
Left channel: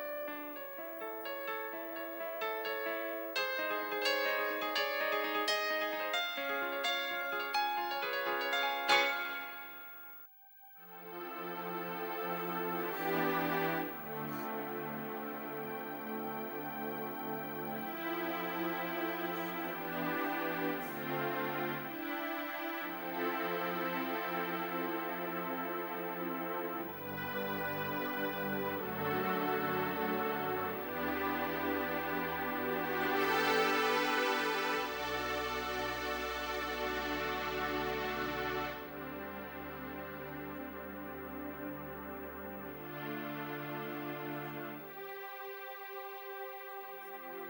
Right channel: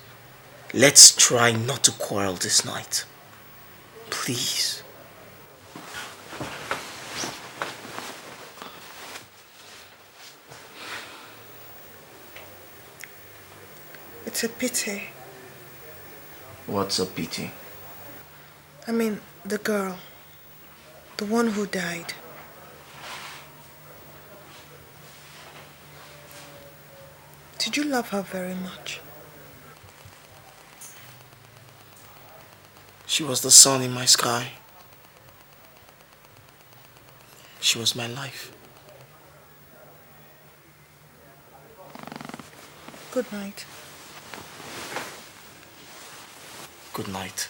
let's try not to quarrel this night. Please. It's a pity. What's a pity? I mean, the girl. The one who died. Did you love her very much? She was the sun in my sky. She was my life. Good night. Good night.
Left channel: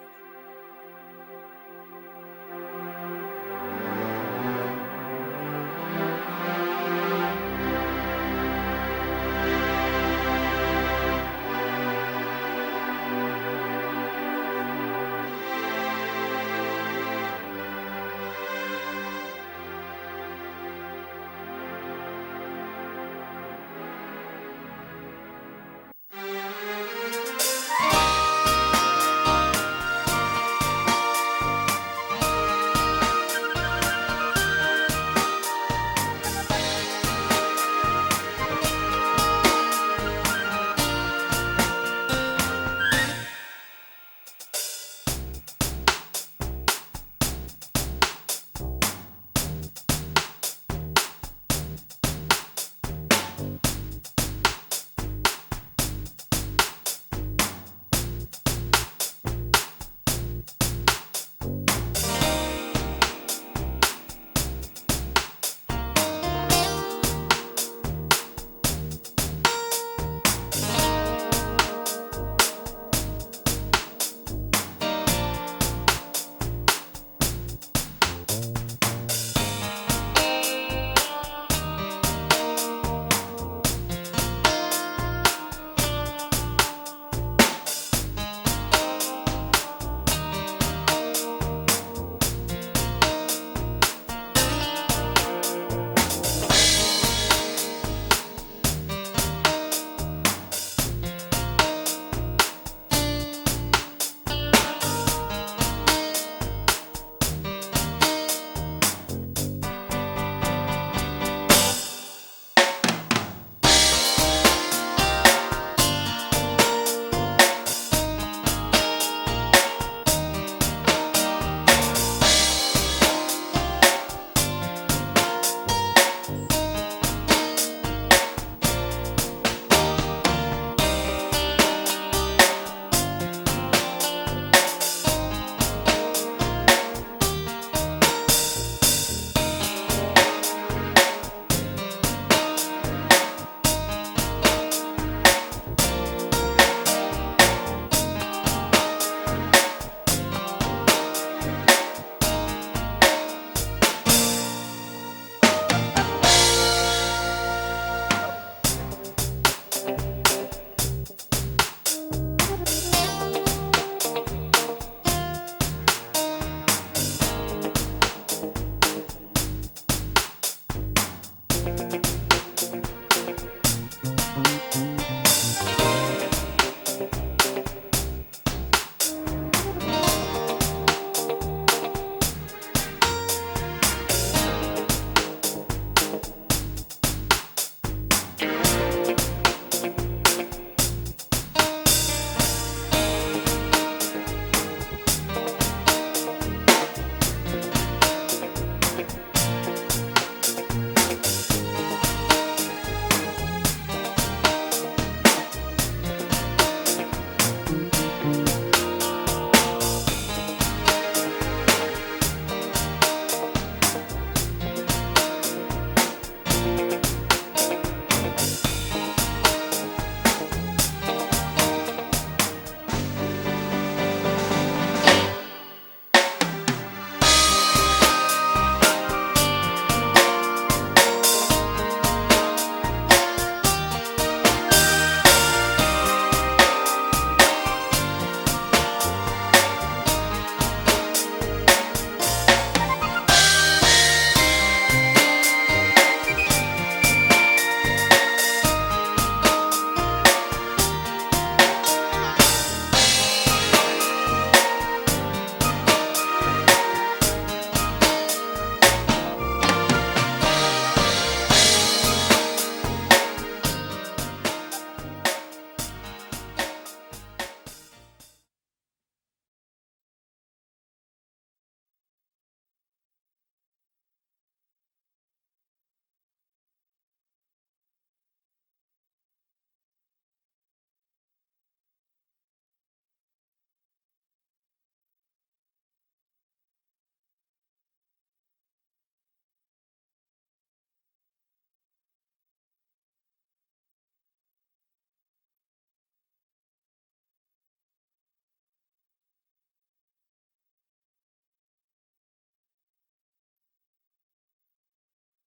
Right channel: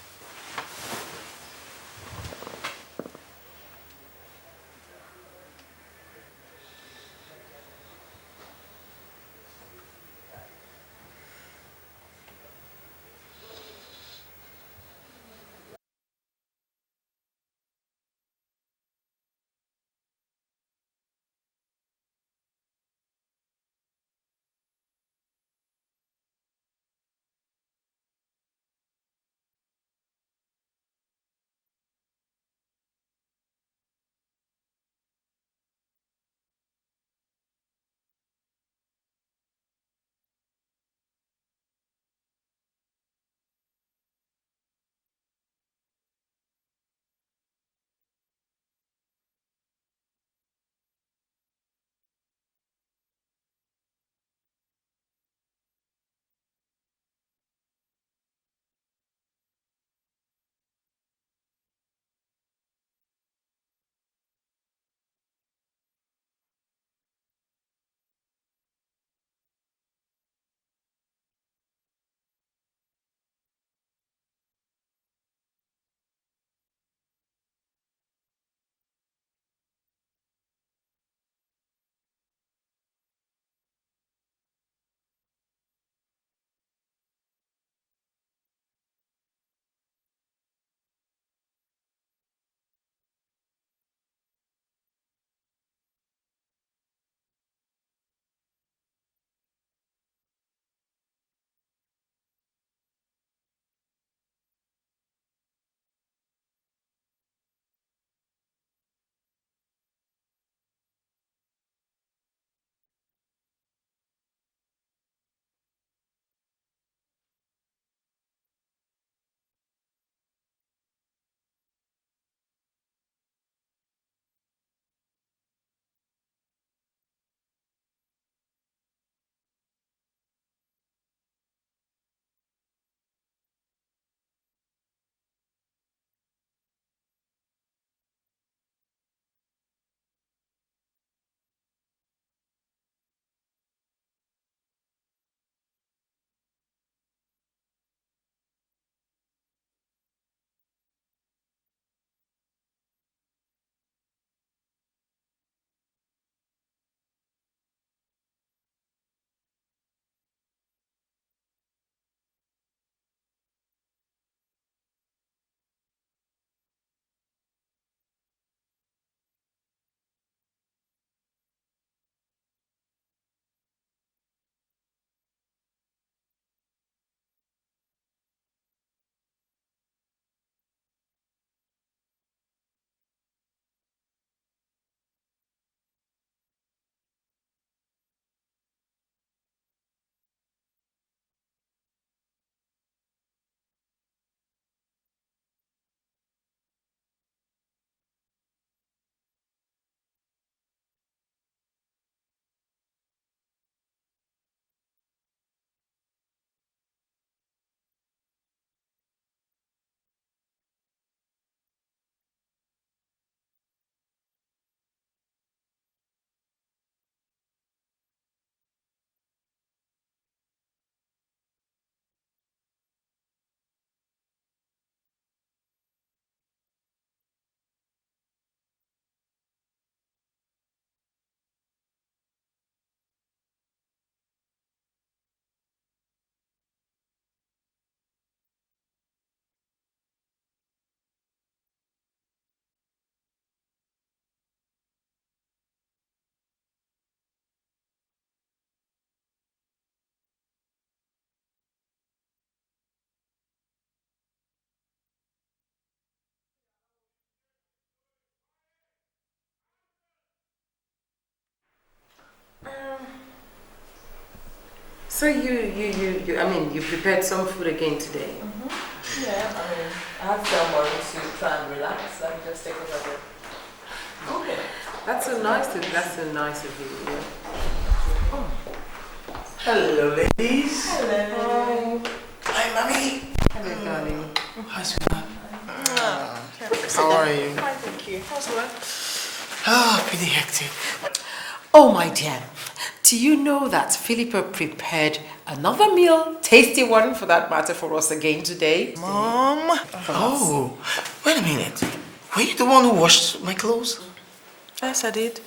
prepared some food again today. Yeah, I mean, I have some morning to try and relax. Let me just take over there. Okay. That's so nice of you. Yeah. Oh. Hello, ladies. Hello. Hi, mommy. Hello, darling. Hi, sweetheart. How are you? Fine, thank you. How's work? Ah, pretty hectic. Oh, my dear, do you know that Philippa prepared another meal, tasty one for that matter, for us again today? Mom? Oh, wait a minute. Were you the one who washed my clothes? Yes, I did.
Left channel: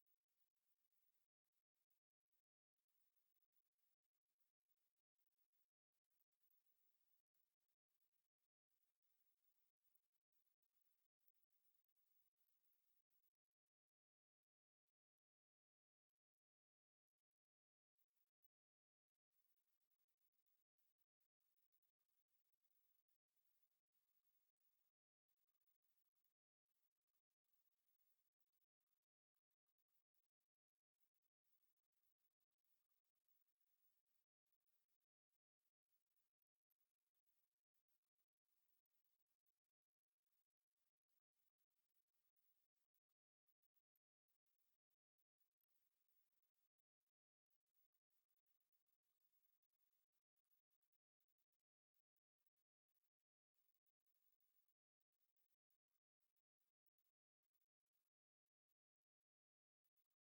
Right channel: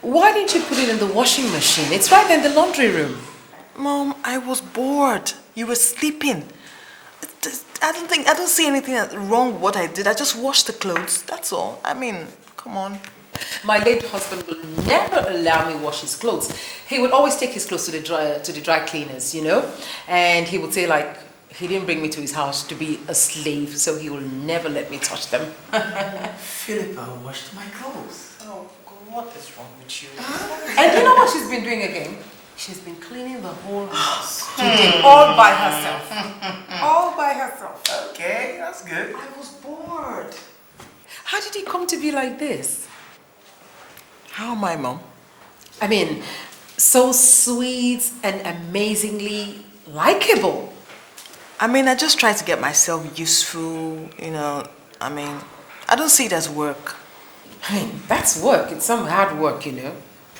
Why didn't you put it in the washing machine? It's right in the laundry room. Mom, I was bored. You were sleeping. I don't see anything wrong with what I did. I just washed the clothes. That's all. I mean, come on. My late husband will never allow me wash his clothes. He would always take his clothes to the dry cleaners, you know, and he would say like he didn't bring me to his house to be a slave, so he will never let me touch them. Philippa washed my clothes. Oh, God, what is wrong with you? And you know what she's been doing again? She's been cleaning the whole house today, all by herself. All by herself. Okay, that's good. I was bored. How did it come to be like this? How am I, Mom? I mean, so sweet and amazingly likable. I mean, I just try to get myself useful, you know. I mean, I don't see it as work. I mean, that's work. It's some hard work, you know.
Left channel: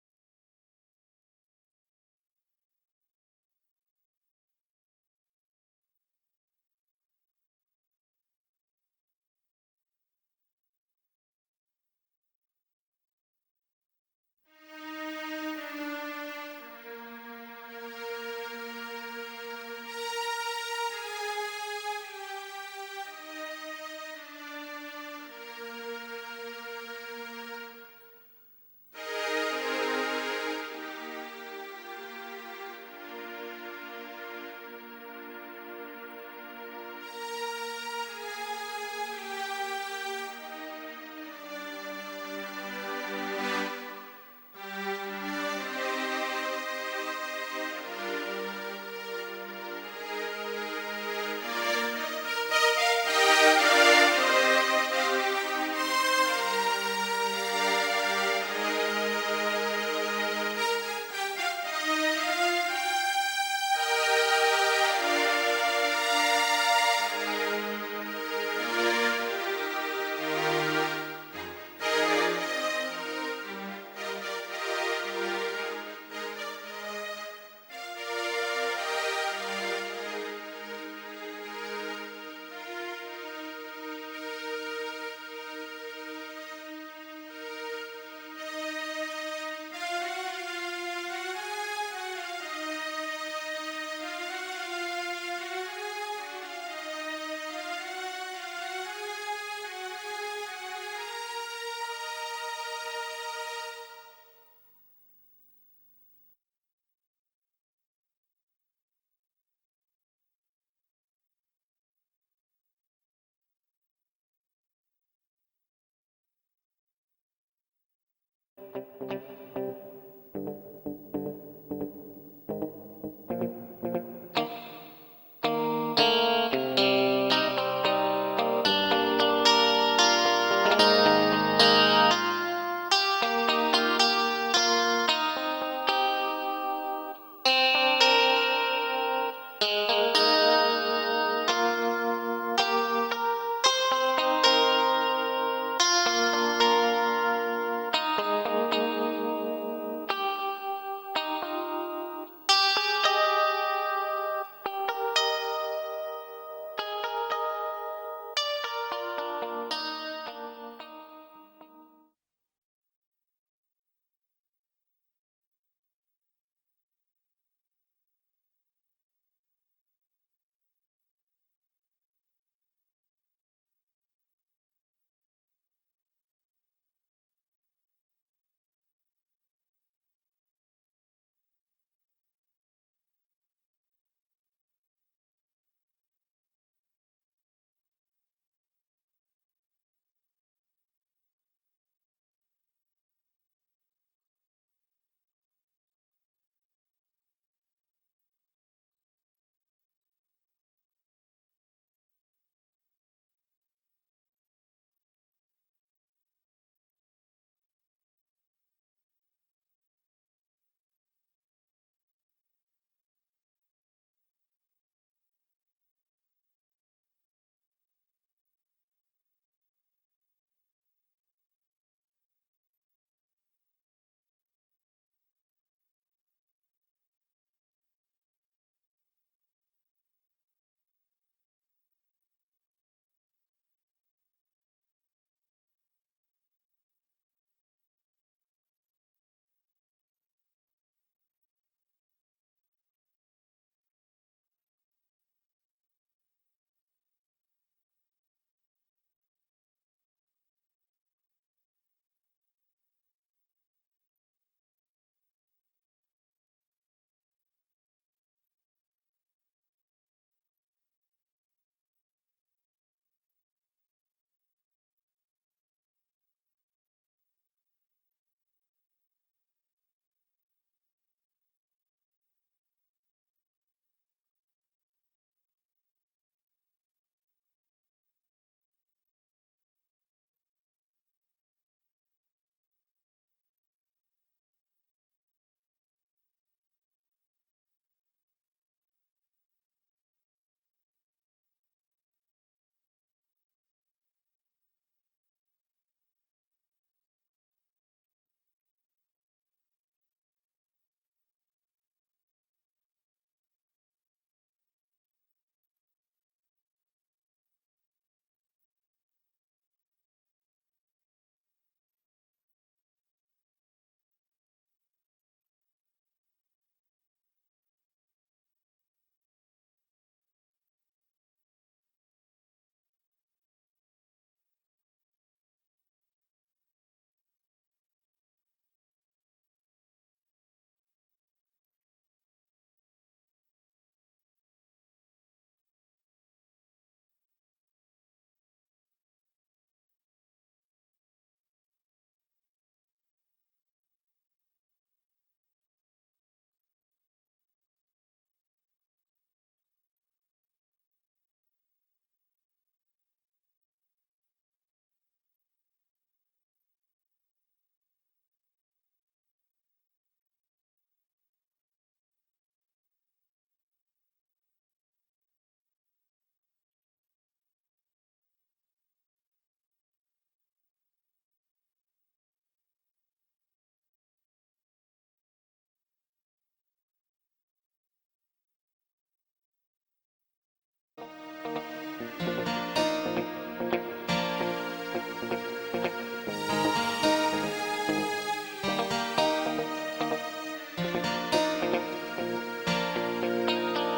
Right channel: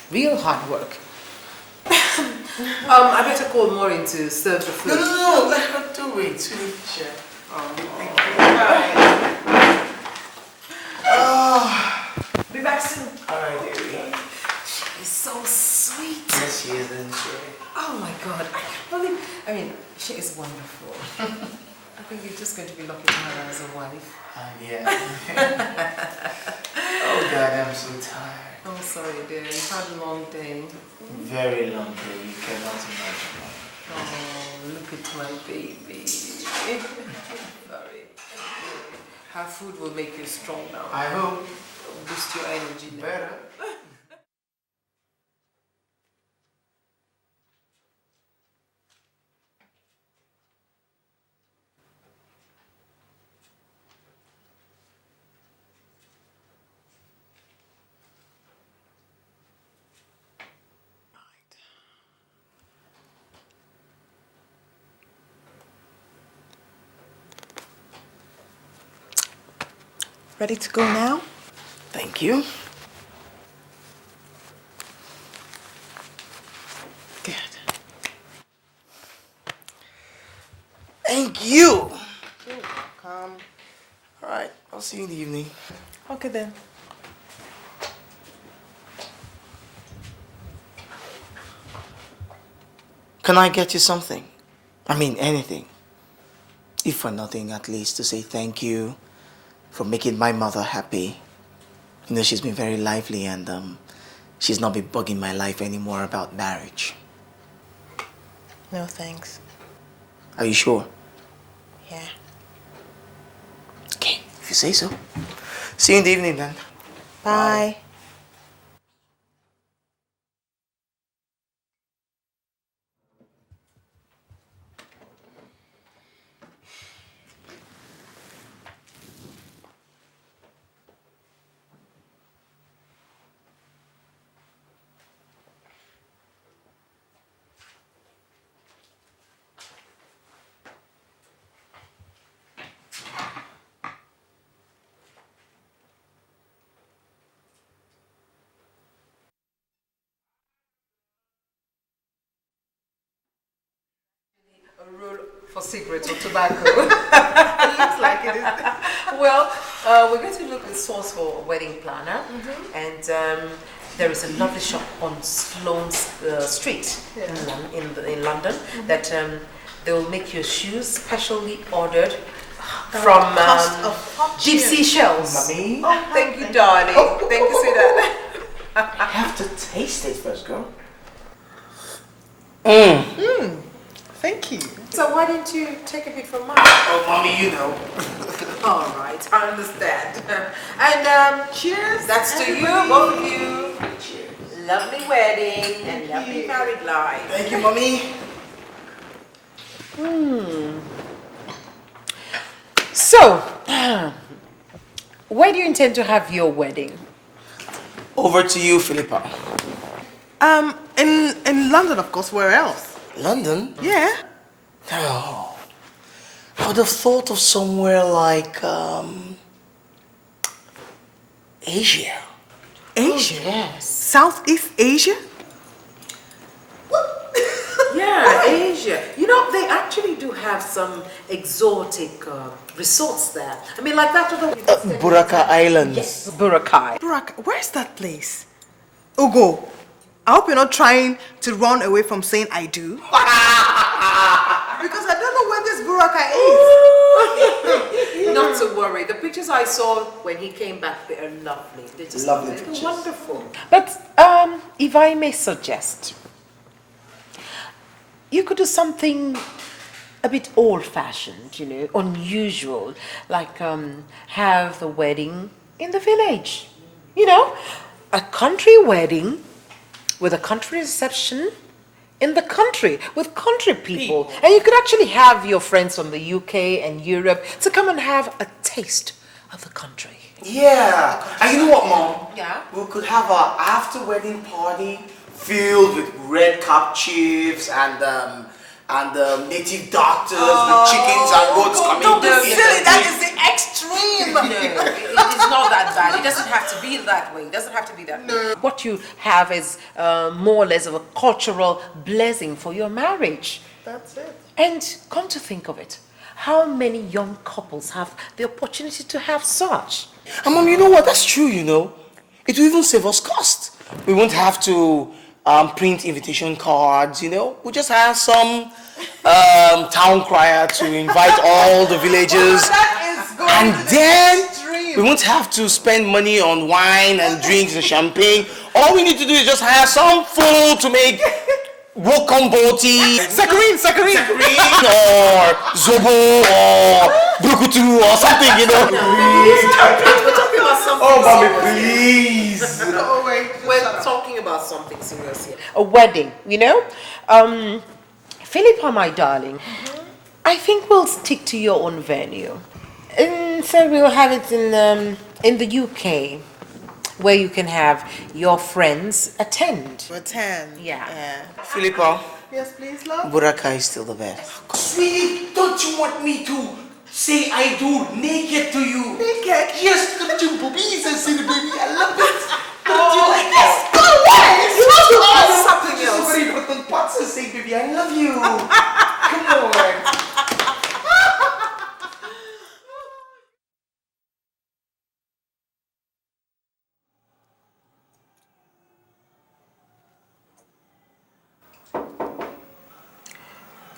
Real hard work. I better call Maureen to serve the food. No, let her do it. Sweetie. Sure. Oh, thank you. Oh. Be back soon. All right, dearie. She's so sweet. Yes, she is, isn't she? Oh my God, I can't believe. I mean, she is wonderful. I think you're just going to be lucky to have her as a wife. Yeah. Oh God, I'm so tired. Oh, sorry, dear. You've had a long day. Very long day. You cannot imagine. Oh, look at my baby. Her food will make you strong now. I hope. Boost your energy better. Ready to go now? Thank you. Good. Thank you. All right, I'll see you in the evening. Okay then. Can I get you something? I mean, anything. If for nothing, at least to say thank you for making my mother happy. You know, she's been very lively and she's not been bugging my life anymore about marriage. No, thanks. Are you sure? Yeah. Okay, if you say so. See you in the evening then. Bye. Cigarettes or tobacco. It looks like it. Well, we're going to look at the source for a wedding planner, and there is a lovely shop on Sloane Street in London that they will make your shoes specially ordered from deep sea shells. Mommy. Oh, thank you, darling. Thank you, sweetheart. I have to taste it first, girl. Thank you. So why didn't you take a bit from mine? Oh, Mommy, you know. All right, I understand. And cheers. That's to you, both of you. Cheers. Lovely wedding and lovely married life. Thank you, Mommy. So, where do you intend to have your wedding? Over to you, Philippa. In London, of course. Where else? London? Yeah. Oh, I would have thought of somewhere like Asia. Asia? Yes. Southeast Asia? Yeah, Asia. You know, they actually do have some exotic resorts there. I mean, like that other... Buraka Islands. Yes. Boracay. Where's that place? Ugo, I hope you're not trying to run away from saying I do. Because I don't know where this Buraka is. Not to worry. The pictures I saw when he came back, they are lovely. They're just Lovely they're pictures. wonderful. But if I may suggest, you could do something a bit old-fashioned, you know, unusual, like have the wedding in the village. You know, a country wedding with a country reception in the country with country people. And you could actually have your friends from the UK and Europe to come and have a taste of the country. Yeah. And you know what, Mom? Yeah? We could have a after-wedding party filled with red cap chiefs and native doctors with chickens and goats coming. Don't be in. silly. That is the extreme. No, it's not that bad. It doesn't have to be that way. It doesn't have to be that way. What you have is more or less of a cultural blessing for your marriage. That's it. And come to think of it, how many young couples have the opportunity to have such? And Mom, you know what? That's true, you know. It will even save us cost. We won't have to print invitation cards, you know. We'll just have some town crier to invite all the villagers. And then we won't have to spend money on wine and drinks and champagne. All we need to do is just hire some fool to make Wokomboti, Sakarin. or Zobo, or Brukutu, or something, you know. We're talking about something Oh, Mommy, serious. please. Oh, wait. We're talking about something serious here. A wedding, you know? Philippa, my darling, I think we'll stick to your own venue. And so we'll have it in the UK, where you can have your friends attend. Yeah. Philippa, Yes, please, love. Buraka is still the best. Sweetie, don't you want me to say I do naked to you? Naked? Yes, look at your boobies and see the baby. I love it. Don't Oh, you like this? yes. Go away. You want to Oh, something Just else. very important parts and say, baby, I love you. Come on.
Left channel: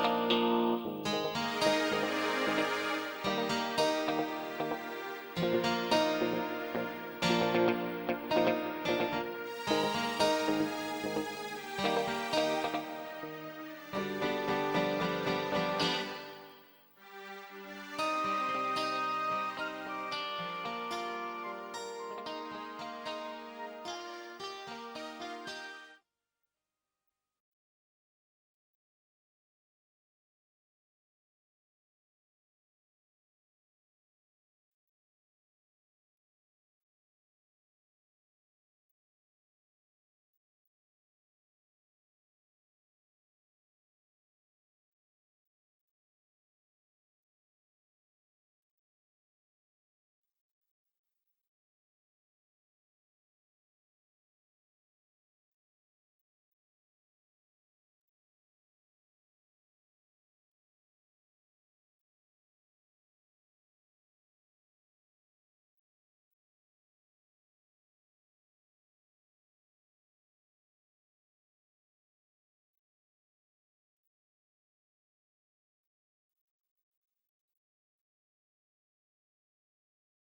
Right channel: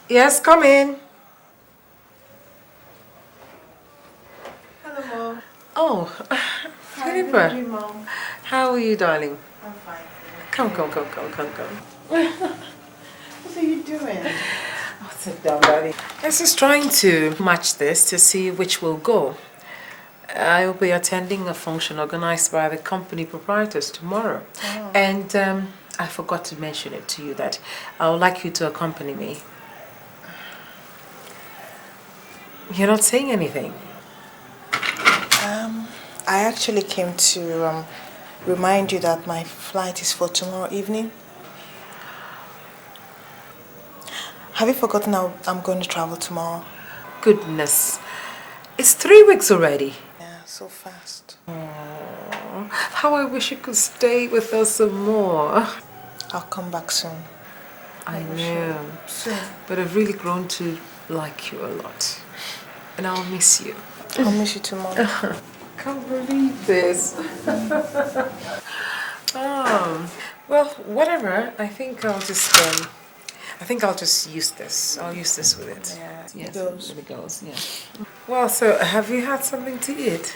Yes, come in. Oh, Philippa, how are you, darling? Come. What are you doing? Sit down, darling. I was just trying to match this to see which will go. I will be attending a function organized by the company proprietors tomorrow. Oh. And I forgot to mention it to you that I would like you to accompany me. You're not saying anything. I actually came to remind you that my flight is for tomorrow evening. Have you forgotten how I'm going to travel tomorrow? Goodness. It's 3 weeks already. Yeah, so fast. Aww, how I wish you could stay with us some more. I'll come back soon. I know. Soon. But I've really grown to like you a lot. And I'll miss you. I'll miss you tomorrow. Can't believe this. Well, whatever. I think I'll just use this. I'll use this with it. Yeah, Yes, goes. it goes. Yeah. Well, so have you had something to eat?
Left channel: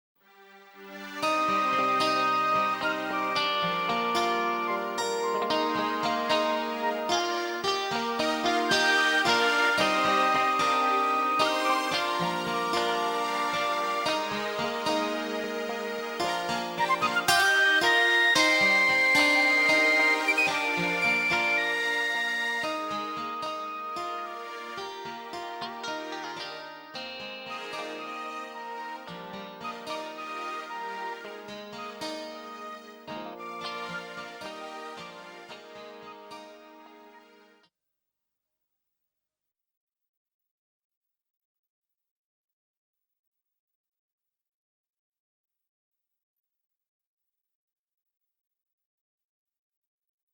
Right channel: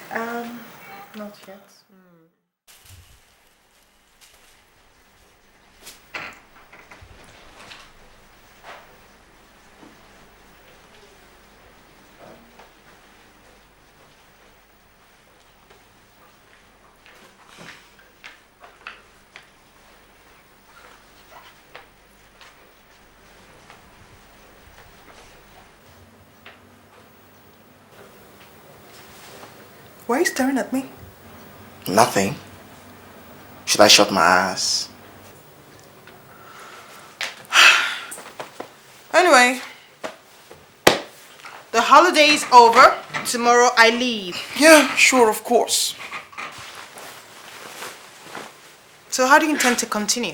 Why are you staring at me? Nothing. Should I shut my eyes? Anyway, the holiday is over. Tomorrow I leave. Yeah, sure, of course. So how do you intend to continue?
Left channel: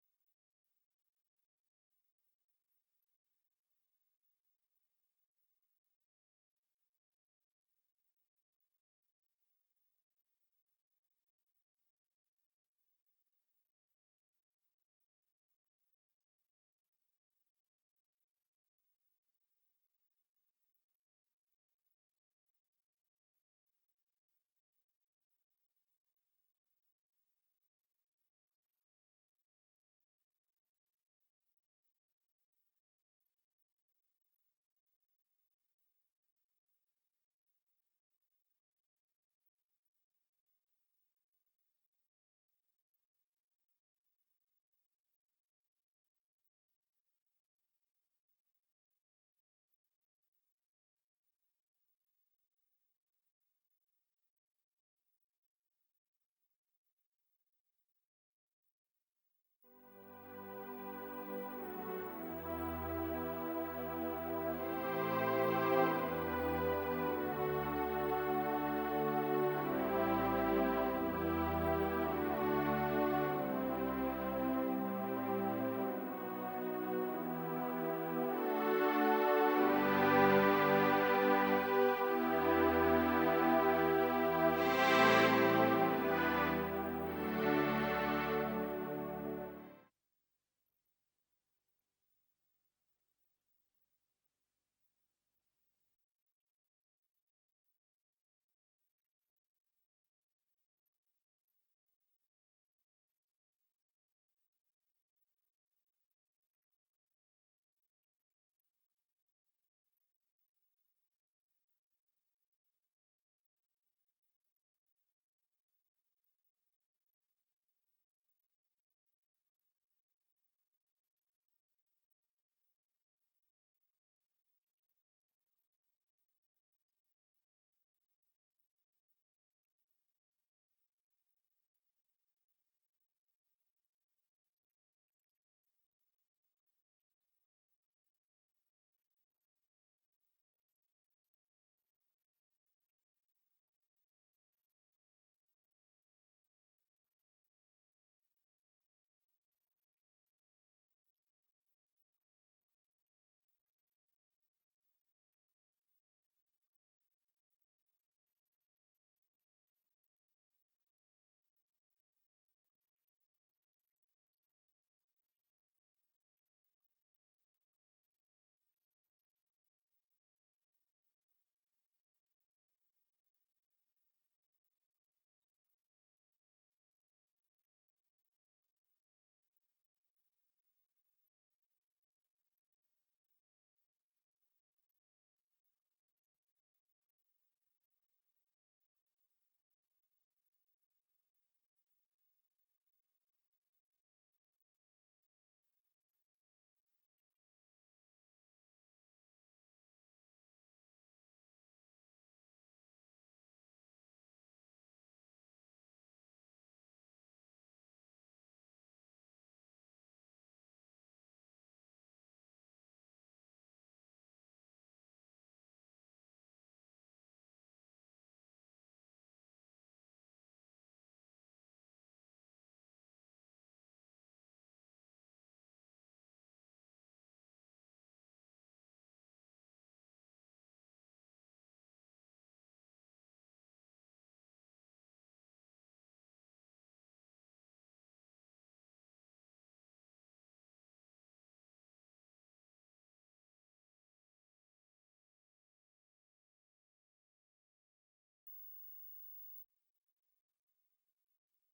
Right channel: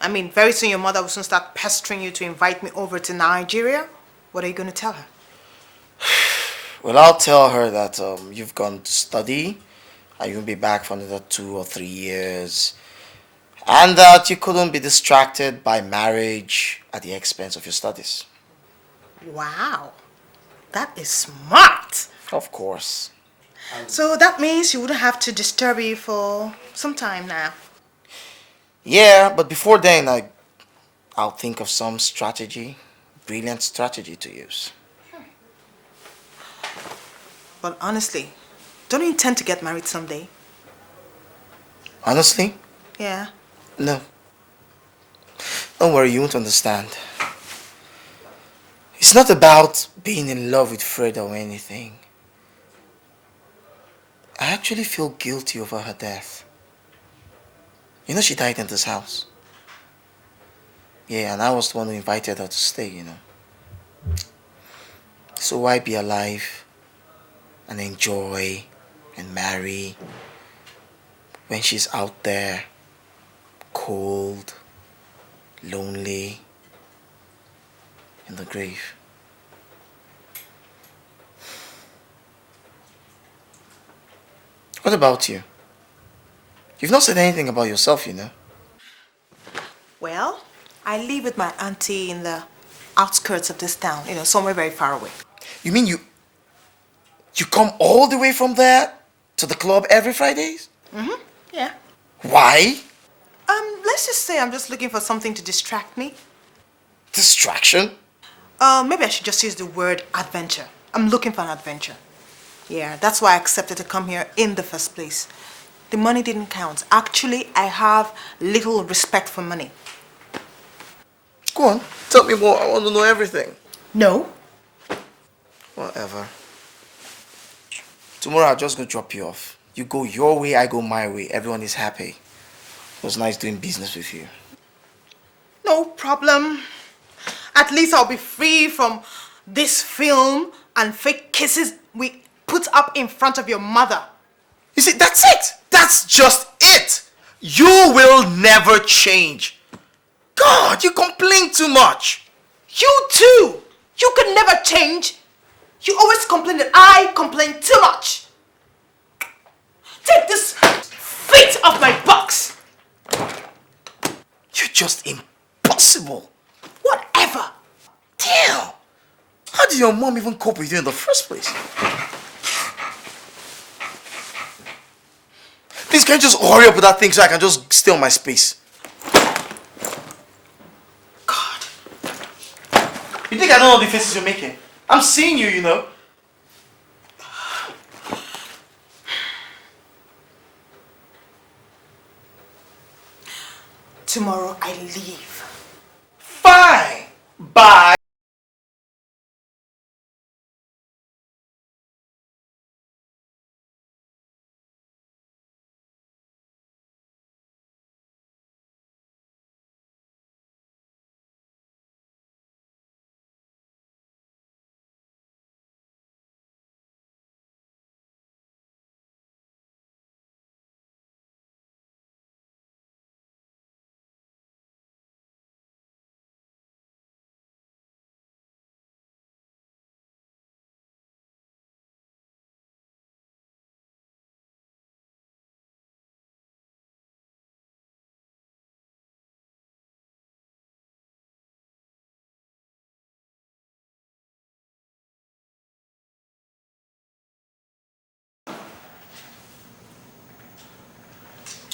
I mean, very soon your mother will soon start pestering you to invite me over to Nigeria. What are you going to tell her? Well, I'll tell her that you've gone to study and you'll be back for another 2 or 3 years. And that you couldn't be distracted by marriage at the expense of your studies. Wow, that is smart. Of course. So that means you wouldn't have to disturb you for some time now. Yeah, but before then, I'll think of some strategy, brilliant strategy to use. But honestly, don't you intend to get married someday? Honestly? Yeah. No. Don't worry, you won't understand. It's not about being in love with Fred or anything. I actually feel guilty over her death. You know, she died in this house. Yeah, and I was the one who invited her to stay, you know. So why be alive and enjoy and marry when she's out there, cold, lonely, in the grave? What about you? You've not said anything about yourself, you know. Well, I live with my auntie in the outskirts of this town, you know, somewhere very far away. You mean you come all the way from there to the club every Fridays? Mm-hmm, yeah. Why? Let's just say I'm just looking for something to distract me. Distraction? Maybe I should just use the word adventure. I'm looking for an adventure. Yeah, that's why I accepted to come here in the first place. The money didn't count. Actually, I have little respect for money. Go on, tell me more. I want to know everything. No. Whatever. Tomorrow I'll just go drop you off. You go your way, I go my way. Everyone is happy. It was nice doing business with you. No problem. At least I'll be free from this film and fake kisses we put up in front of your mother. You see, that's it. That's just it. You will never change. God, you complain too much. You too. You can never change. You always complain that I complain too much. Take this feet off my box. You're just impossible. Whatever. Damn. How did your mom even cope with you in the first place? Please, can you just hurry up with that thing so I can just stay on my space? God. You think I don't know the faces you're making? I'm seeing you, you know. Tomorrow I leave. Fine. Bye.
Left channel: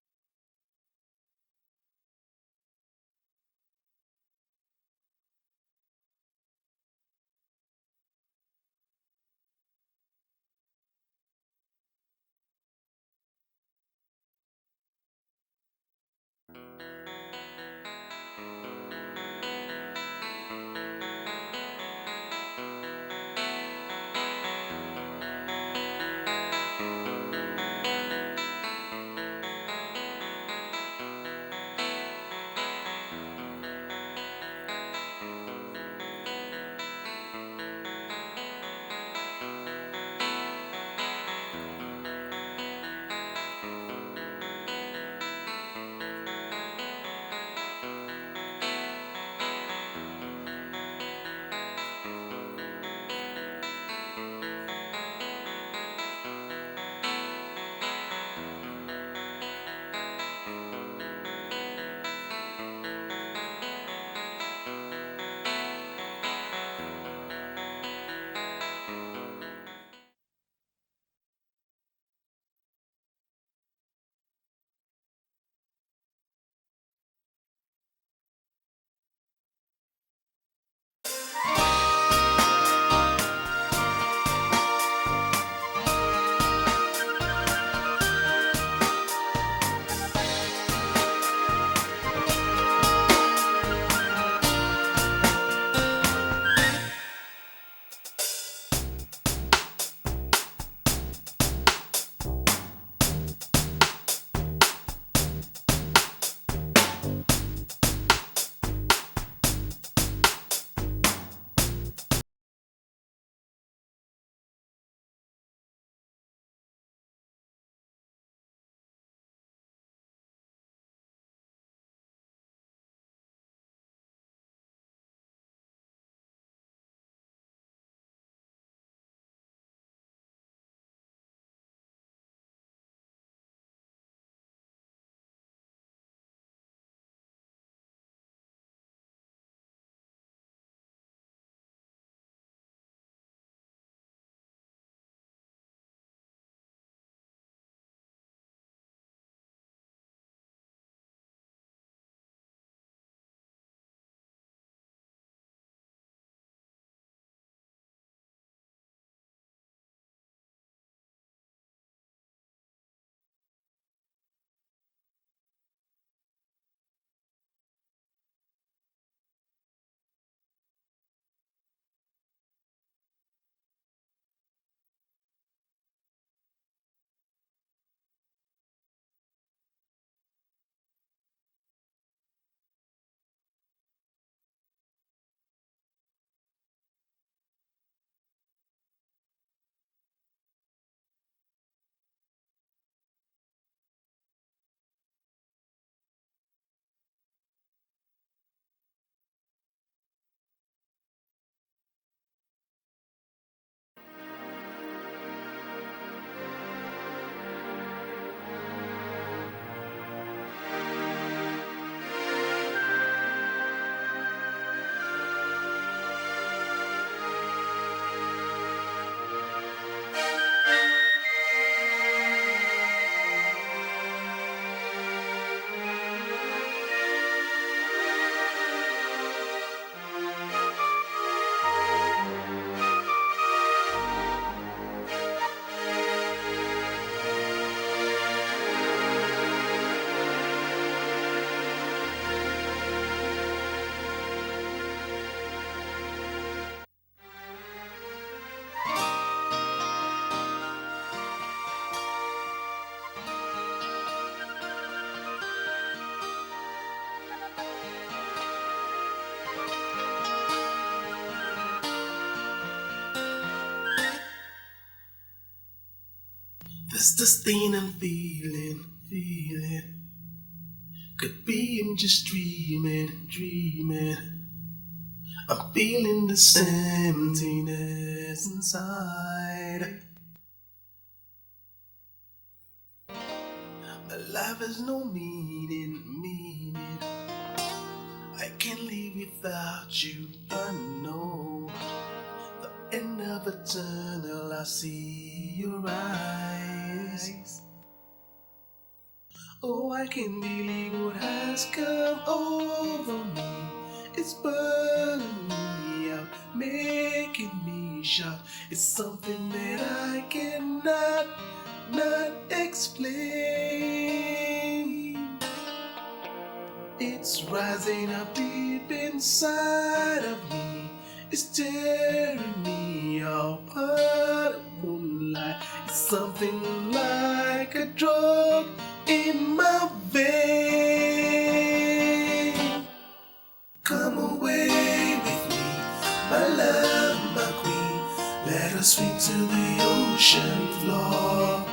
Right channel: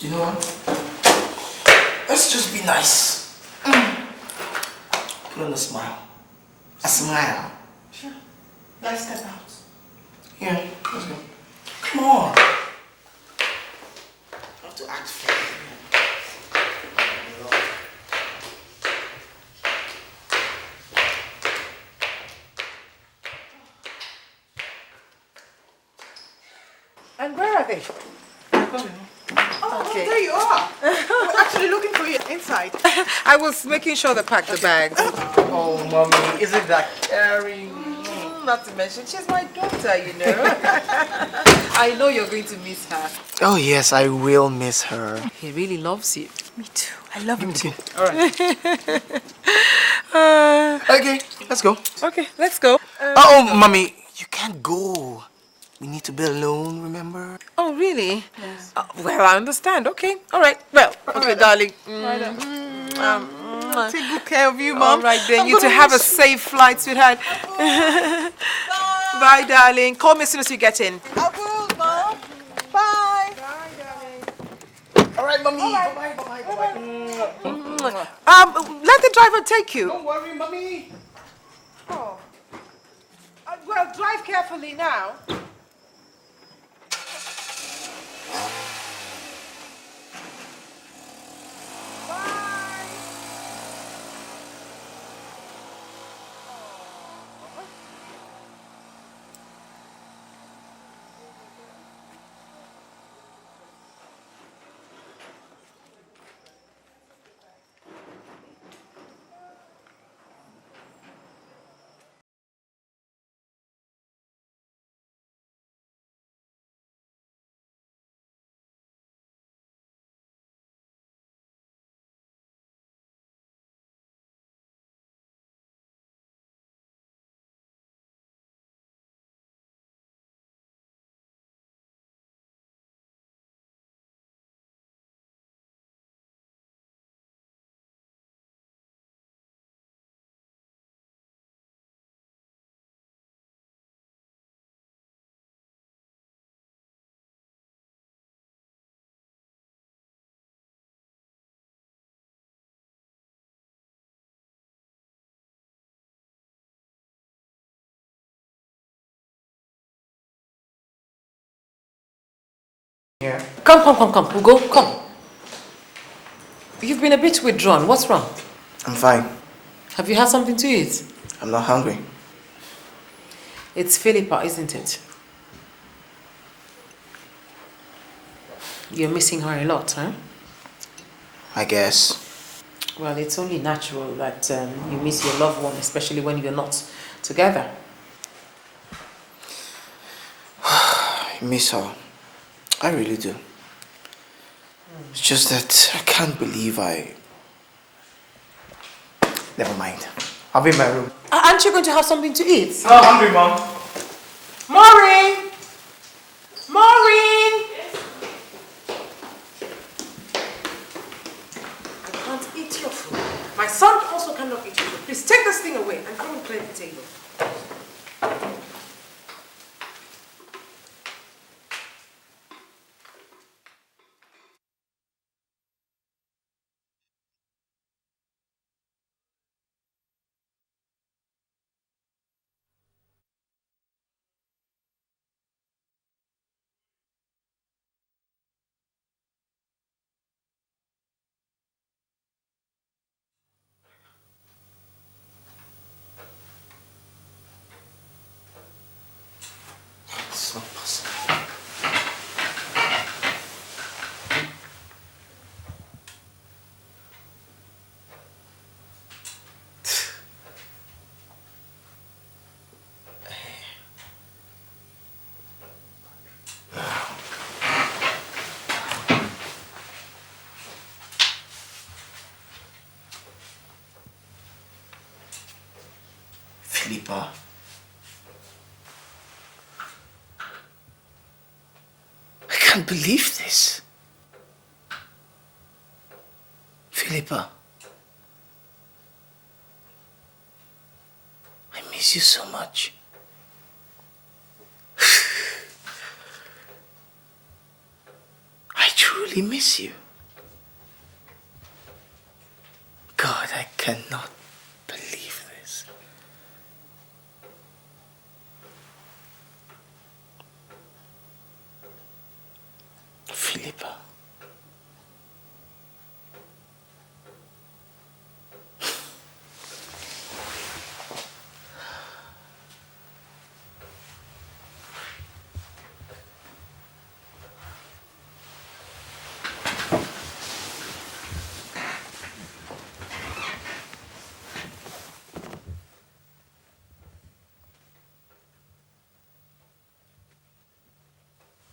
You know what? Let's just be nice. Put on a smile. A smile. Sure. Let's step out. Yeah, let's go. Come on. I have to act fair. And where are they? Oh, there you are. We're actually looking for you inside. I was making sure they packed the bags. Oh, mommy, isn't that caring? Not to mention, she's my daughter, you know. I know you're going to miss her. Oh, yes, I will miss her. He really loves you. Me too. I love him too. All right. Okay, let's go. Okay, let's go. Oh, mommy, you can't go. We need to be alone, remember? Oh, really? Yes. Well, I understand. Okay. All right. Well, okay, darling. Take good care of you, Mom. All right, then. You to have a safe flight, sweetheart. Bye, darling. Call me as soon as you get in. I will, Mom. Bye. All right, mommy. Bye-bye. Let the driver take you. Don't worry, mommy. Well, drive carefully now. Yeah. Come. Ugo, come. You've been a bit withdrawn. What's wrong? I'm fine. Have you had something to eat? I'm not hungry. It's Philippa, isn't it? You're missing her a lot, huh? I guess. Well, it's only natural that you miss your loved one, especially when you're not together. I miss her. I really do. It's just that I can't believe Never mind. I'll be in my room. Aren't you going to have something to eat? No, I'm hungry, Mom. Maureen! Maureen! Can't eat your food. My son also cannot eat your food. Please take this thing away and go and clean the table. It's this thing being just dreaming. I'm feeling the emptiness inside. I can't believe this. Life has no meaning. Philippa, I can't live without you, I know. I miss you so much. And never tunnel I see your eyes. I truly miss you. I can believe what has come over. God, I cannot believe this. Making me shout. It's something that I cannot explain. Philippa. It's rising up deep inside of me. It's tearing me apart. Moonlight. It's something like drug in my vein. Come away with me, my love, my queen. Let us swing to the ocean floor.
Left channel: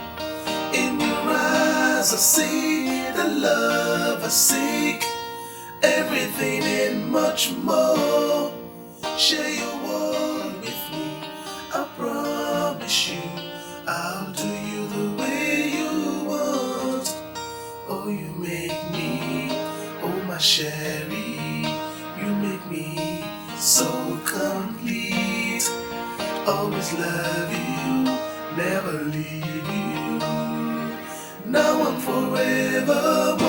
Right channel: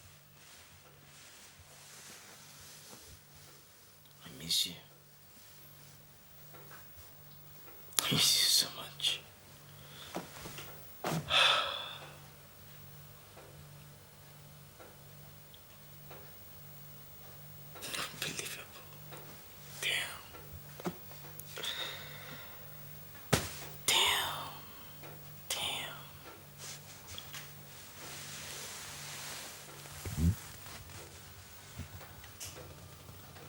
In your eyes I see the love I seek, everything and much more. Share your world with me, I promise you I'll do you the way you want. Oh, you make me, oh my Sherry, you make me so complete. Always love you, never leave you. Now I'm forevermore.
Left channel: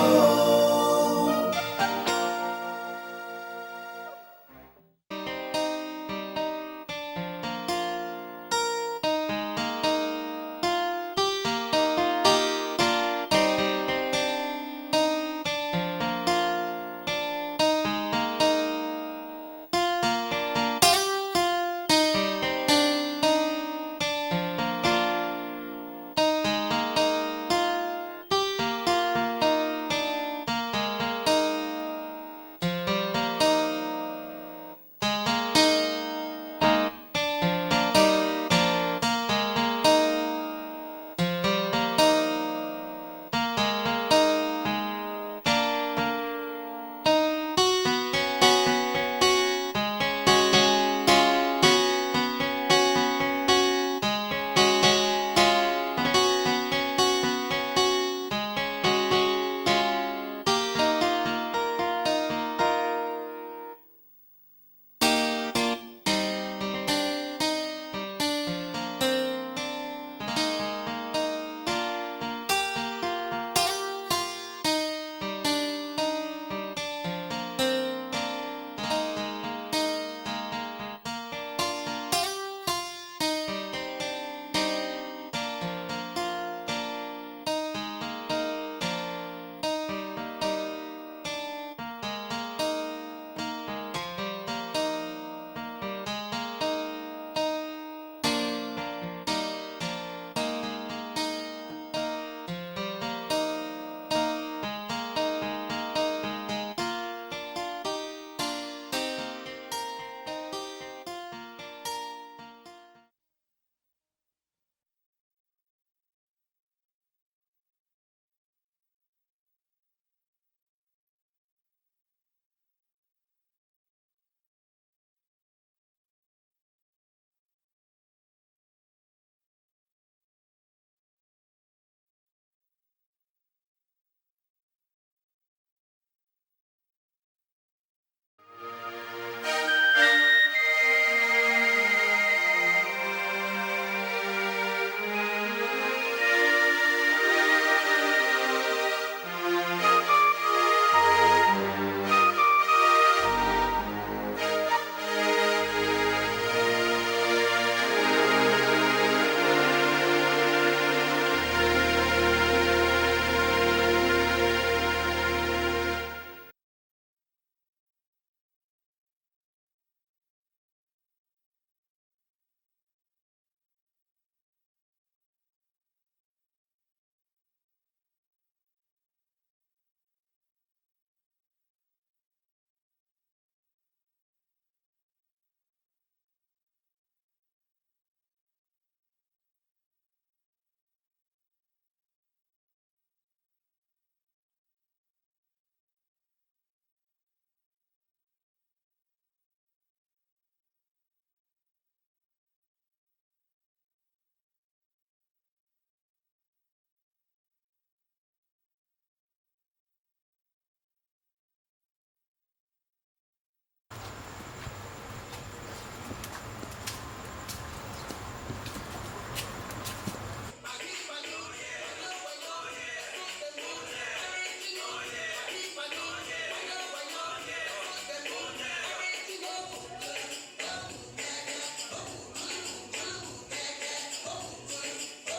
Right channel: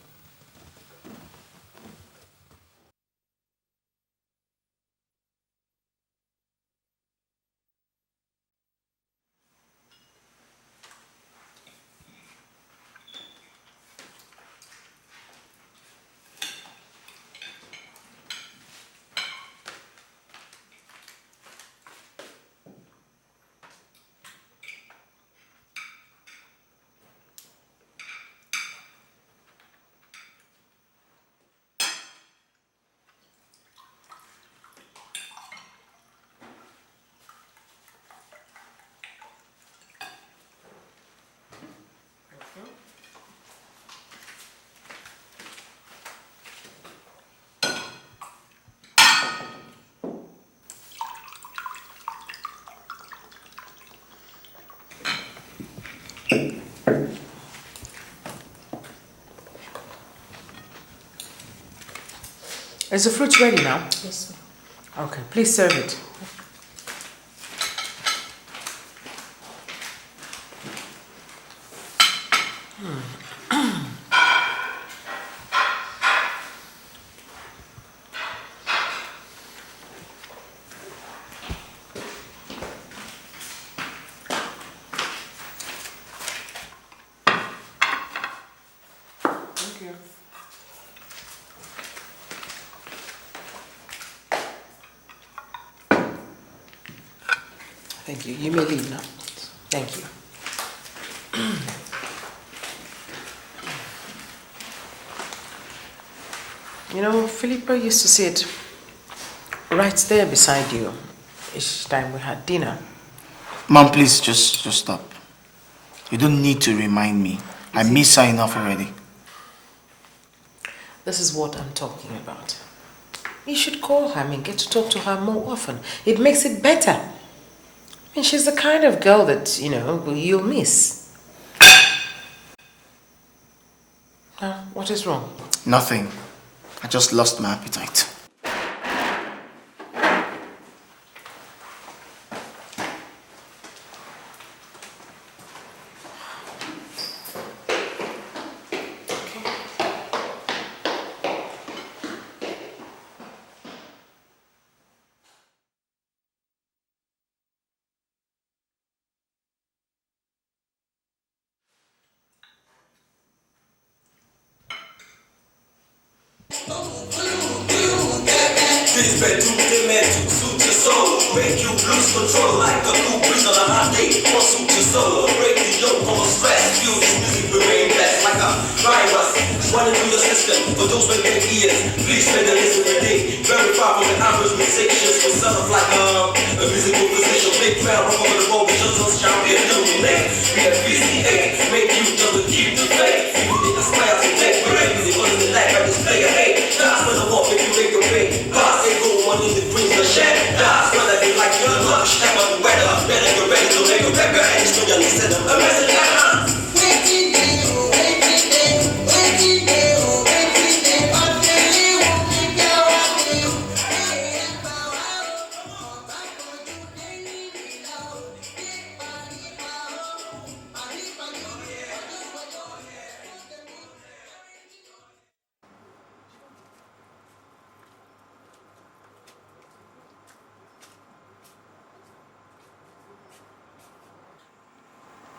Is the fruit ready now? Yes, ma'am. Okay, please serve it. Thank you. You may leave now. Thank you. You know, Philippa used to sit right there beside you each time we had dinner. Mom, please just stop. You don't need to remind me. I miss her enough already. This is what I'm talking about. You should call her and get to talk to her more often. It makes it better. I mean, she's the kind of girl that, you know, you'll miss. Now, what is wrong? Nothing. I just lost my appetite. This bedroom they meant to suit your soul, make you lose control like a cool breeze on a hot day. Won't suit your soul, break the yoke from stress. Feel this music remain blessed like a virus running through your system. For those with big ears, please spend a listen today. Very far from the average musicians, for some of like a musical position. Big fan rock over the road, we just don't champion illuminate. We have VCA, make you just to keep the faith. You think aspire to take great music, what is it like? I display a hate. That's when the walk make you make a pay. Pass it, go money that brings the share. That's when I be like your lunch. Time on the weather, better get ready to make a pepper. And it's no young listen, a message like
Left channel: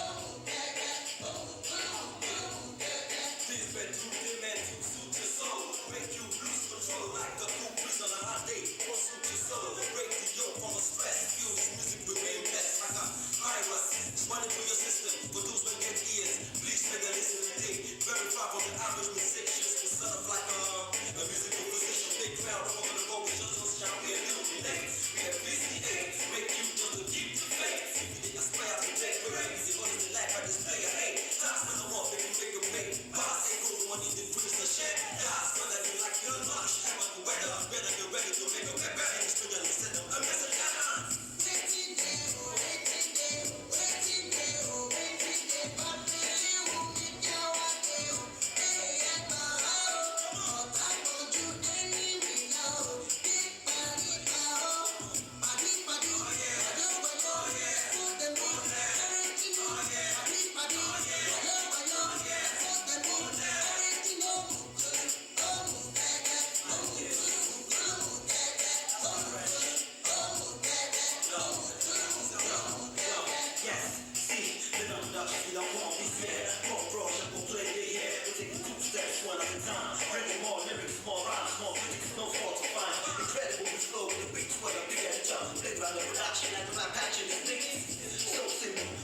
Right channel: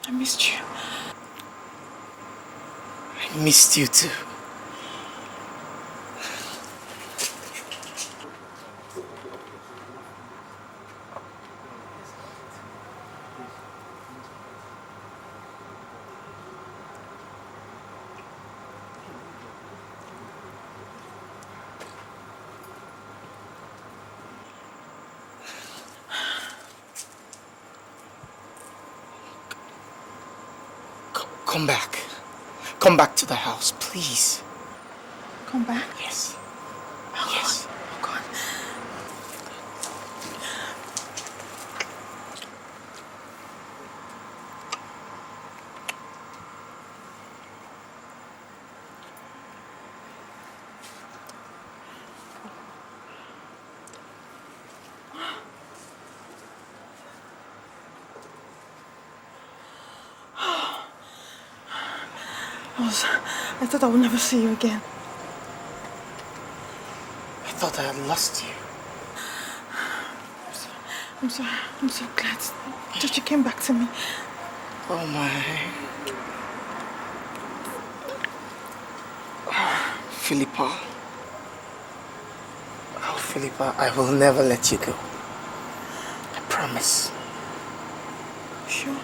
I missed you. I missed you too. Come back. Come back to the house, please. Come back? Yes. Yes. I thought I would never see you again. I thought I had lost you. I'm so glad that you came back to me. Oh my. Philippa. Oh, Philippa, I will never let you go. I promise. Sure?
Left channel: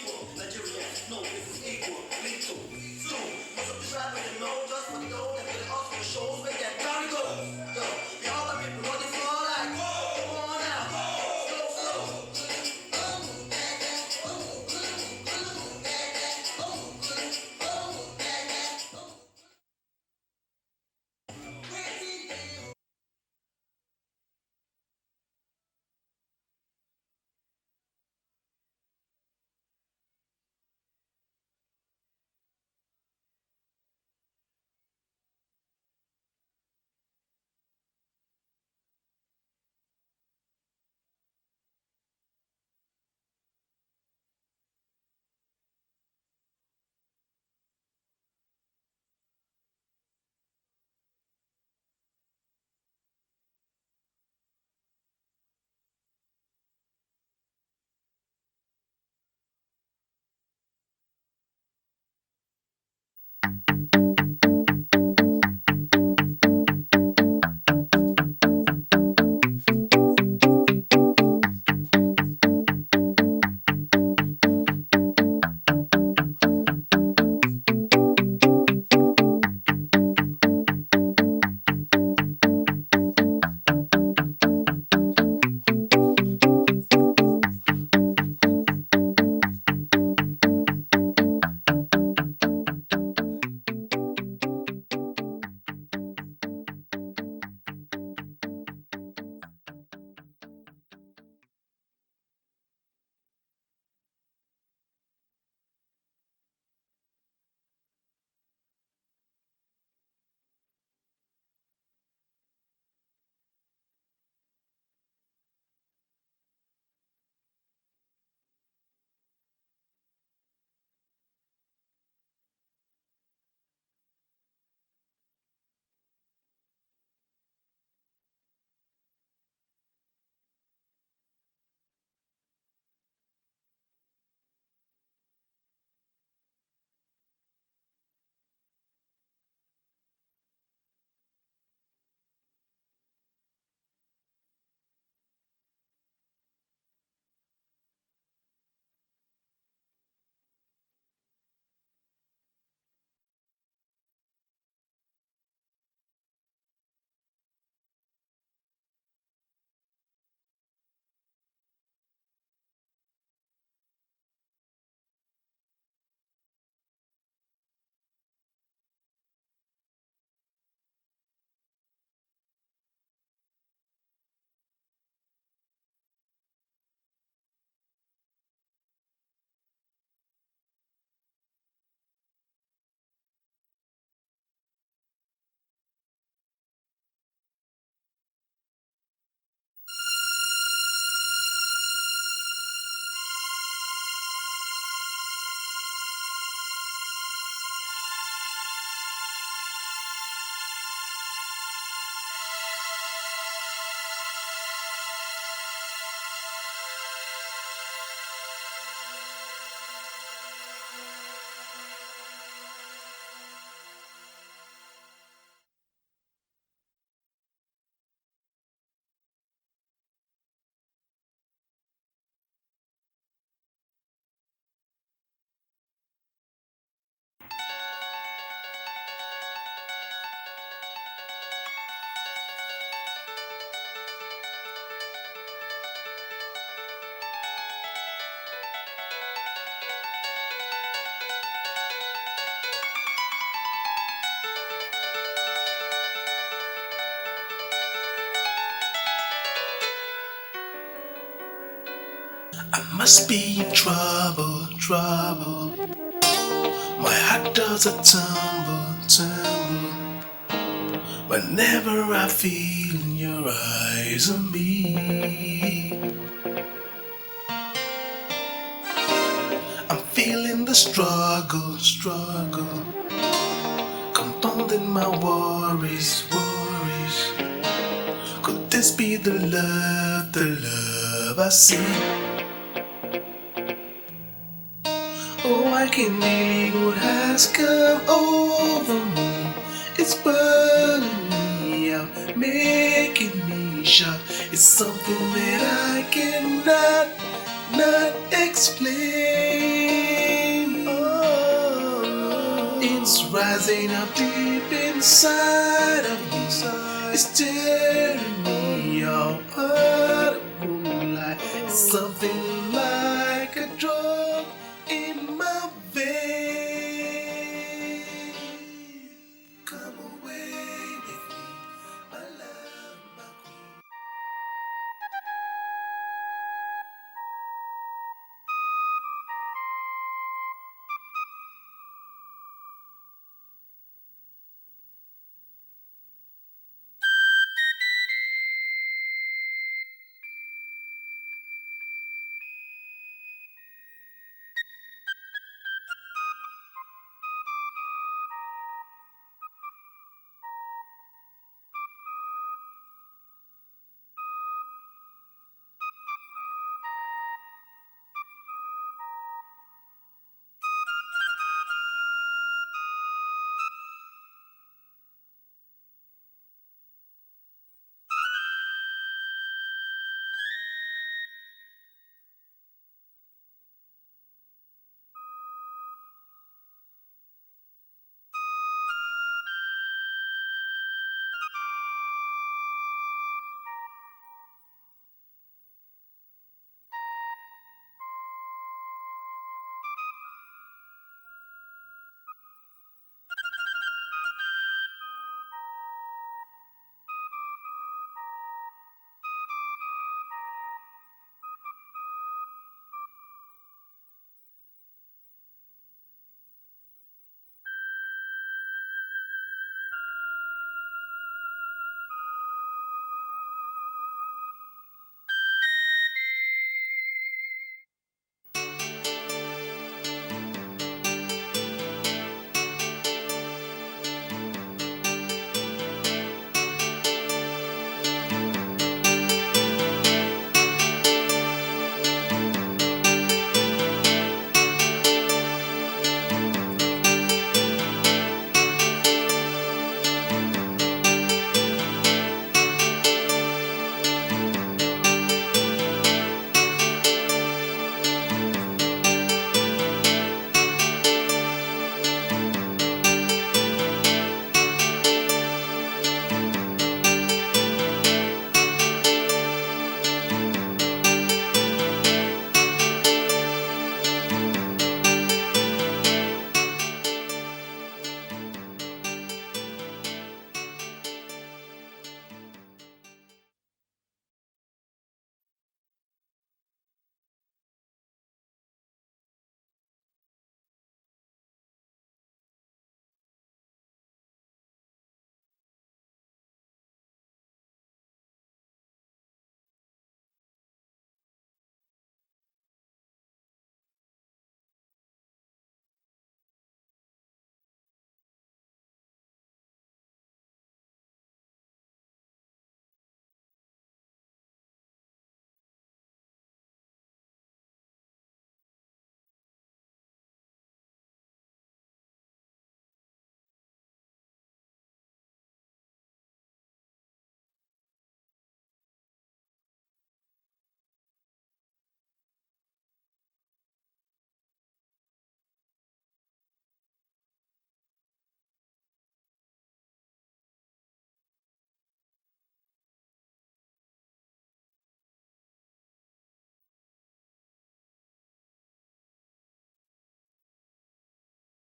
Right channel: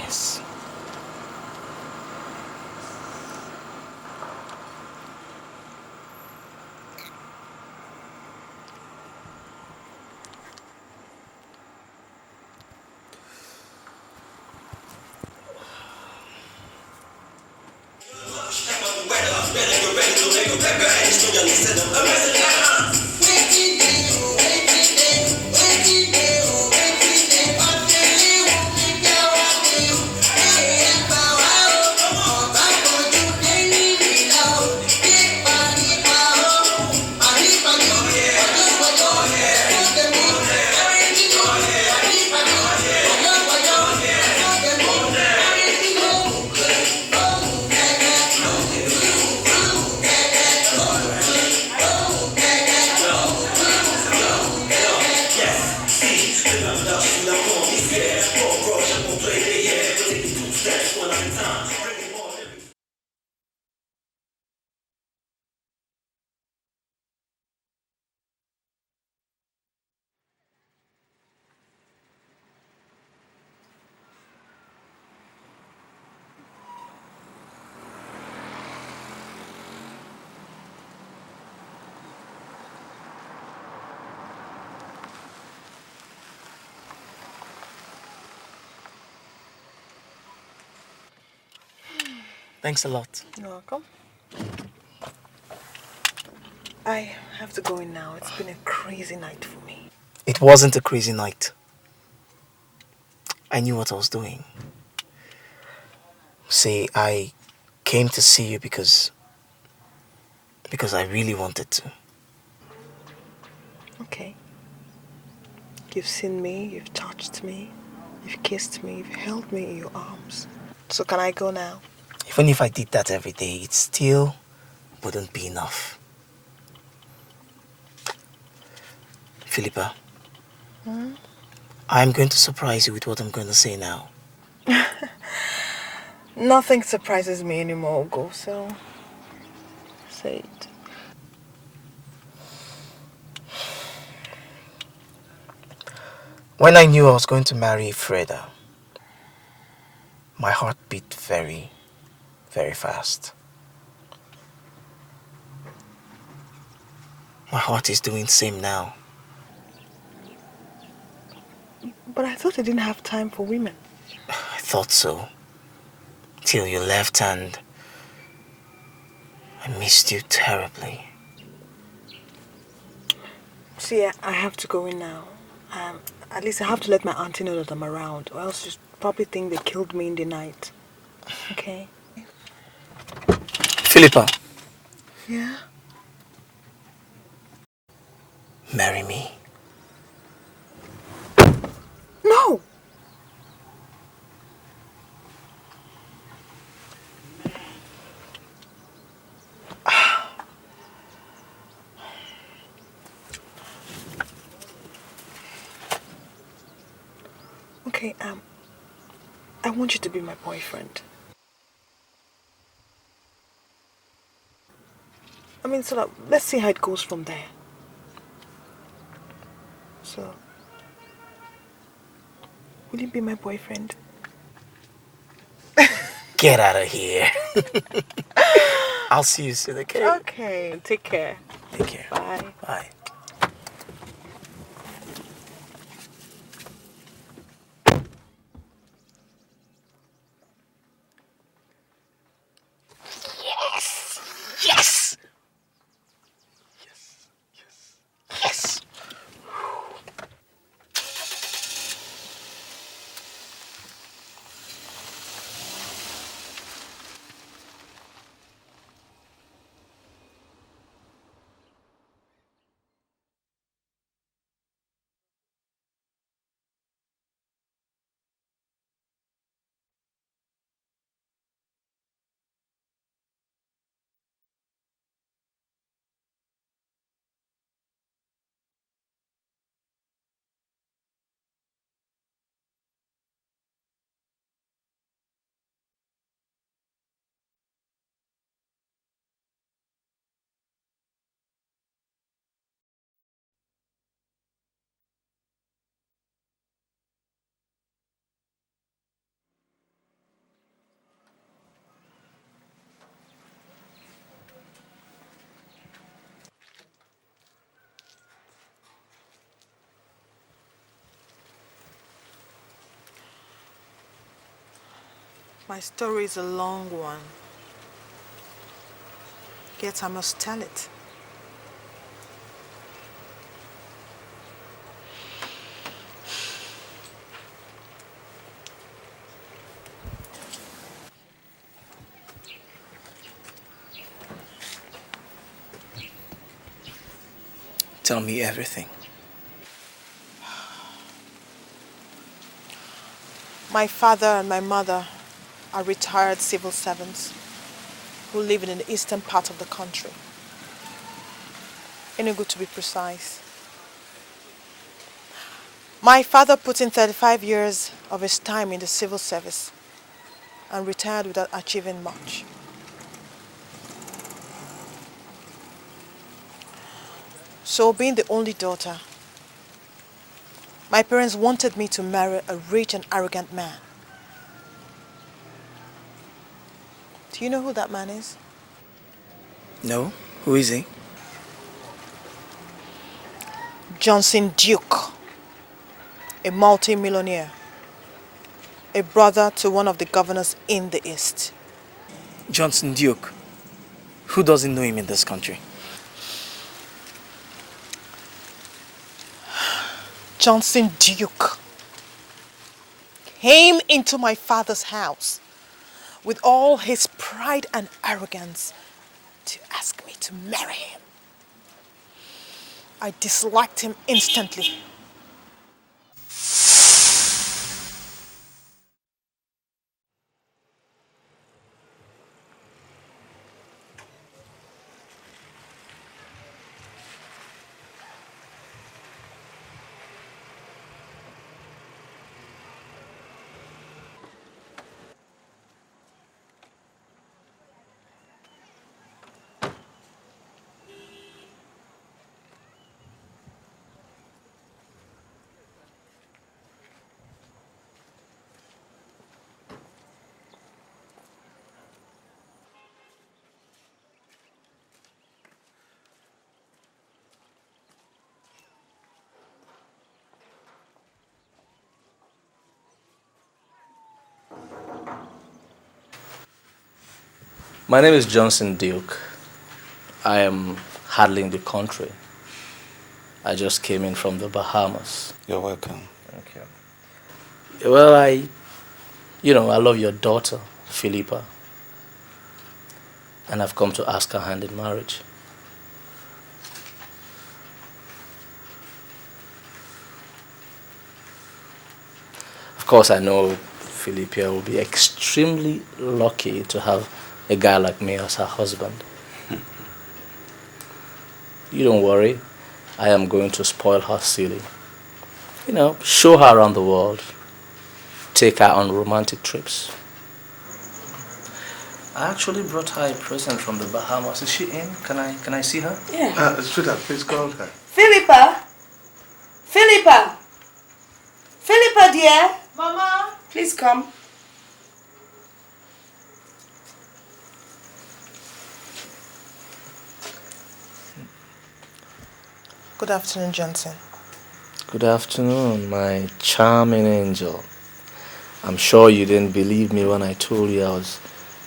Yes. Thanks a lot. You're welcome. I have to go in now. It's been a crazy night for me. It wasn't a crazy night. I knew what I was doing. See, I came to see you because I really wanted to. Okay. You've seen me, you've touched me, you've kissed me, you've held me in your arms. So can I go now? Even if I did that every day, it still wouldn't be enough. Philippa, I'm going to surprise you with what I'm going to say now. Nothing surprises me anymore, Ugo, so say it. When I knew I was going to marry Freda, my heart beat very, very fast. My heart is doing the same now. But I thought I didn't have time for women. I thought so. Till you left and I missed you terribly. See, I have to go in now. At least I have to let my auntie know that I'm around, or else she'll probably think they killed me in the night. Okay? Philippa, Yeah? marry me. No! Okay, I want you to be my boyfriend. I mean, so that, let's see how it goes from there. So, will you be my boyfriend? Get out of here. I'll see you soon, okay? Okay, take care. Take care. Bye. Bye. Yes. Yes. I must be in trouble, trouble. My heart does a tumble, tumble. Whenever I feel your eyes on me, I'm feeling the struggle, struggle, compounding my worries, worries. Could this be the love I see? Oh, I can't believe what has come over me. It's burning me out, making me shout. It's something that I cannot not explain. Oh, it's rising up deep inside of me. It's tearing me apart. It's something like a drug in my story is a long one. Yet I must tell it. Tell me everything. My father and my mother are retired civil servants who live in the eastern part of the country. Enugu to be precise. My father put in 35 years of his time in the civil service and retired without achieving much. So, being the only daughter, my parents wanted me to marry a rich and arrogant man. Do you know who that man is? No? Who is he? Johnson Duke, a multi-millionaire, a brother to one of the governors in the East. Johnson Duke. Who doesn't know him in this country? Johnson Duke came into my father's house with all his pride and arrogance to ask me to marry him. I disliked him instantly. My name is Johnson Duke. I am handling the country. I just came in from the Bahamas. You're welcome. Thank you. Well, I love your daughter, Philippa. And I've come to ask her hand in marriage. Of course, I know Philippa will be extremely lucky to have a guy like me as her husband. You don't worry. I am going to spoil her silly. Show her around the world. Take her on romantic trips. I actually brought her a present from the Bahamas. Is she in? Can I see her? Yeah. Sweetheart, please call her. Philippa! Philippa! Philippa, dear! Mama! Please come. Good afternoon, Johnson. Good afternoon, my charming angel. I'm sure you didn't believe me when I told you I was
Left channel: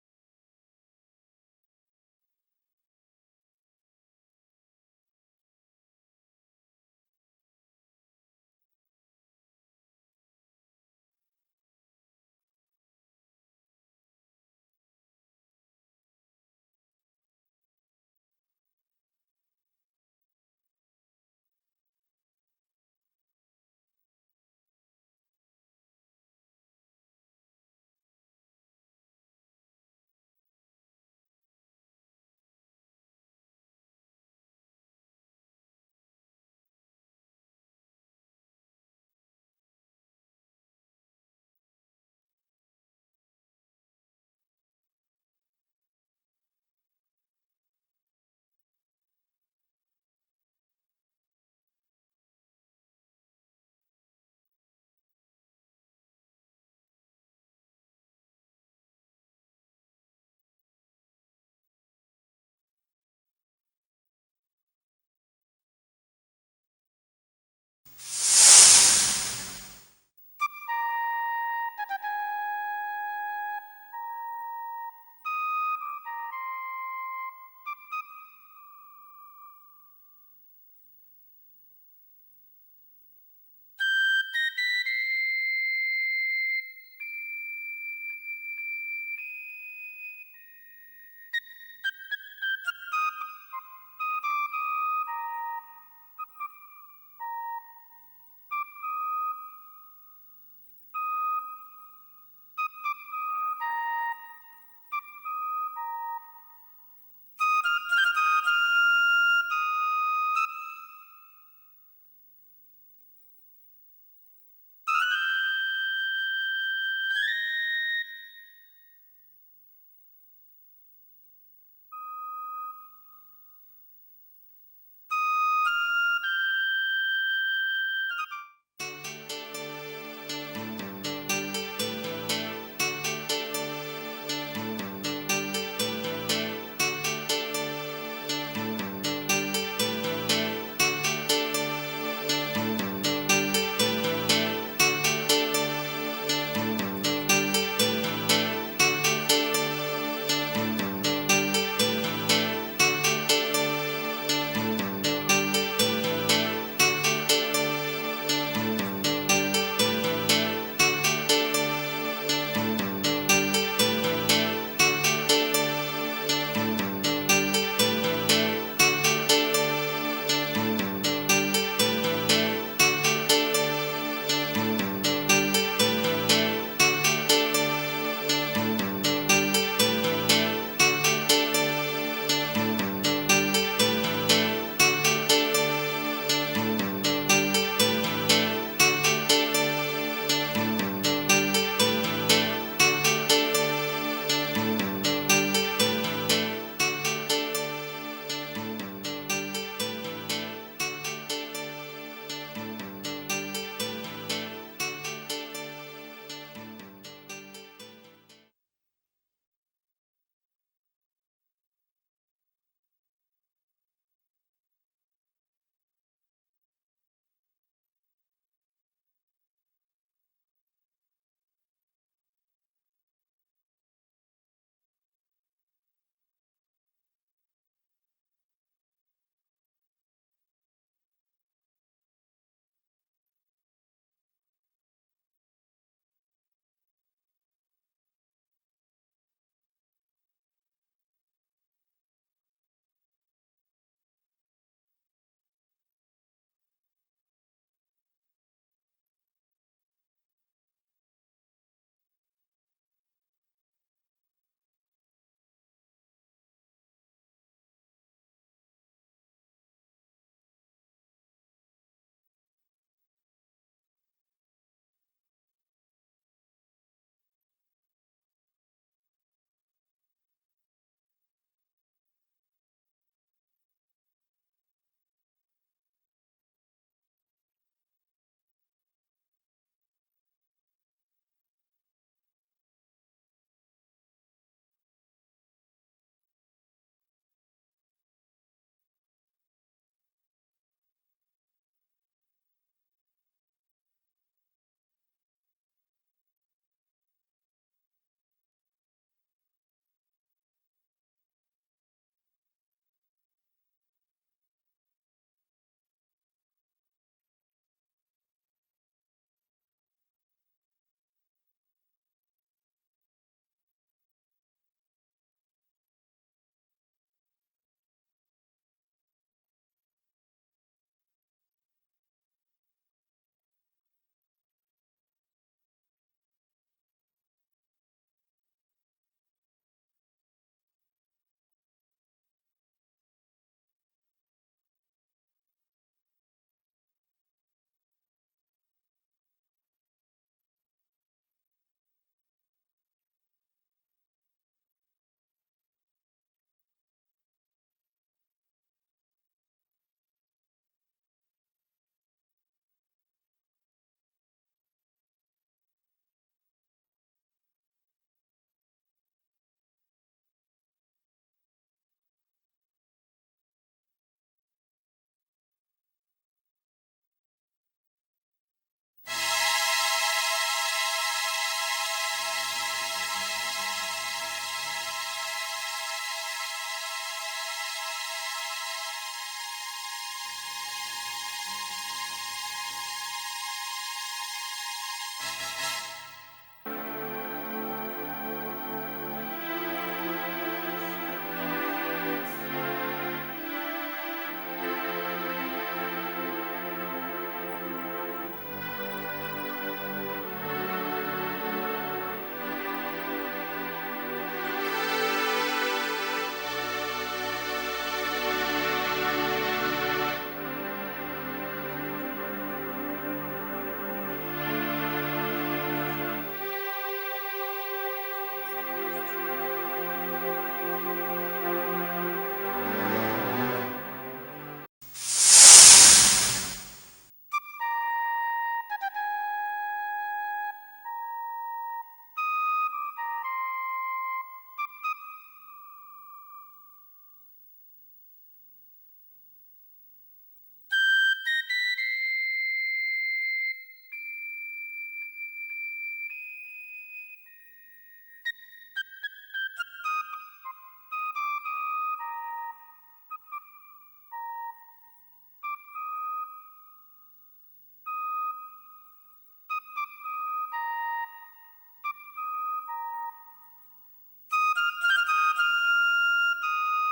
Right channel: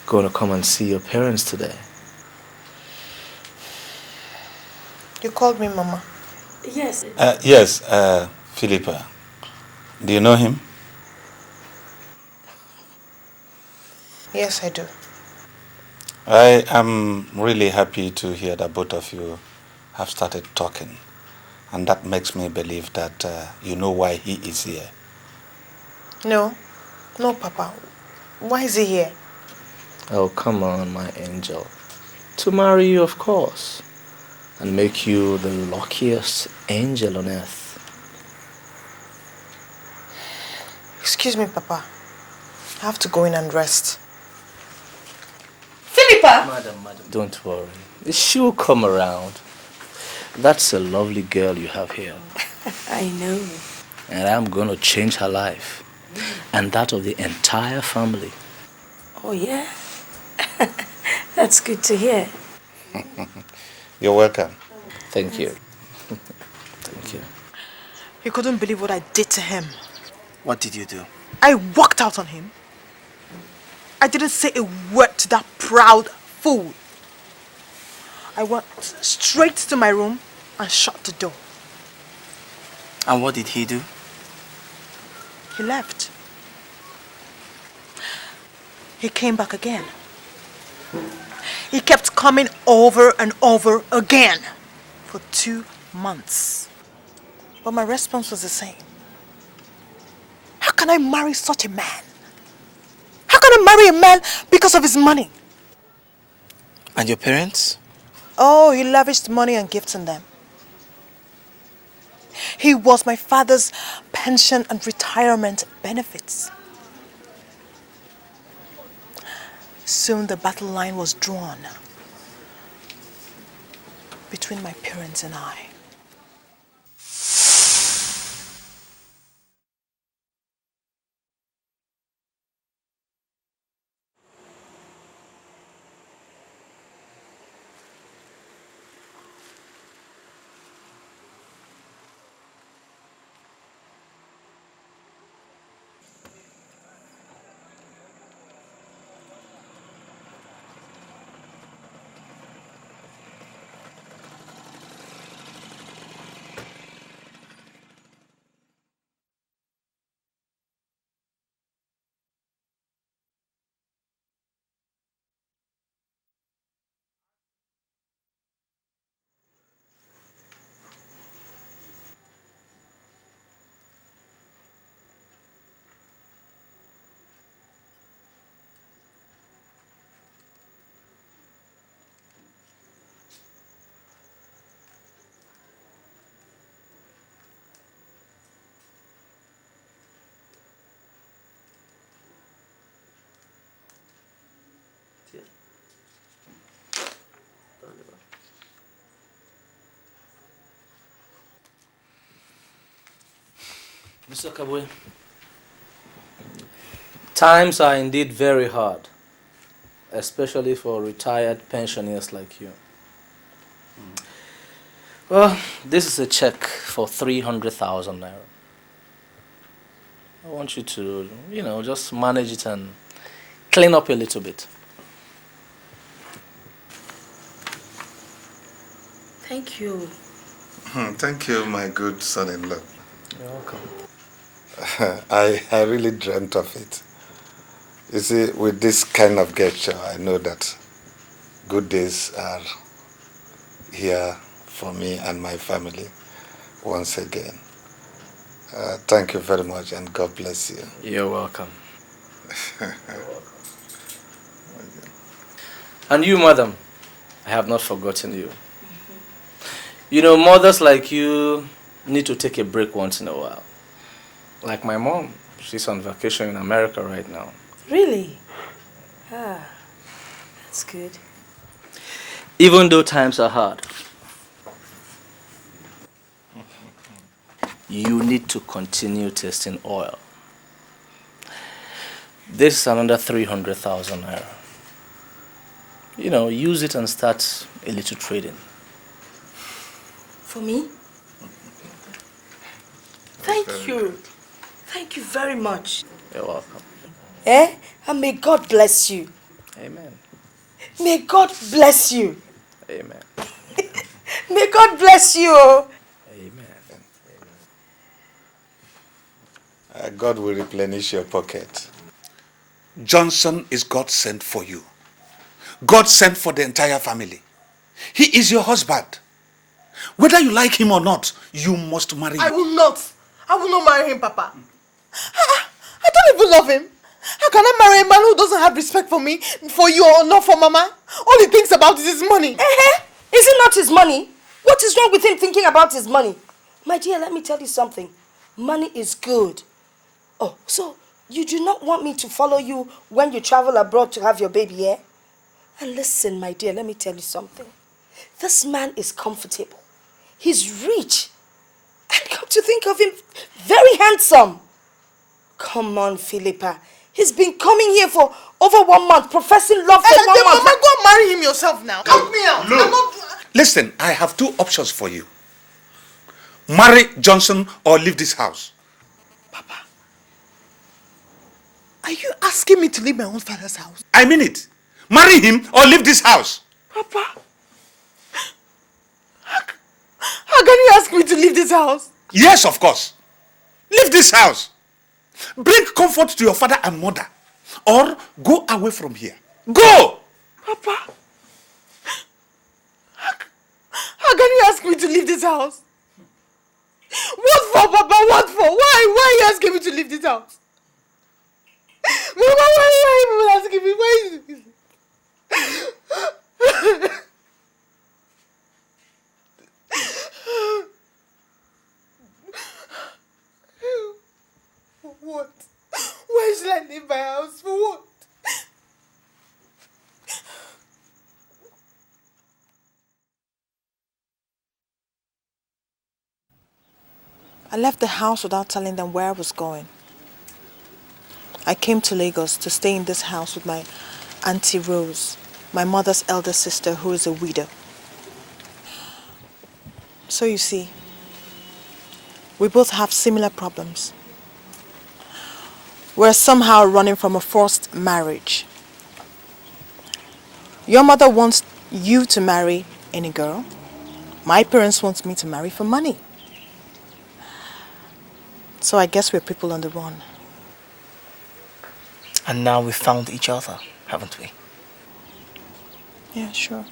going to come and see your parents today. You called me Mama. Yes. Yes, Philippa. Do you know him? Yes, I do. I am really happy to hear that both of you have started talking. And that makes me believe that you know why he is here. No. No, Papa. Why is he here? Oh, come on, my angel. To marry you, of course. And make you the luckiest angel on earth. Excuse me, Papa. I have to go in and rest. Philippa! Madam, don't worry. She'll come around. That's a lovely girl you have here. I know. And I'm going to change her life. And that of the entire family. Oh, yeah? That's good to hear. You're welcome. Thank you. Thank you. You couldn't believe what I did to him. What did you do? I walked out on him. I didn't say a word to that proud fool. I went straight to my room and shut the door. And what did he do? He left. He came back again. He kept coming over and over again for 2 months. But my response was the same. How can I marry such a man? How can I marry a man because of his money? And your parents? Oh, he lavished money and gifts on them. He was my father's pension and retirement benefits. Soon the battle line was drawn between my parents and I. Times are indeed very hard, especially for retired pensioners like you. Well, this is a check for 300,000 naira. I want you to, just manage it and clean up a little bit. Thank you. Thank you, my good son-in-law. You're welcome. I really dreamt of it. You see, with this kind of gesture, I know that good days are here for me and my family once again. Thank you very much, and God bless you. You're welcome. And you, madam, I have not forgotten you. You know, mothers like you need to take a break once in a while. Like my mom, she's on vacation in America right now. Really? Ah, that's good. Even though times are hard, you need to continue testing oil. This is another 300,000 naira. You know, use it and start a little trading. For me? Thank you. Thank you very much. You're welcome. And may God bless you. Amen. May God bless you. Amen. May God bless you. God will replenish your pocket. Johnson is God sent for you. God sent for the entire family. He is your husband. Whether you like him or not, you must marry I him. will not. I will not marry him, Papa. I don't even love him. How can I marry a man who doesn't have respect for me, for you, or not for Mama? All he thinks about is his money. Is it not his money? What is wrong with him thinking about his money? My dear, let me tell you something. Money is good. Oh, so you do not want me to follow you when you travel abroad to have your baby, eh? And listen, my dear, let me tell you something. This man is comfortable. He's rich. And come to think of him, very handsome. Come on, Philippa. He's been coming here for over 1 month, professing love for 1 month. Mama, go and marry him yourself now. Help me out. Look. I'm not... Listen, I have 2 options for you. Marry Johnson or leave this house. Are you asking me to leave my own father's house? I mean it. Marry him or leave this house. Papa, how can you ask me to leave this house? Yes, of course. Leave this house. Bring comfort to your father and mother. Or go away from here. Go! Papa, how can you ask me to leave this house? What for, Papa? What for? Why are you asking me to leave this house? Mama, why are you even asking me? Why? Why should I leave my house? For what? I left the house without telling them where I was going. I came to Lagos to stay in this house with my Auntie Rose, my mother's elder sister who is a widow. So you see, we both have similar problems. We're somehow running from a forced marriage. Your mother wants you to marry any girl. My parents want me to marry for money. So I guess we're people on the run. And now we found each other, haven't we? Yeah, sure.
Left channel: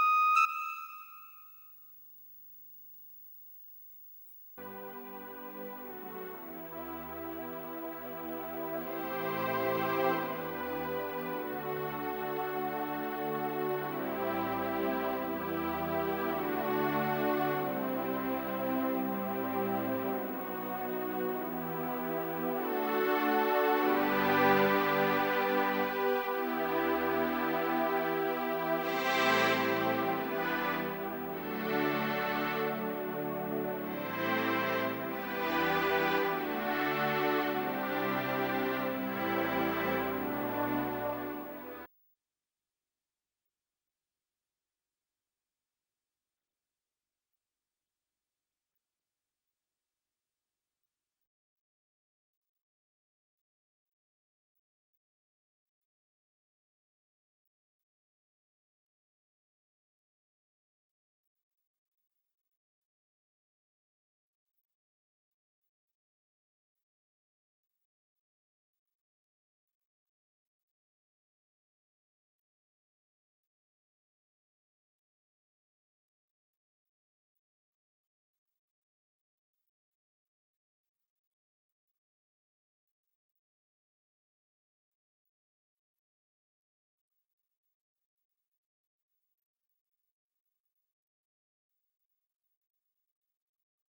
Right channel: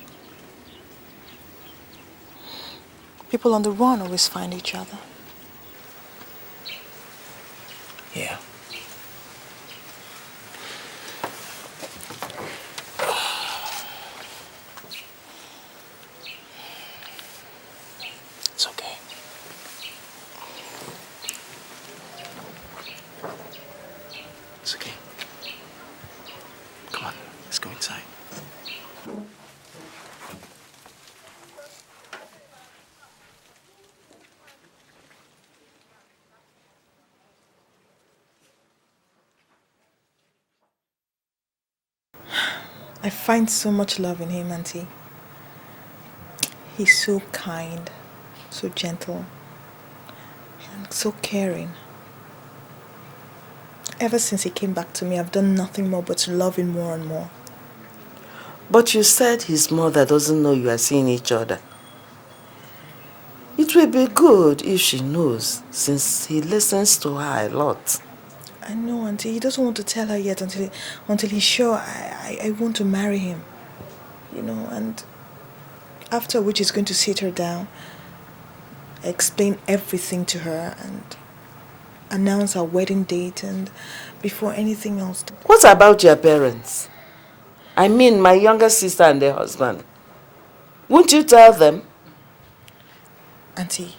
People on the run always find each other. Yeah. It's okay. It's okay. Come on, let's go inside. I find so much love in him, Auntie. He's so kind, so gentle, and so caring. Ever since he came back to me, I've done nothing more but to love him more and more. But you said his mother doesn't know you are seeing each other. It will be good if she knows, since he listens to her a lot. I know, Auntie. He doesn't want to tell her yet until he's sure I want to marry him. You know, and after which he's going to sit her down, explain everything to her, and announce our wedding date, and before anything else. What about your parents? I mean, my younger sister and their husband. Won't you tell them? Auntie,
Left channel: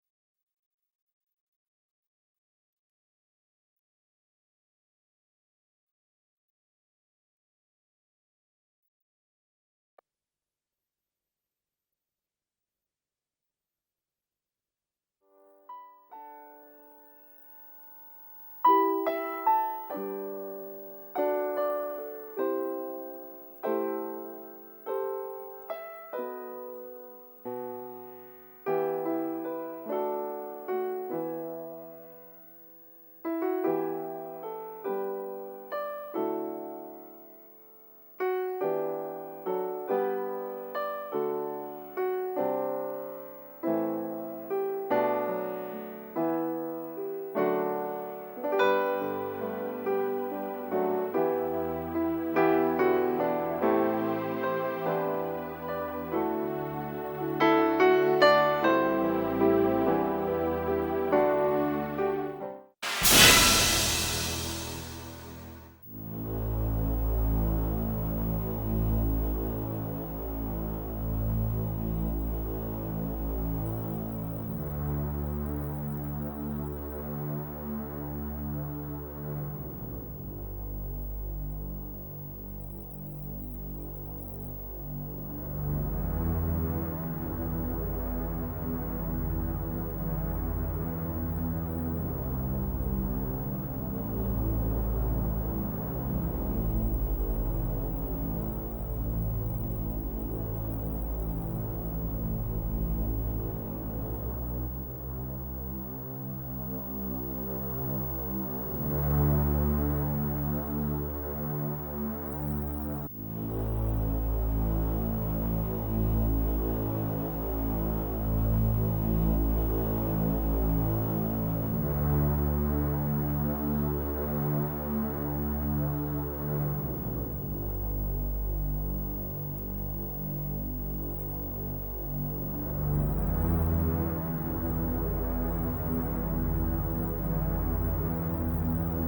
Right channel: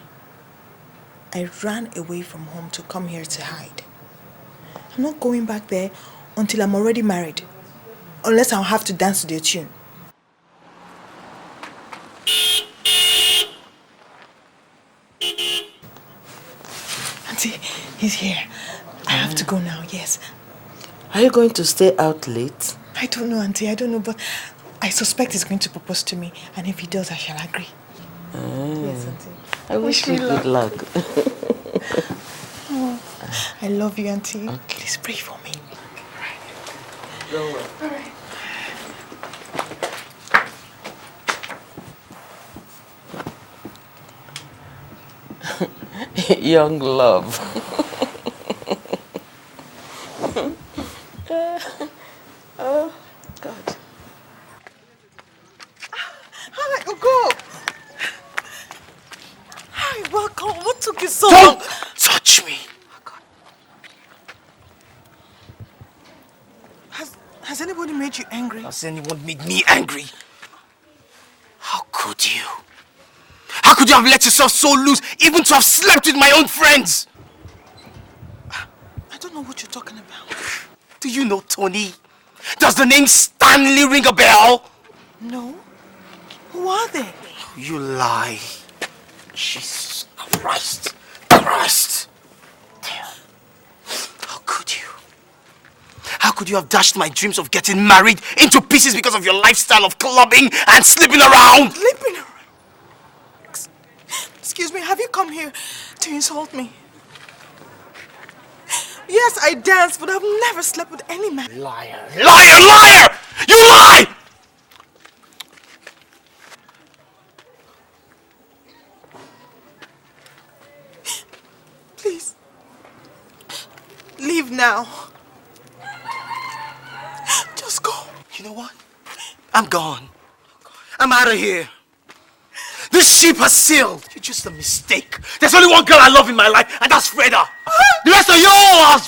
I ran away from home to come here to hide. I'm not going back there until I'm already married. Unless I'll have to dance to their tune. Auntie, he's here. I have to go now, yes. Are you going to stay out late? I don't know, Auntie, I don't know, but I suspect he's going to propose to me. And if he does, I shall agree. Yes, Auntie. I wish you good luck. Oh, I love you, Auntie. Please pray for me. Don't worry. All right. young love. Hi, go. Hi, welcome. What took you so long? Don't touch me. Has anybody made you angry? Has anyone made me angry? How could you? How could you have let yourself so loose, even to have slept with my own friends? I don't know what you're talking about. Do you know Tony? Does the name Stanley ring a bell? No. Who are they? You lie. Jesus Christ. Christ. How could you? How could you have dashed my dreams of getting married into pieces because of your lifestyle of clubbing and sleeping around? Sleeping around? Excuse me, have you come here to insult me? Yes, I dance, but I've never slept with any man. Liar! Liar! Liar! You lie! Please. Leave now. Just go. You know what? I'm gone. I'm out of here. This ship has sailed. You're just a mistake. There's only one girl I love in my life, and that's Freda. The rest of you all are a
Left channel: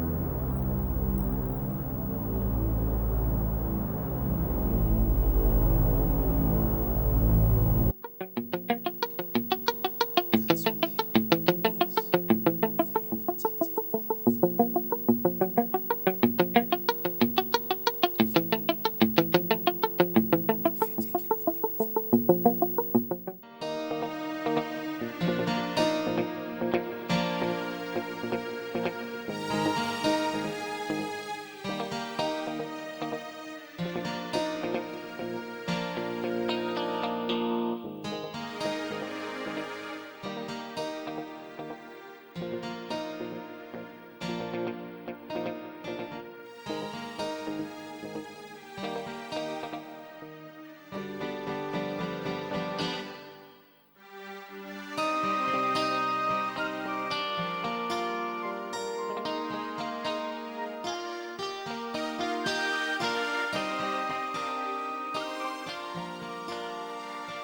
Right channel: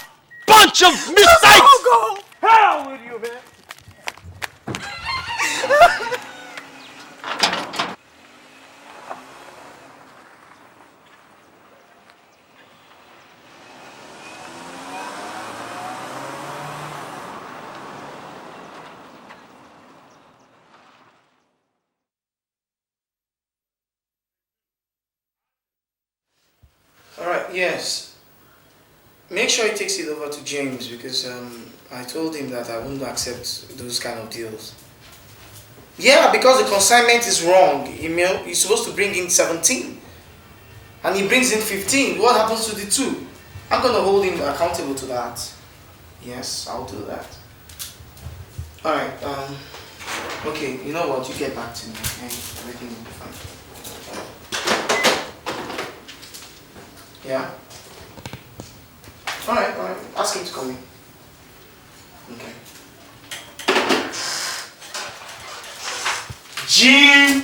bunch of mistakes. Go. Hell with you, man. Alright, yes. Make sure he takes it over to James because I told him that I wouldn't accept those kind of deals. Yeah, because the consignment is wrong. He's supposed to bring in 17 and he brings in 15. What happens to the 2? I'm gonna hold him accountable to that. Yes, I'll do that. Alright, okay, you know what? You get back to me. Okay? Yeah? Alright. Ask him to call me. Jim!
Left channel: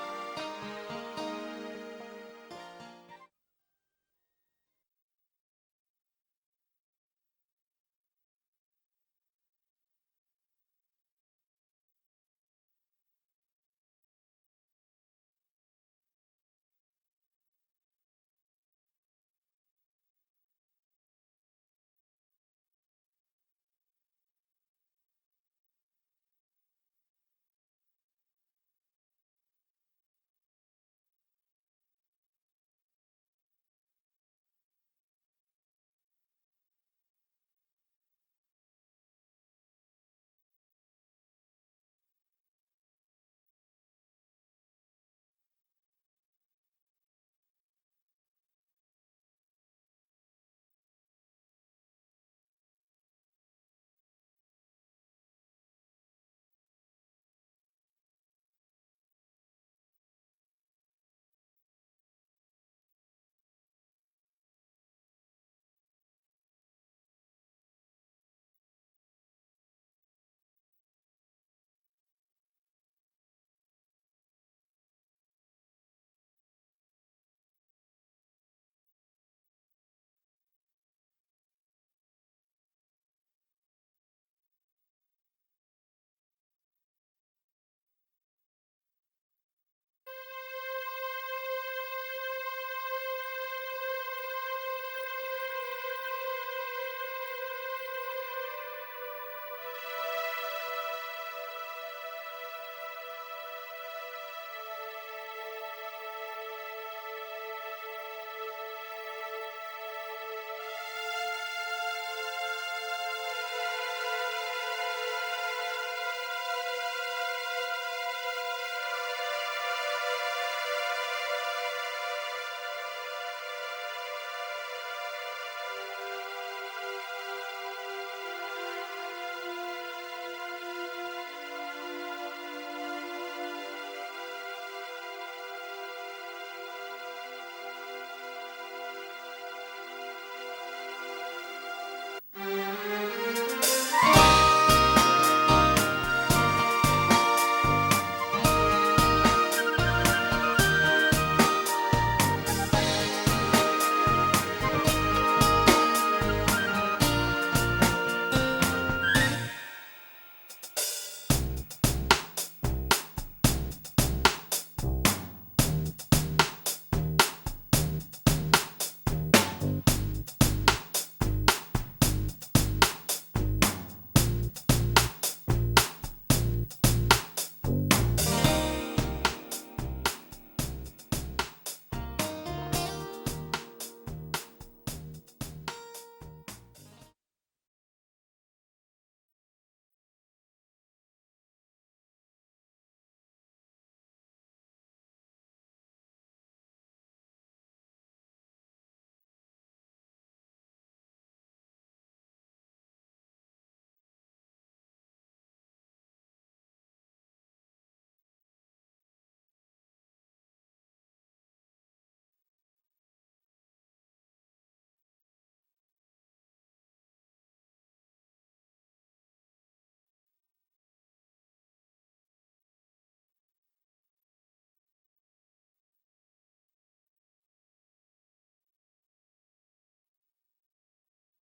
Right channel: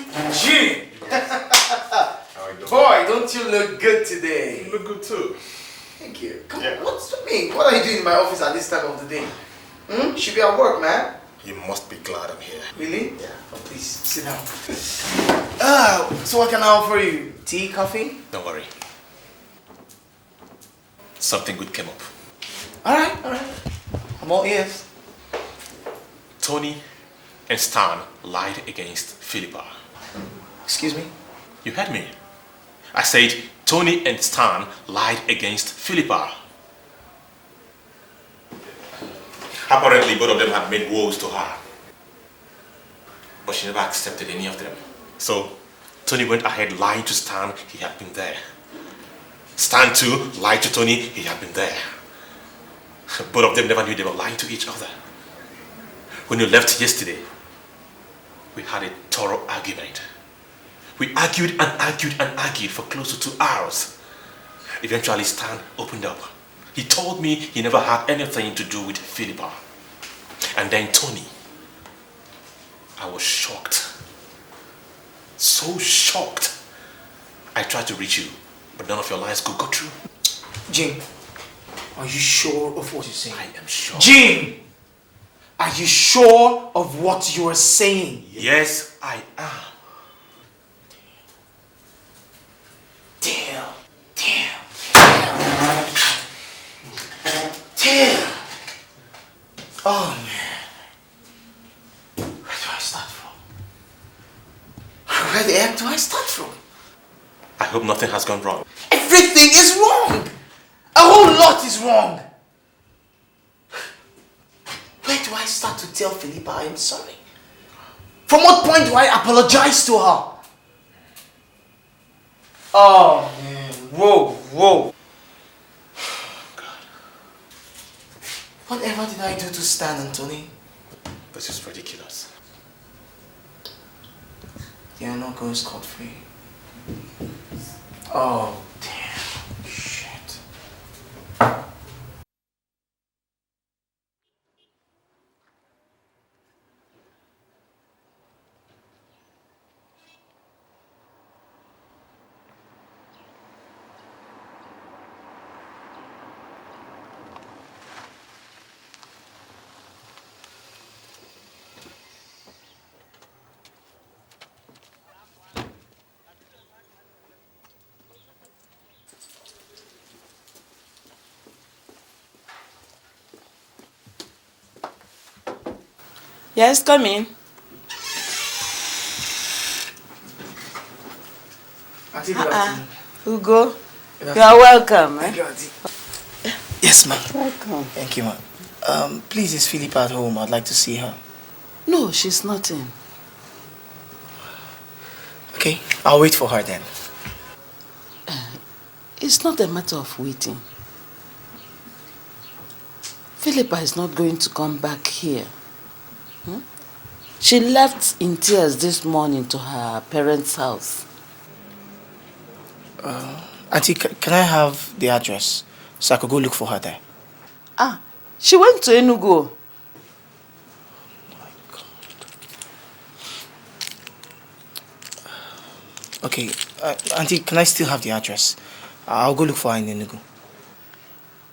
Boy, don't you look good today? You look good too. Thank you. Come on, what's with me? What are you doing in my office at this time of the day? You should be at work, man. You must be glad I'm here. Really? Yeah. Oh, please, sit down. So what can I offer you? Tea, coffee? Don't worry. Something good came up. Alright. I'm all ears. Tony and Stan lied against Philippa. Excuse me? You heard me. I said Tony and Stan lied against Philippa. Apparently both of them had made woes to her. But she never accepted any of them. So Tony went ahead lying to Stan he had been there. Stan too lied to Tony he had been there. Both of them never knew they were lying to each other. When you left yesterday, we had a thorough argument. We argued and argued and argued for close to 2 hours. Eventually Stan opened up. He told me he never had anything to do with Philippa. And then Tony. I was shocked. So shocked. I tried to reach you, but none of your lines could go through. Jim, are you sure of what you're saying? I am sure. Jim! Are you sure of what you are saying? Yes, I am. Damn. Oh, man. Where do I start from? Where the heck do I start from? I hope nothing has gone wrong. Everything is wrong. A whole lot is wrong. Where do I start to tell Philippa I'm sorry? From what point do I apologize to her? Oh, man. Whoa. Whatever did I do to Stan, Anthony? This is ridiculous. They are not going scot-free. Oh, damn. Yes, come in. Ugo, you are welcome. Yes, ma'am. Welcome. Thank you, ma'am. Please, is Philippa at home? I'd like to see her. No, she's not in. Okay, I'll wait for her then. It's not a matter of waiting. Philippa is not going to come back here. She left in tears this morning to her parents' house. Auntie, can I have the address so I could go look for her there? She went to Enugu. Okay, Auntie, can I still have the address? I'll go look for her in Enugu.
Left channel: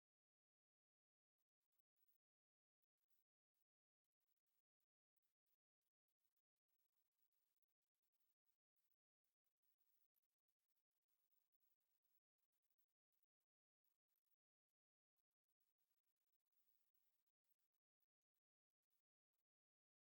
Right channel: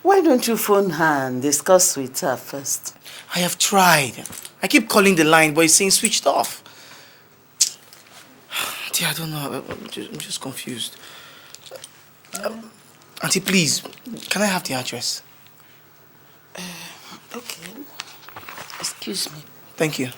Why don't you phone her and discuss with her first? I have tried. I keep calling the line, but it's saying switched off. Auntie, I don't know. I'm just confused. Auntie, please, can I have the address? Okay. Excuse me. Thank you.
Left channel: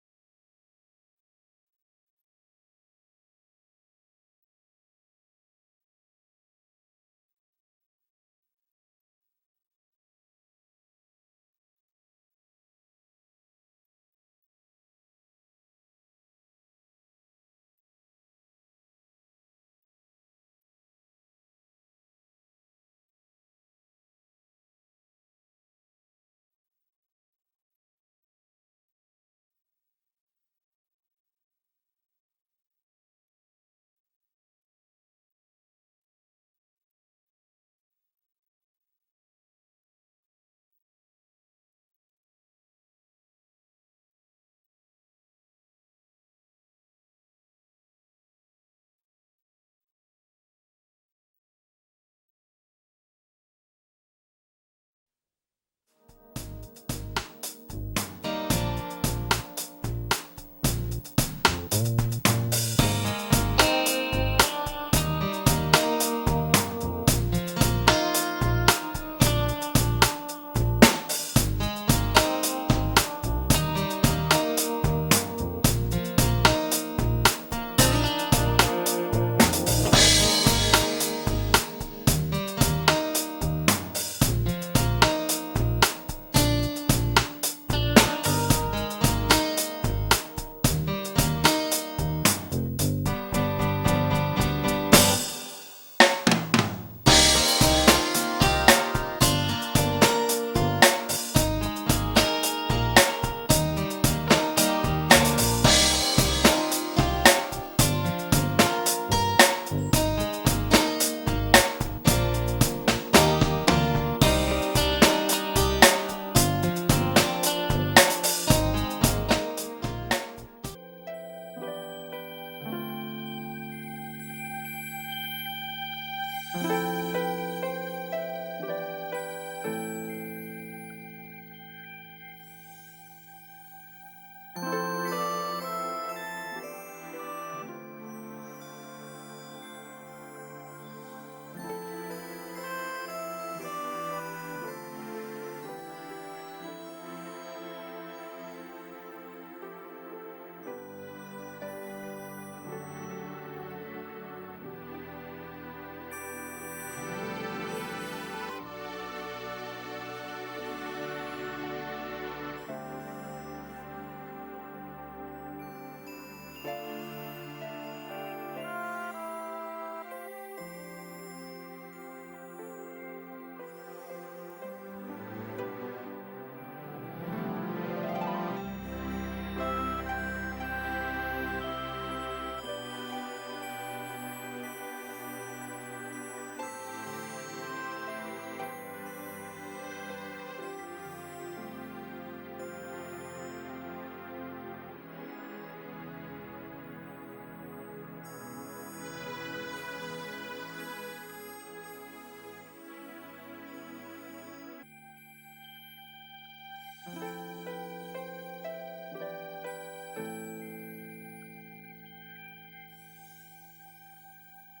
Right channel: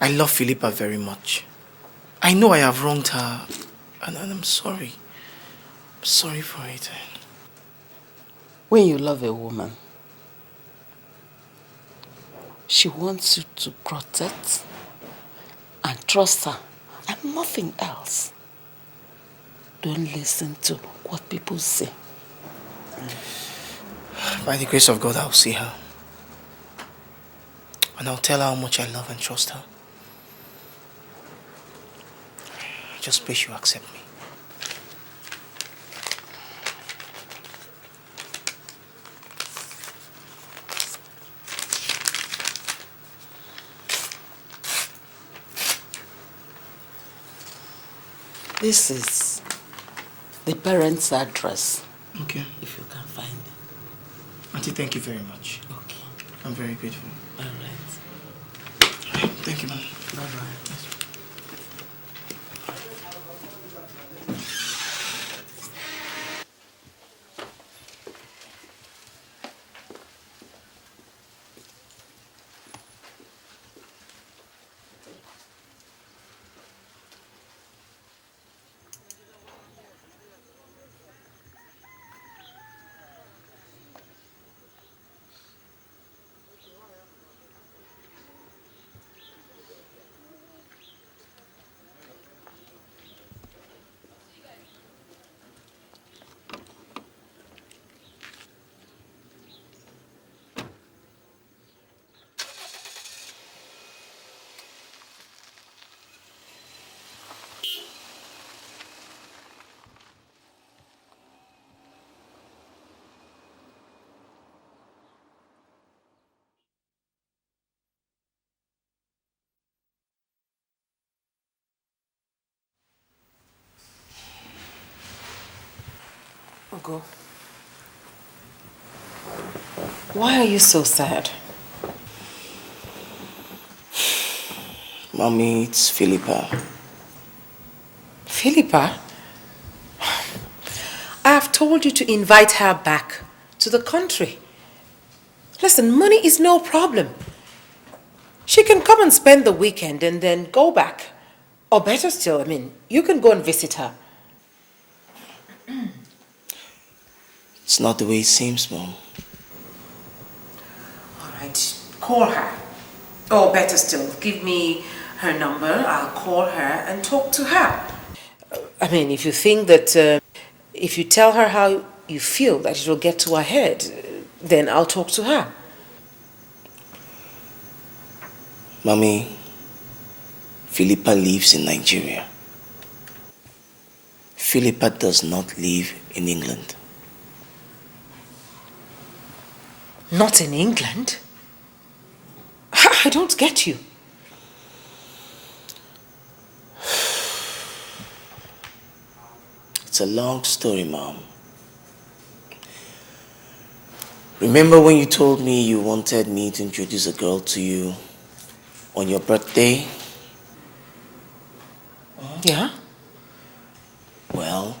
I love Philippa very much. I know I have wronged her, and I'm sorry. I'm sorry for it. When you love a woman, she wants you to protect and trust her, and nothing else. Don't listen to what people say. By the grace of God, I'll see her. And I'll tell her how much I love and trust her. I just pray she'll accept me. This is the parents' address. Okay. If you can find it. Auntie, thank you very much. Okay. I'm very grateful. All right. Thank you, ma'am. Why are you so sad? Mommy, it's Philippa. Philippa? I have told you to invite her back to the country. Listen, money is no problem. She can come and spend the weekend and then go back. Or better still, you can go and visit her. It's not the way it seems, Mom. Alright, call her. Or better still, give me her number. I'll call her and talk to her. If you think that if you tell her how you feel that it will get to her head, then I'll talk to her. Mommy, Philippa lives in Nigeria. Philippa does not live in England. Not in England? I don't get you. It's a long story, Mom. Remember when you told me you wanted me to introduce a girl to you on your birthday? Yeah? Well,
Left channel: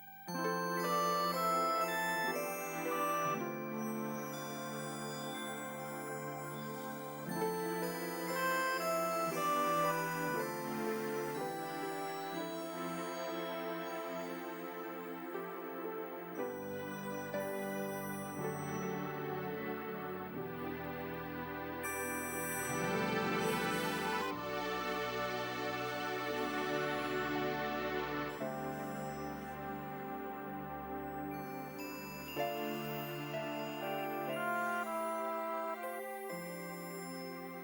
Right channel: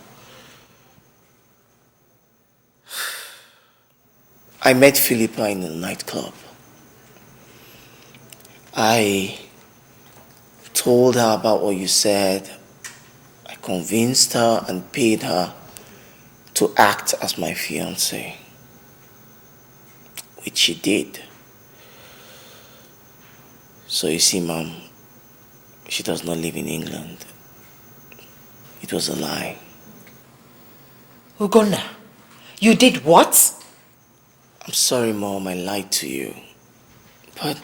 I met Philippa in a nightclub. I told her about what you said. I convinced her and paid her to act as my fiancée, which she did. So you see, Mom, she does not live in England. It was a lie. Ugonna, you did what? I'm sorry, Mom, I lied to you. But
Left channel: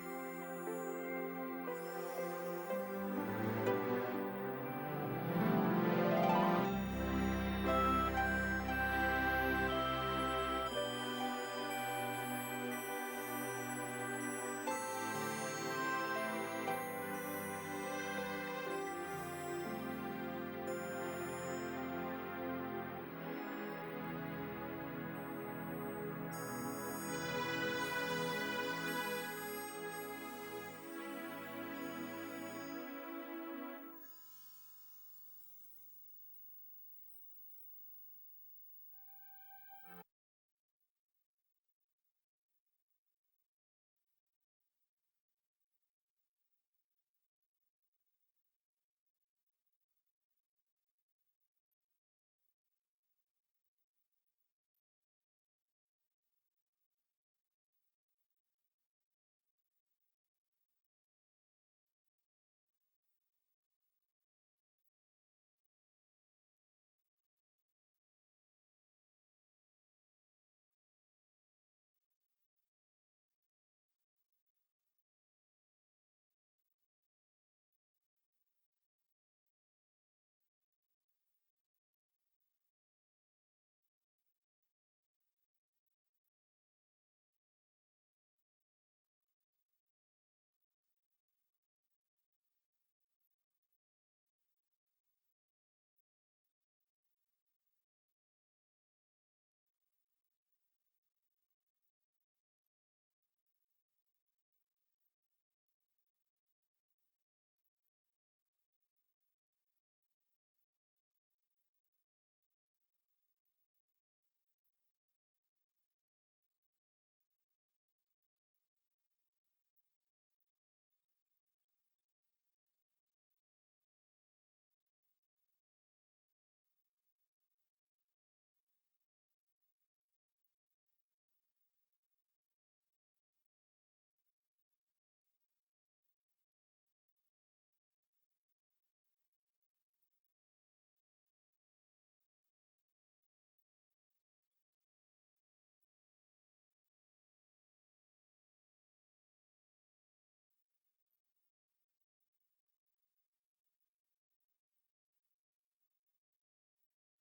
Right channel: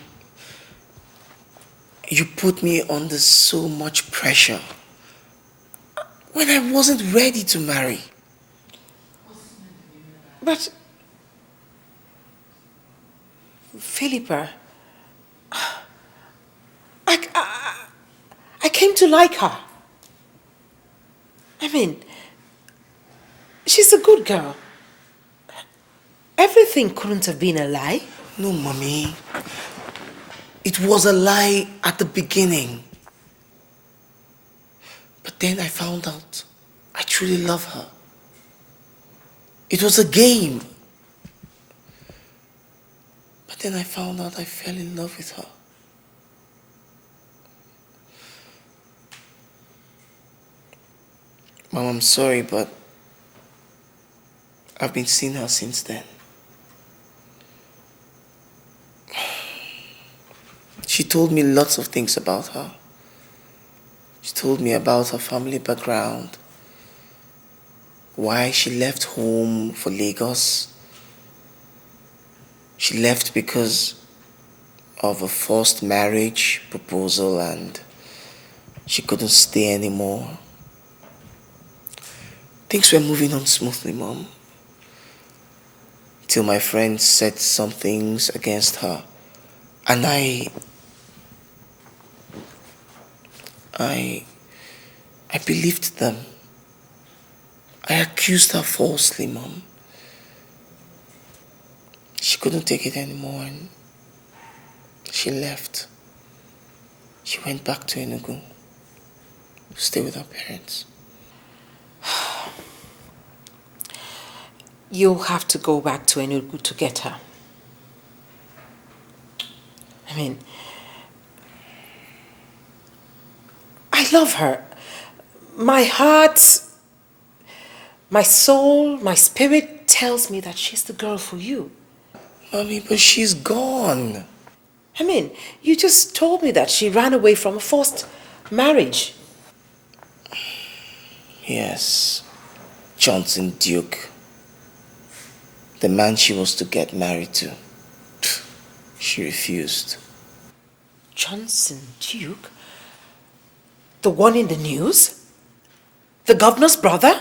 you put me under so much pressure when I wasn't ready to marry. But, Philippa, I came to like her. I mean, she's a good girl. Everything couldn't have been a lie. No, Mommy. It was a lie at the beginning. But then I found out I truly love her. It was a game. But then I found out I fell in love with her. Mom, I'm sorry, but I've been seeing her since then. She told me lots of things about her. She told me about her family background, why she left home for Lagos. She left because of a forced marriage proposal and she couldn't stay anymore. Things were moving on smoothly, Mom. Till my friends said some things against her. And I believed them. I accused her falsely, Mom. She couldn't take it anymore and she left. She went back to Enugu to stay with her parents. You'll have to go back to Enugu to get her. I mean, I love her. My heart, my soul, my spirit tells me that she's the girl for you. Mommy, but she's gone. I mean, you just told me that she ran away from a forced marriage. Yes, Johnson Duke. The man she was to get married to. She refused. Johnson Duke? The one in the news? The governor's brother?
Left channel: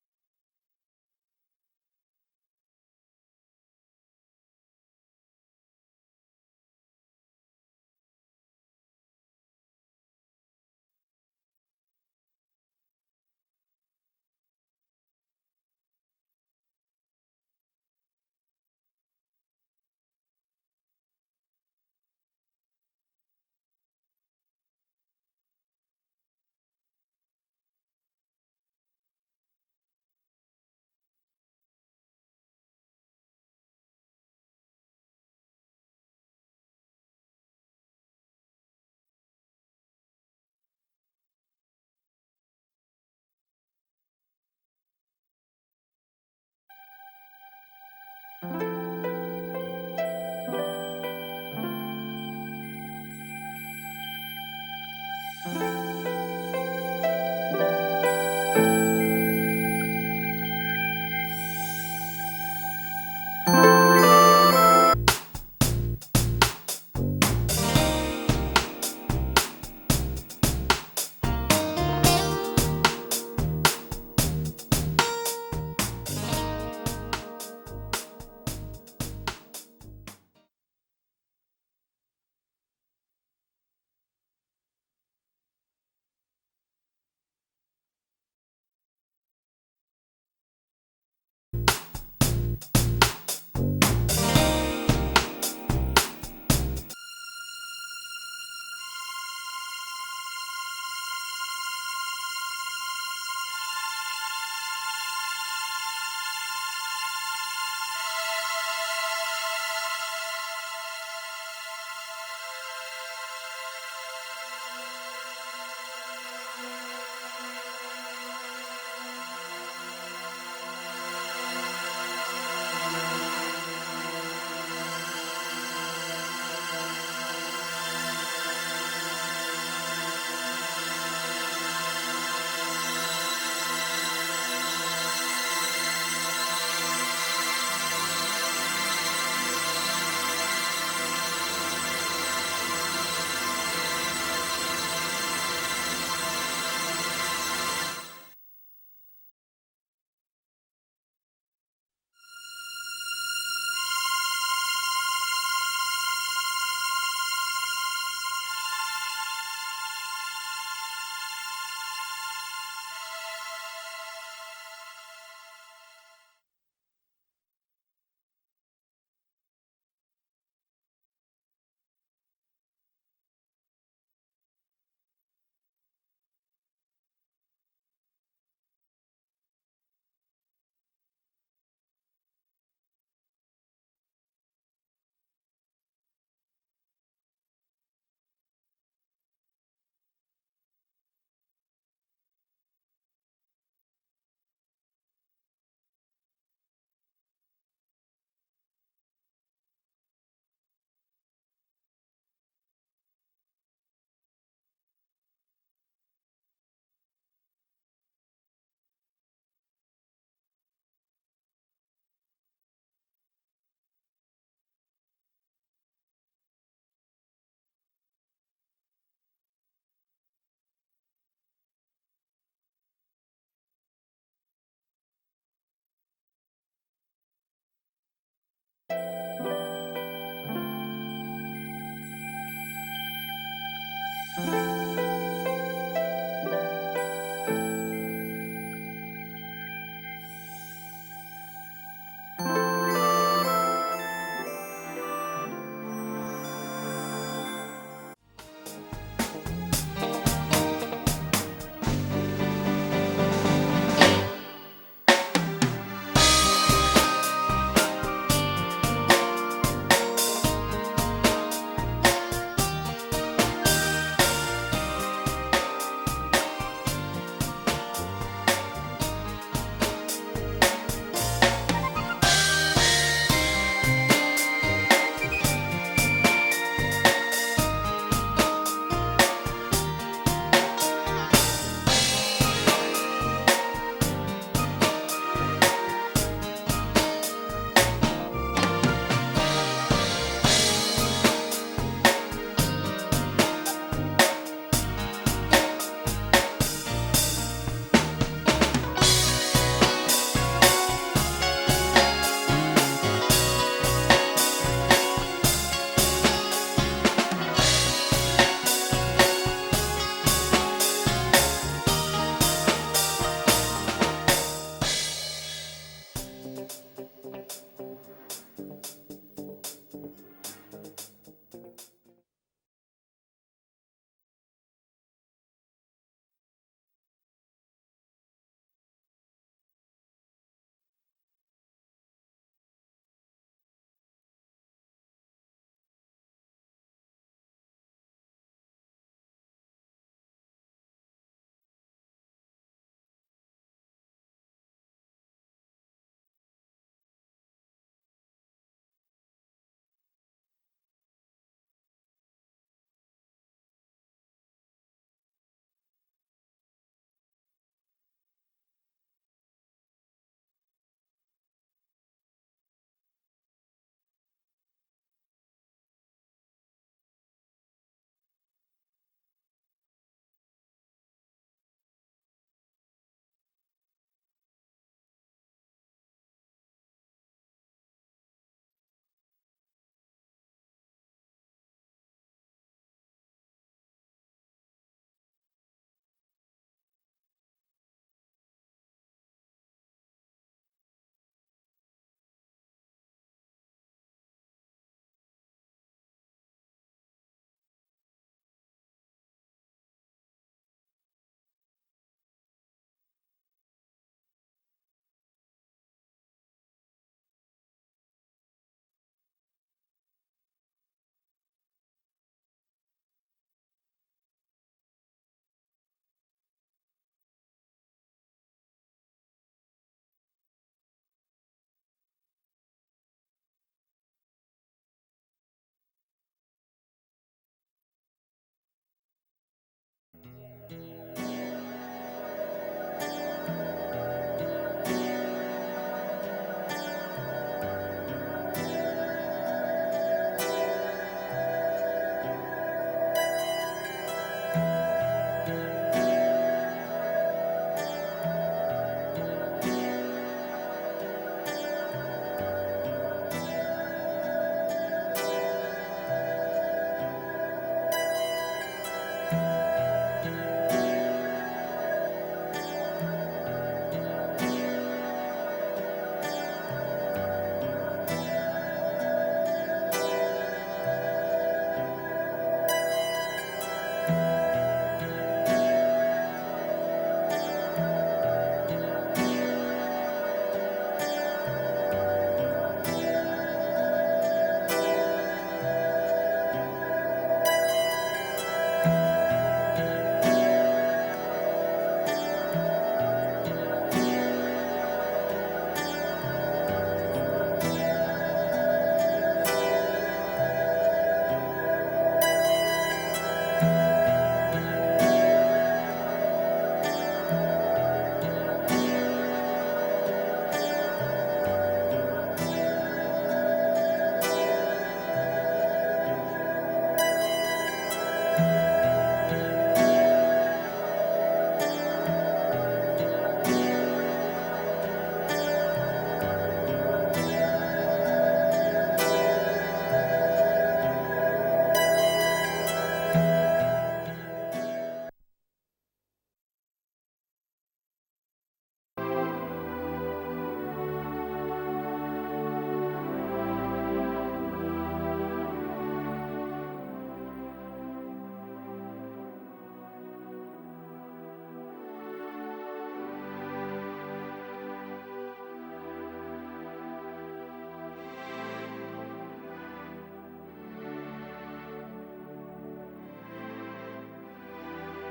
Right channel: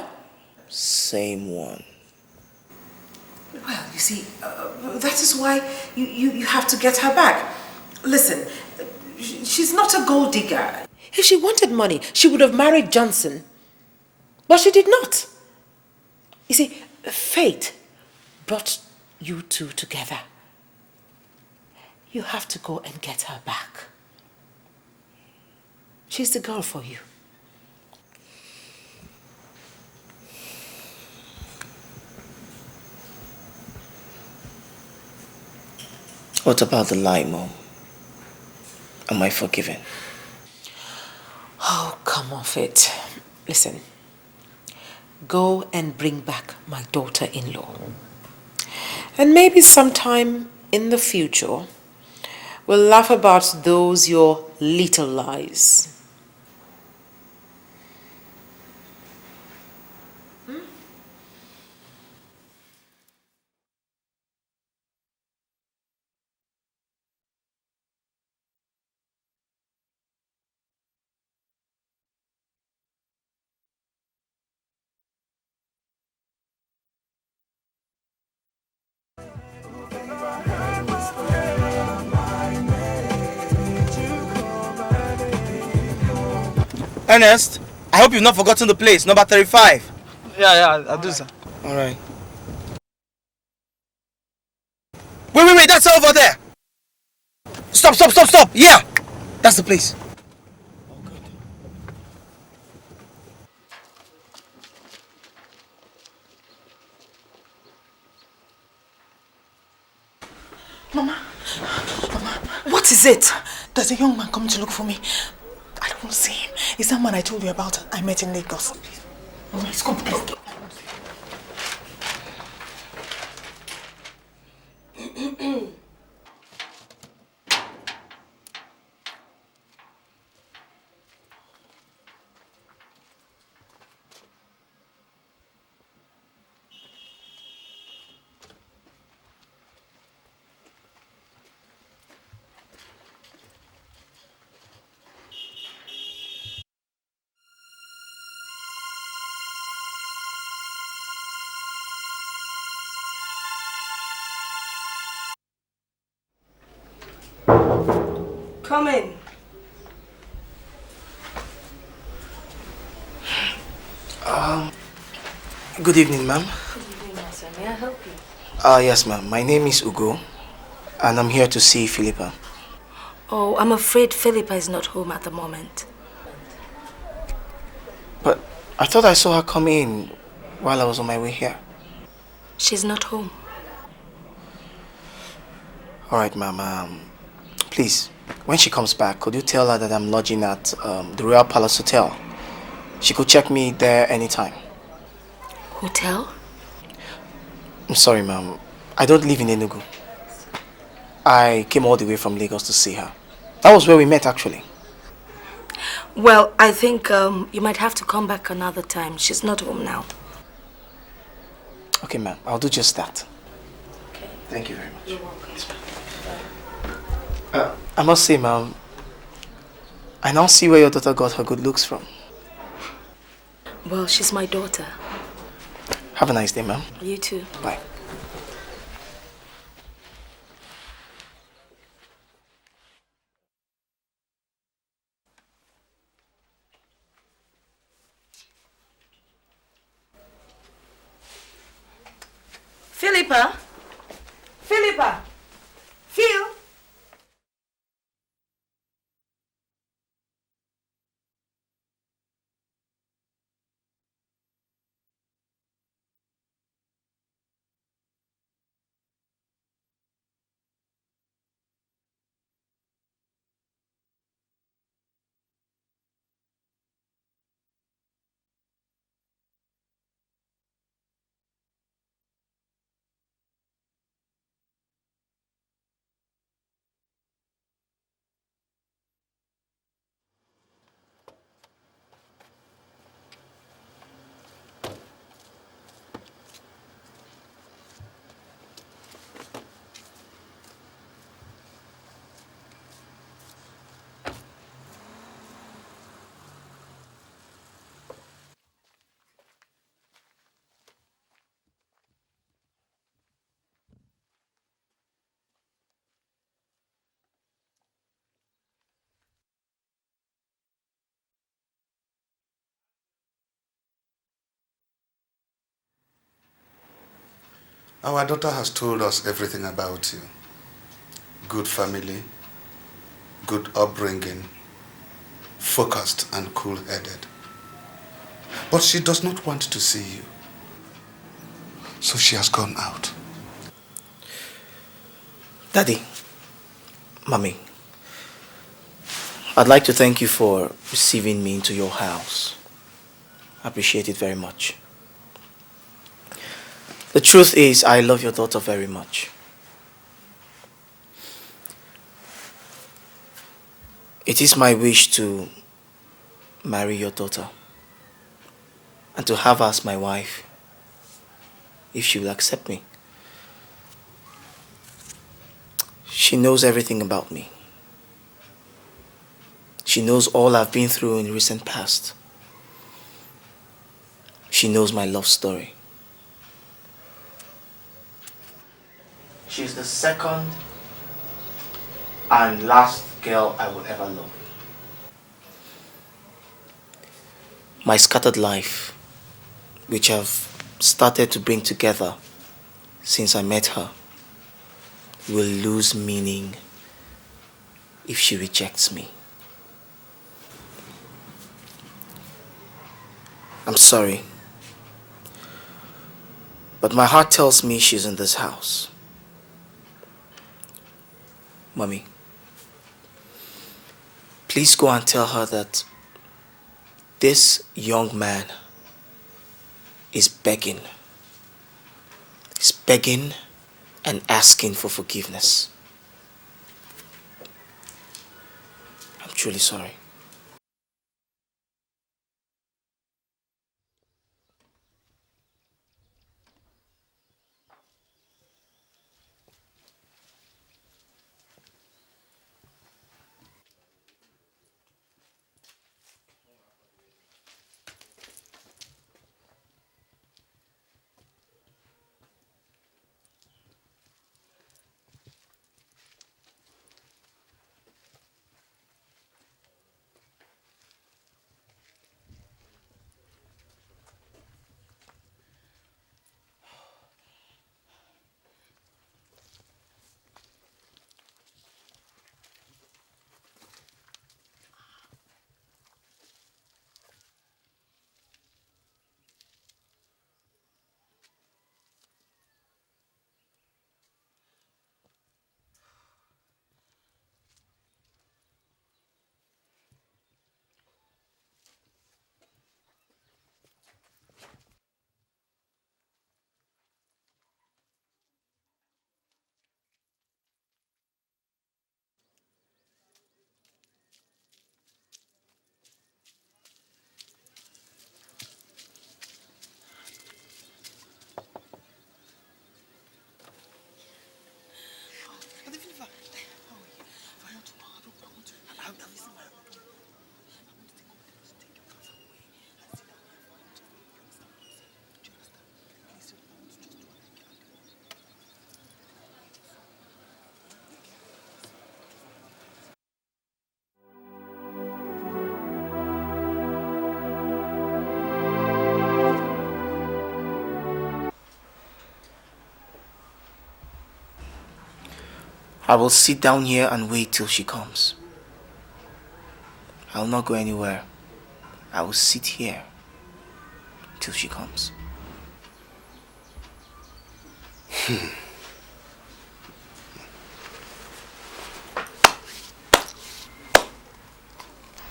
Same one. Well, you see, that is why you have to get her back. Listen, she's not a gold digger. If she wanted money, she would have married Johnson. But she did not. You see, fate brought you two together. You have to go and get her back. She's the girl for you. What about the lie, Mom? Am I forgiven? Oh, come off it. Listen, go and bring back my daughter-in-law. And maybe sometime in the future, we'll laugh about those your little lies. Ernest, I hope you've not forgotten the place, number 35. Yeah, I do, sir. All right. Wait, that's over there. Stop. Yeah, that's the place. Mama, what is it? There's a young man coming to look for me. I don't want to see him. It's that man I told you about I met in Lagos. Let's come, please. Come in. Good evening, ma'am. Good evening, sir. May I help you? Yes, ma'am. My name is Ugo, and I'm here to see Philippa. Oh, I'm afraid Philippa is not home at the moment. But I thought I saw her come in while I was on my way here. She's not home. All right, ma'am. Please, when she comes back, could you tell her that I'm lodging at the Royal Palace Hotel? She could check me there anytime. Hotel? I'm sorry, ma'am. I don't live in Enugu. I came all the way from Lagos to see her. That was where we met, actually. Well, I think you might have to come back another time. She's not home now. Okay, ma'am. I'll do just that. Okay. Thank you very much. You're welcome. I must say, ma'am, I now see where your daughter got her good looks from. Well, she's my daughter. Have a nice day, ma'am. You too. Bye. Philippa! Phil! Our daughter has told us everything about you. Good family, good upbringing, focused and cool-headed. But she does not want to see you. So she has gone out. Daddy, Mommy, I'd like to thank you for receiving me into your house. I appreciate it very much. The truth is, I love your daughter very much. It is my wish to marry your daughter and to have her as my wife, if she will accept me. She knows everything about me. She knows all I've been through in the recent past. She knows my love story. She's the second and last girl I will ever love. My scattered life, which I've started to bring together since I met her, will lose meaning if she rejects me. I'm sorry, but my heart tells me she's in this house. Mommy, please go and tell her that this young man is begging. He's begging and asking for forgiveness. I'm truly sorry. I will sit down here and wait till she comes. I will not go anywhere. I will sit here till she comes.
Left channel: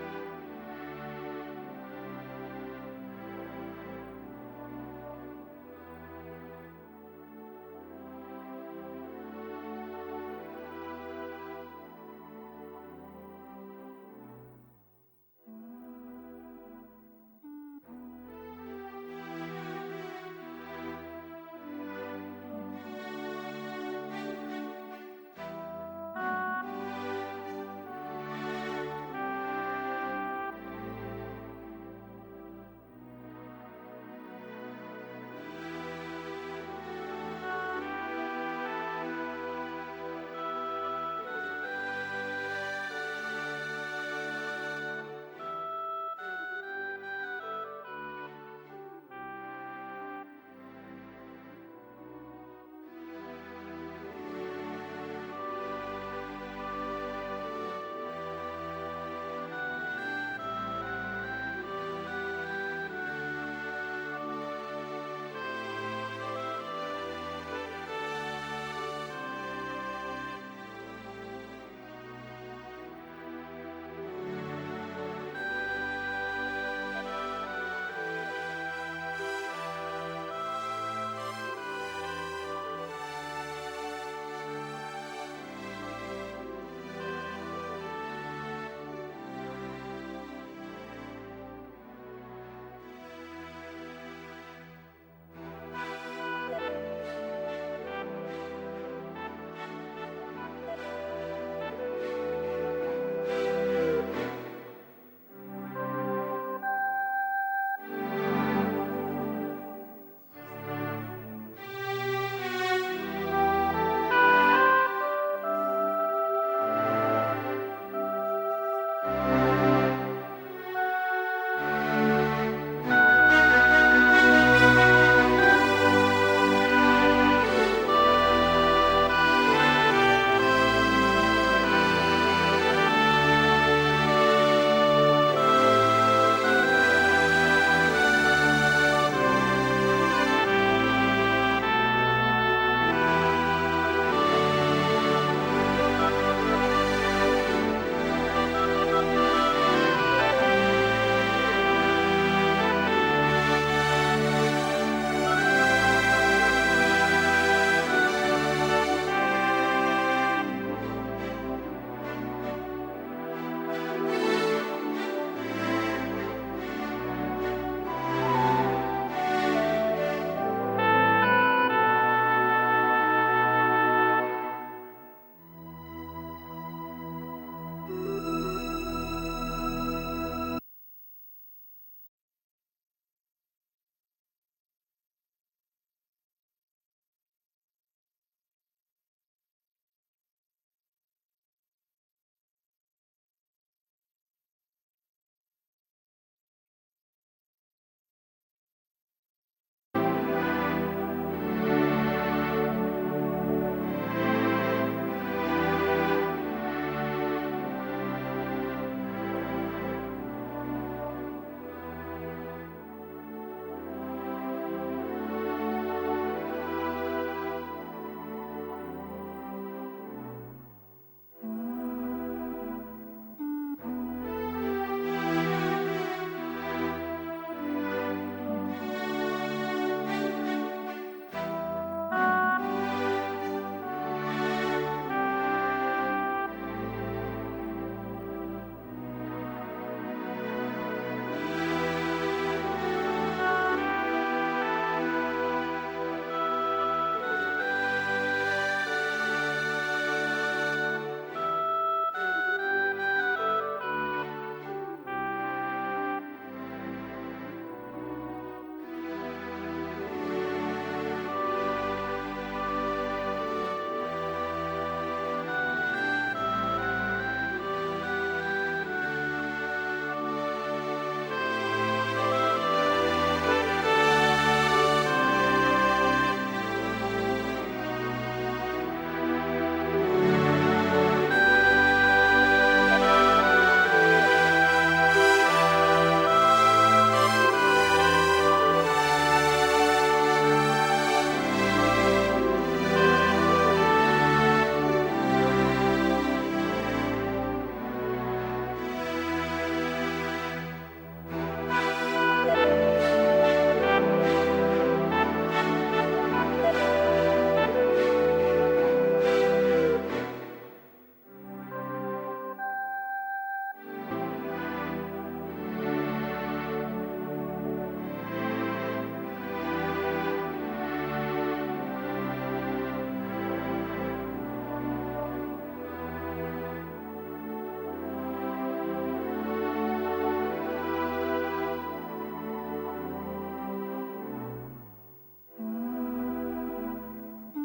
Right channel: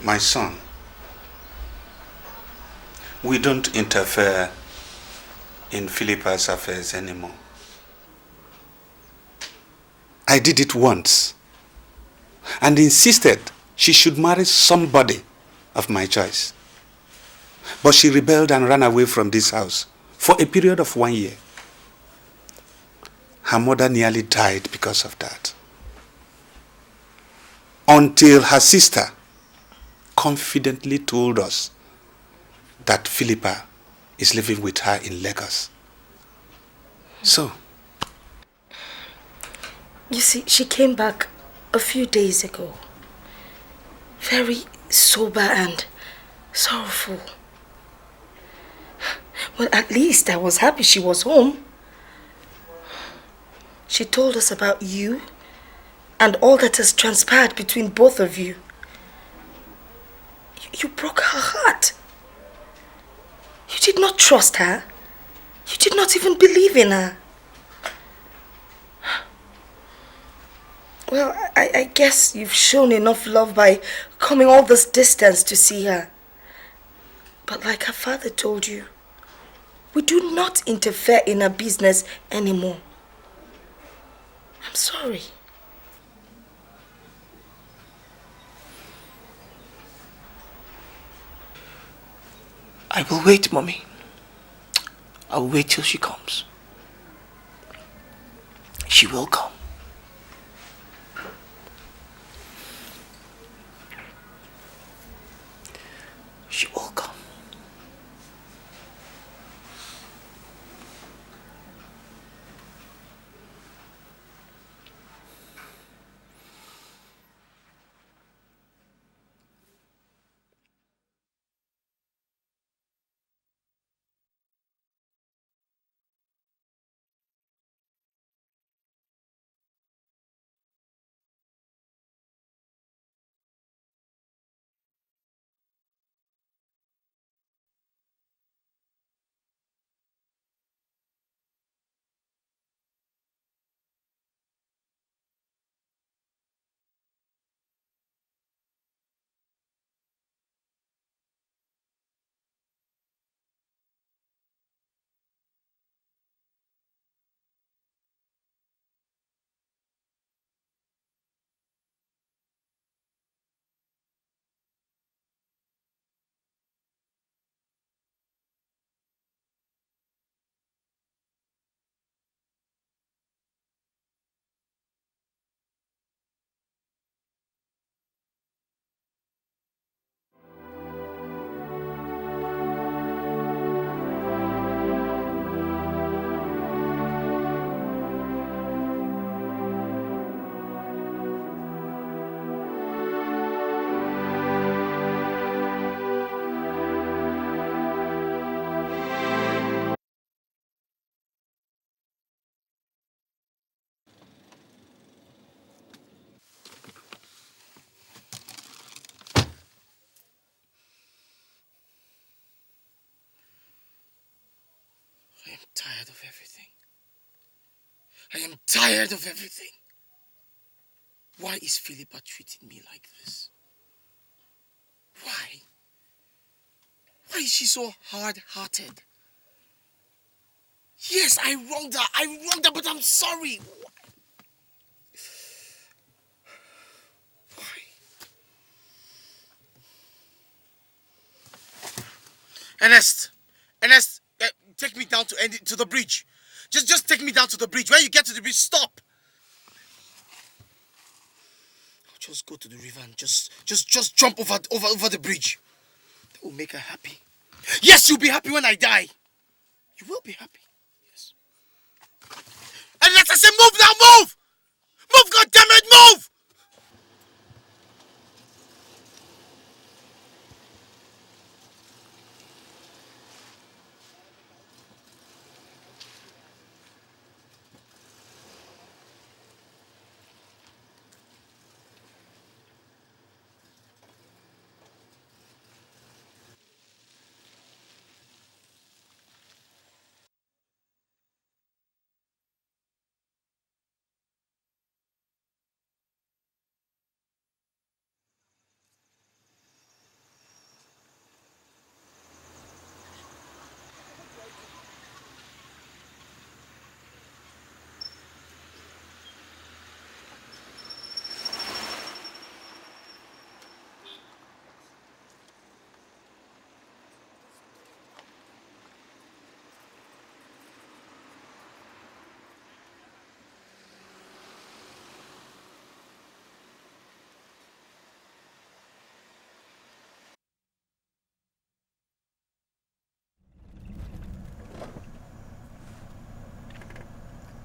My son, we don't interfere in Philippa's affairs anymore. I did it once and insisted she should marry somebody of my choice. But she rebelled and ran away from this house for a period of 1 year. Her mother nearly died because of that. Until her sister confidently told us that Philippa is living with her in Lagos. So, you see, she came back a few days ago. Very sober and sorrowful. Well, at least I was happy she was home. She told us about you and all that has transpired between both of you. You broke her heart. You did not trust her. You did not even believe in her. Well, I guess you've shown enough love by coming all this distance to see her. But like her father told you, we do not interfere in her business anymore. I'm sorry. I will wait, Mommy. I will wait till she comes. She will come. She will come. Tired of everything. Why is Philippa treating me like this? Why? Why is she so hard-hearted? Yes, I wronged her, but I'm sorry. Ernest, take me down to the bridge. Just take me down to the bridge. When you get to the bridge, stop. Just go to the river and just jump over the bridge. That will make her happy. Yes, you'll be happy when I die. You will be happy. And let's say move now, move! Move, goddammit, move!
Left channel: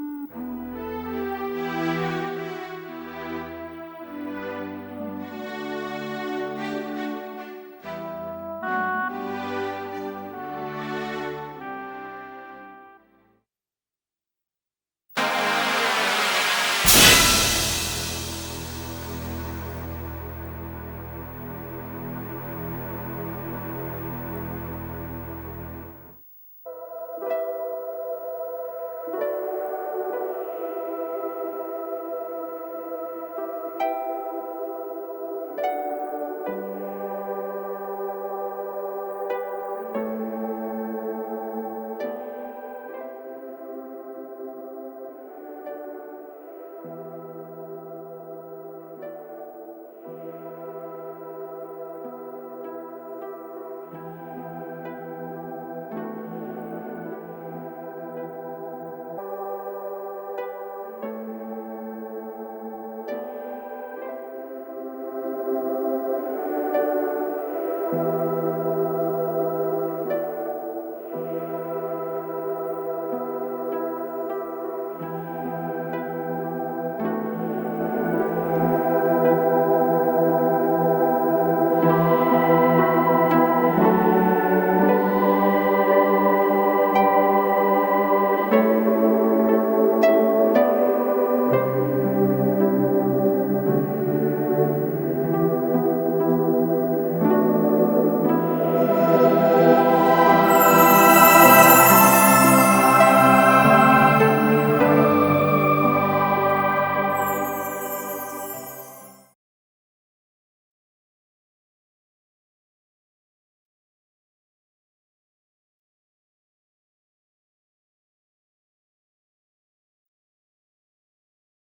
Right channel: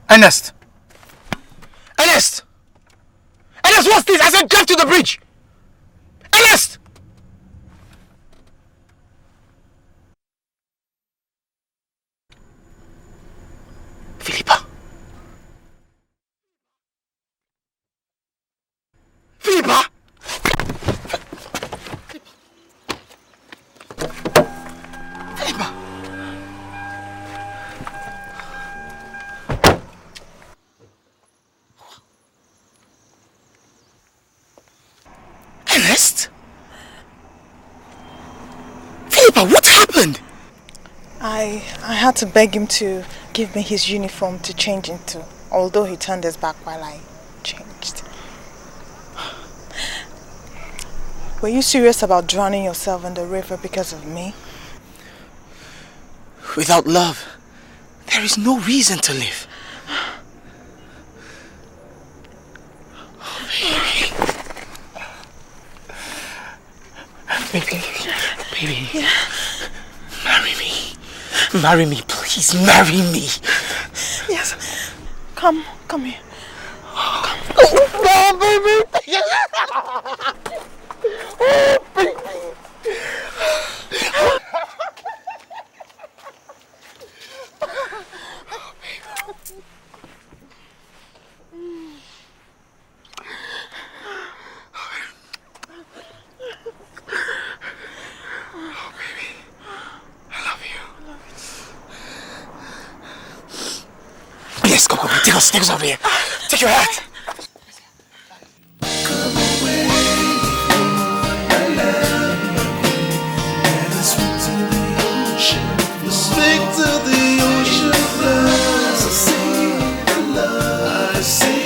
Ernest! Ernest! Ernest, what's this? I said drive to the bridge! Ernest! Philippa! Philippa! Philippa! Ernest? Philippa, what happened? I had to beg him to give me his uniform to change into, although he turned his back while I changed. Were you serious about drowning yourself in the river because of me? Without love, there is no reason to live. Baby, marry me. Marry me, please, marry me. Yes. Come here. Come. Oh, baby. Yes, come on, take us over here. Take your hat. Speak to the ocean, I see the love, I see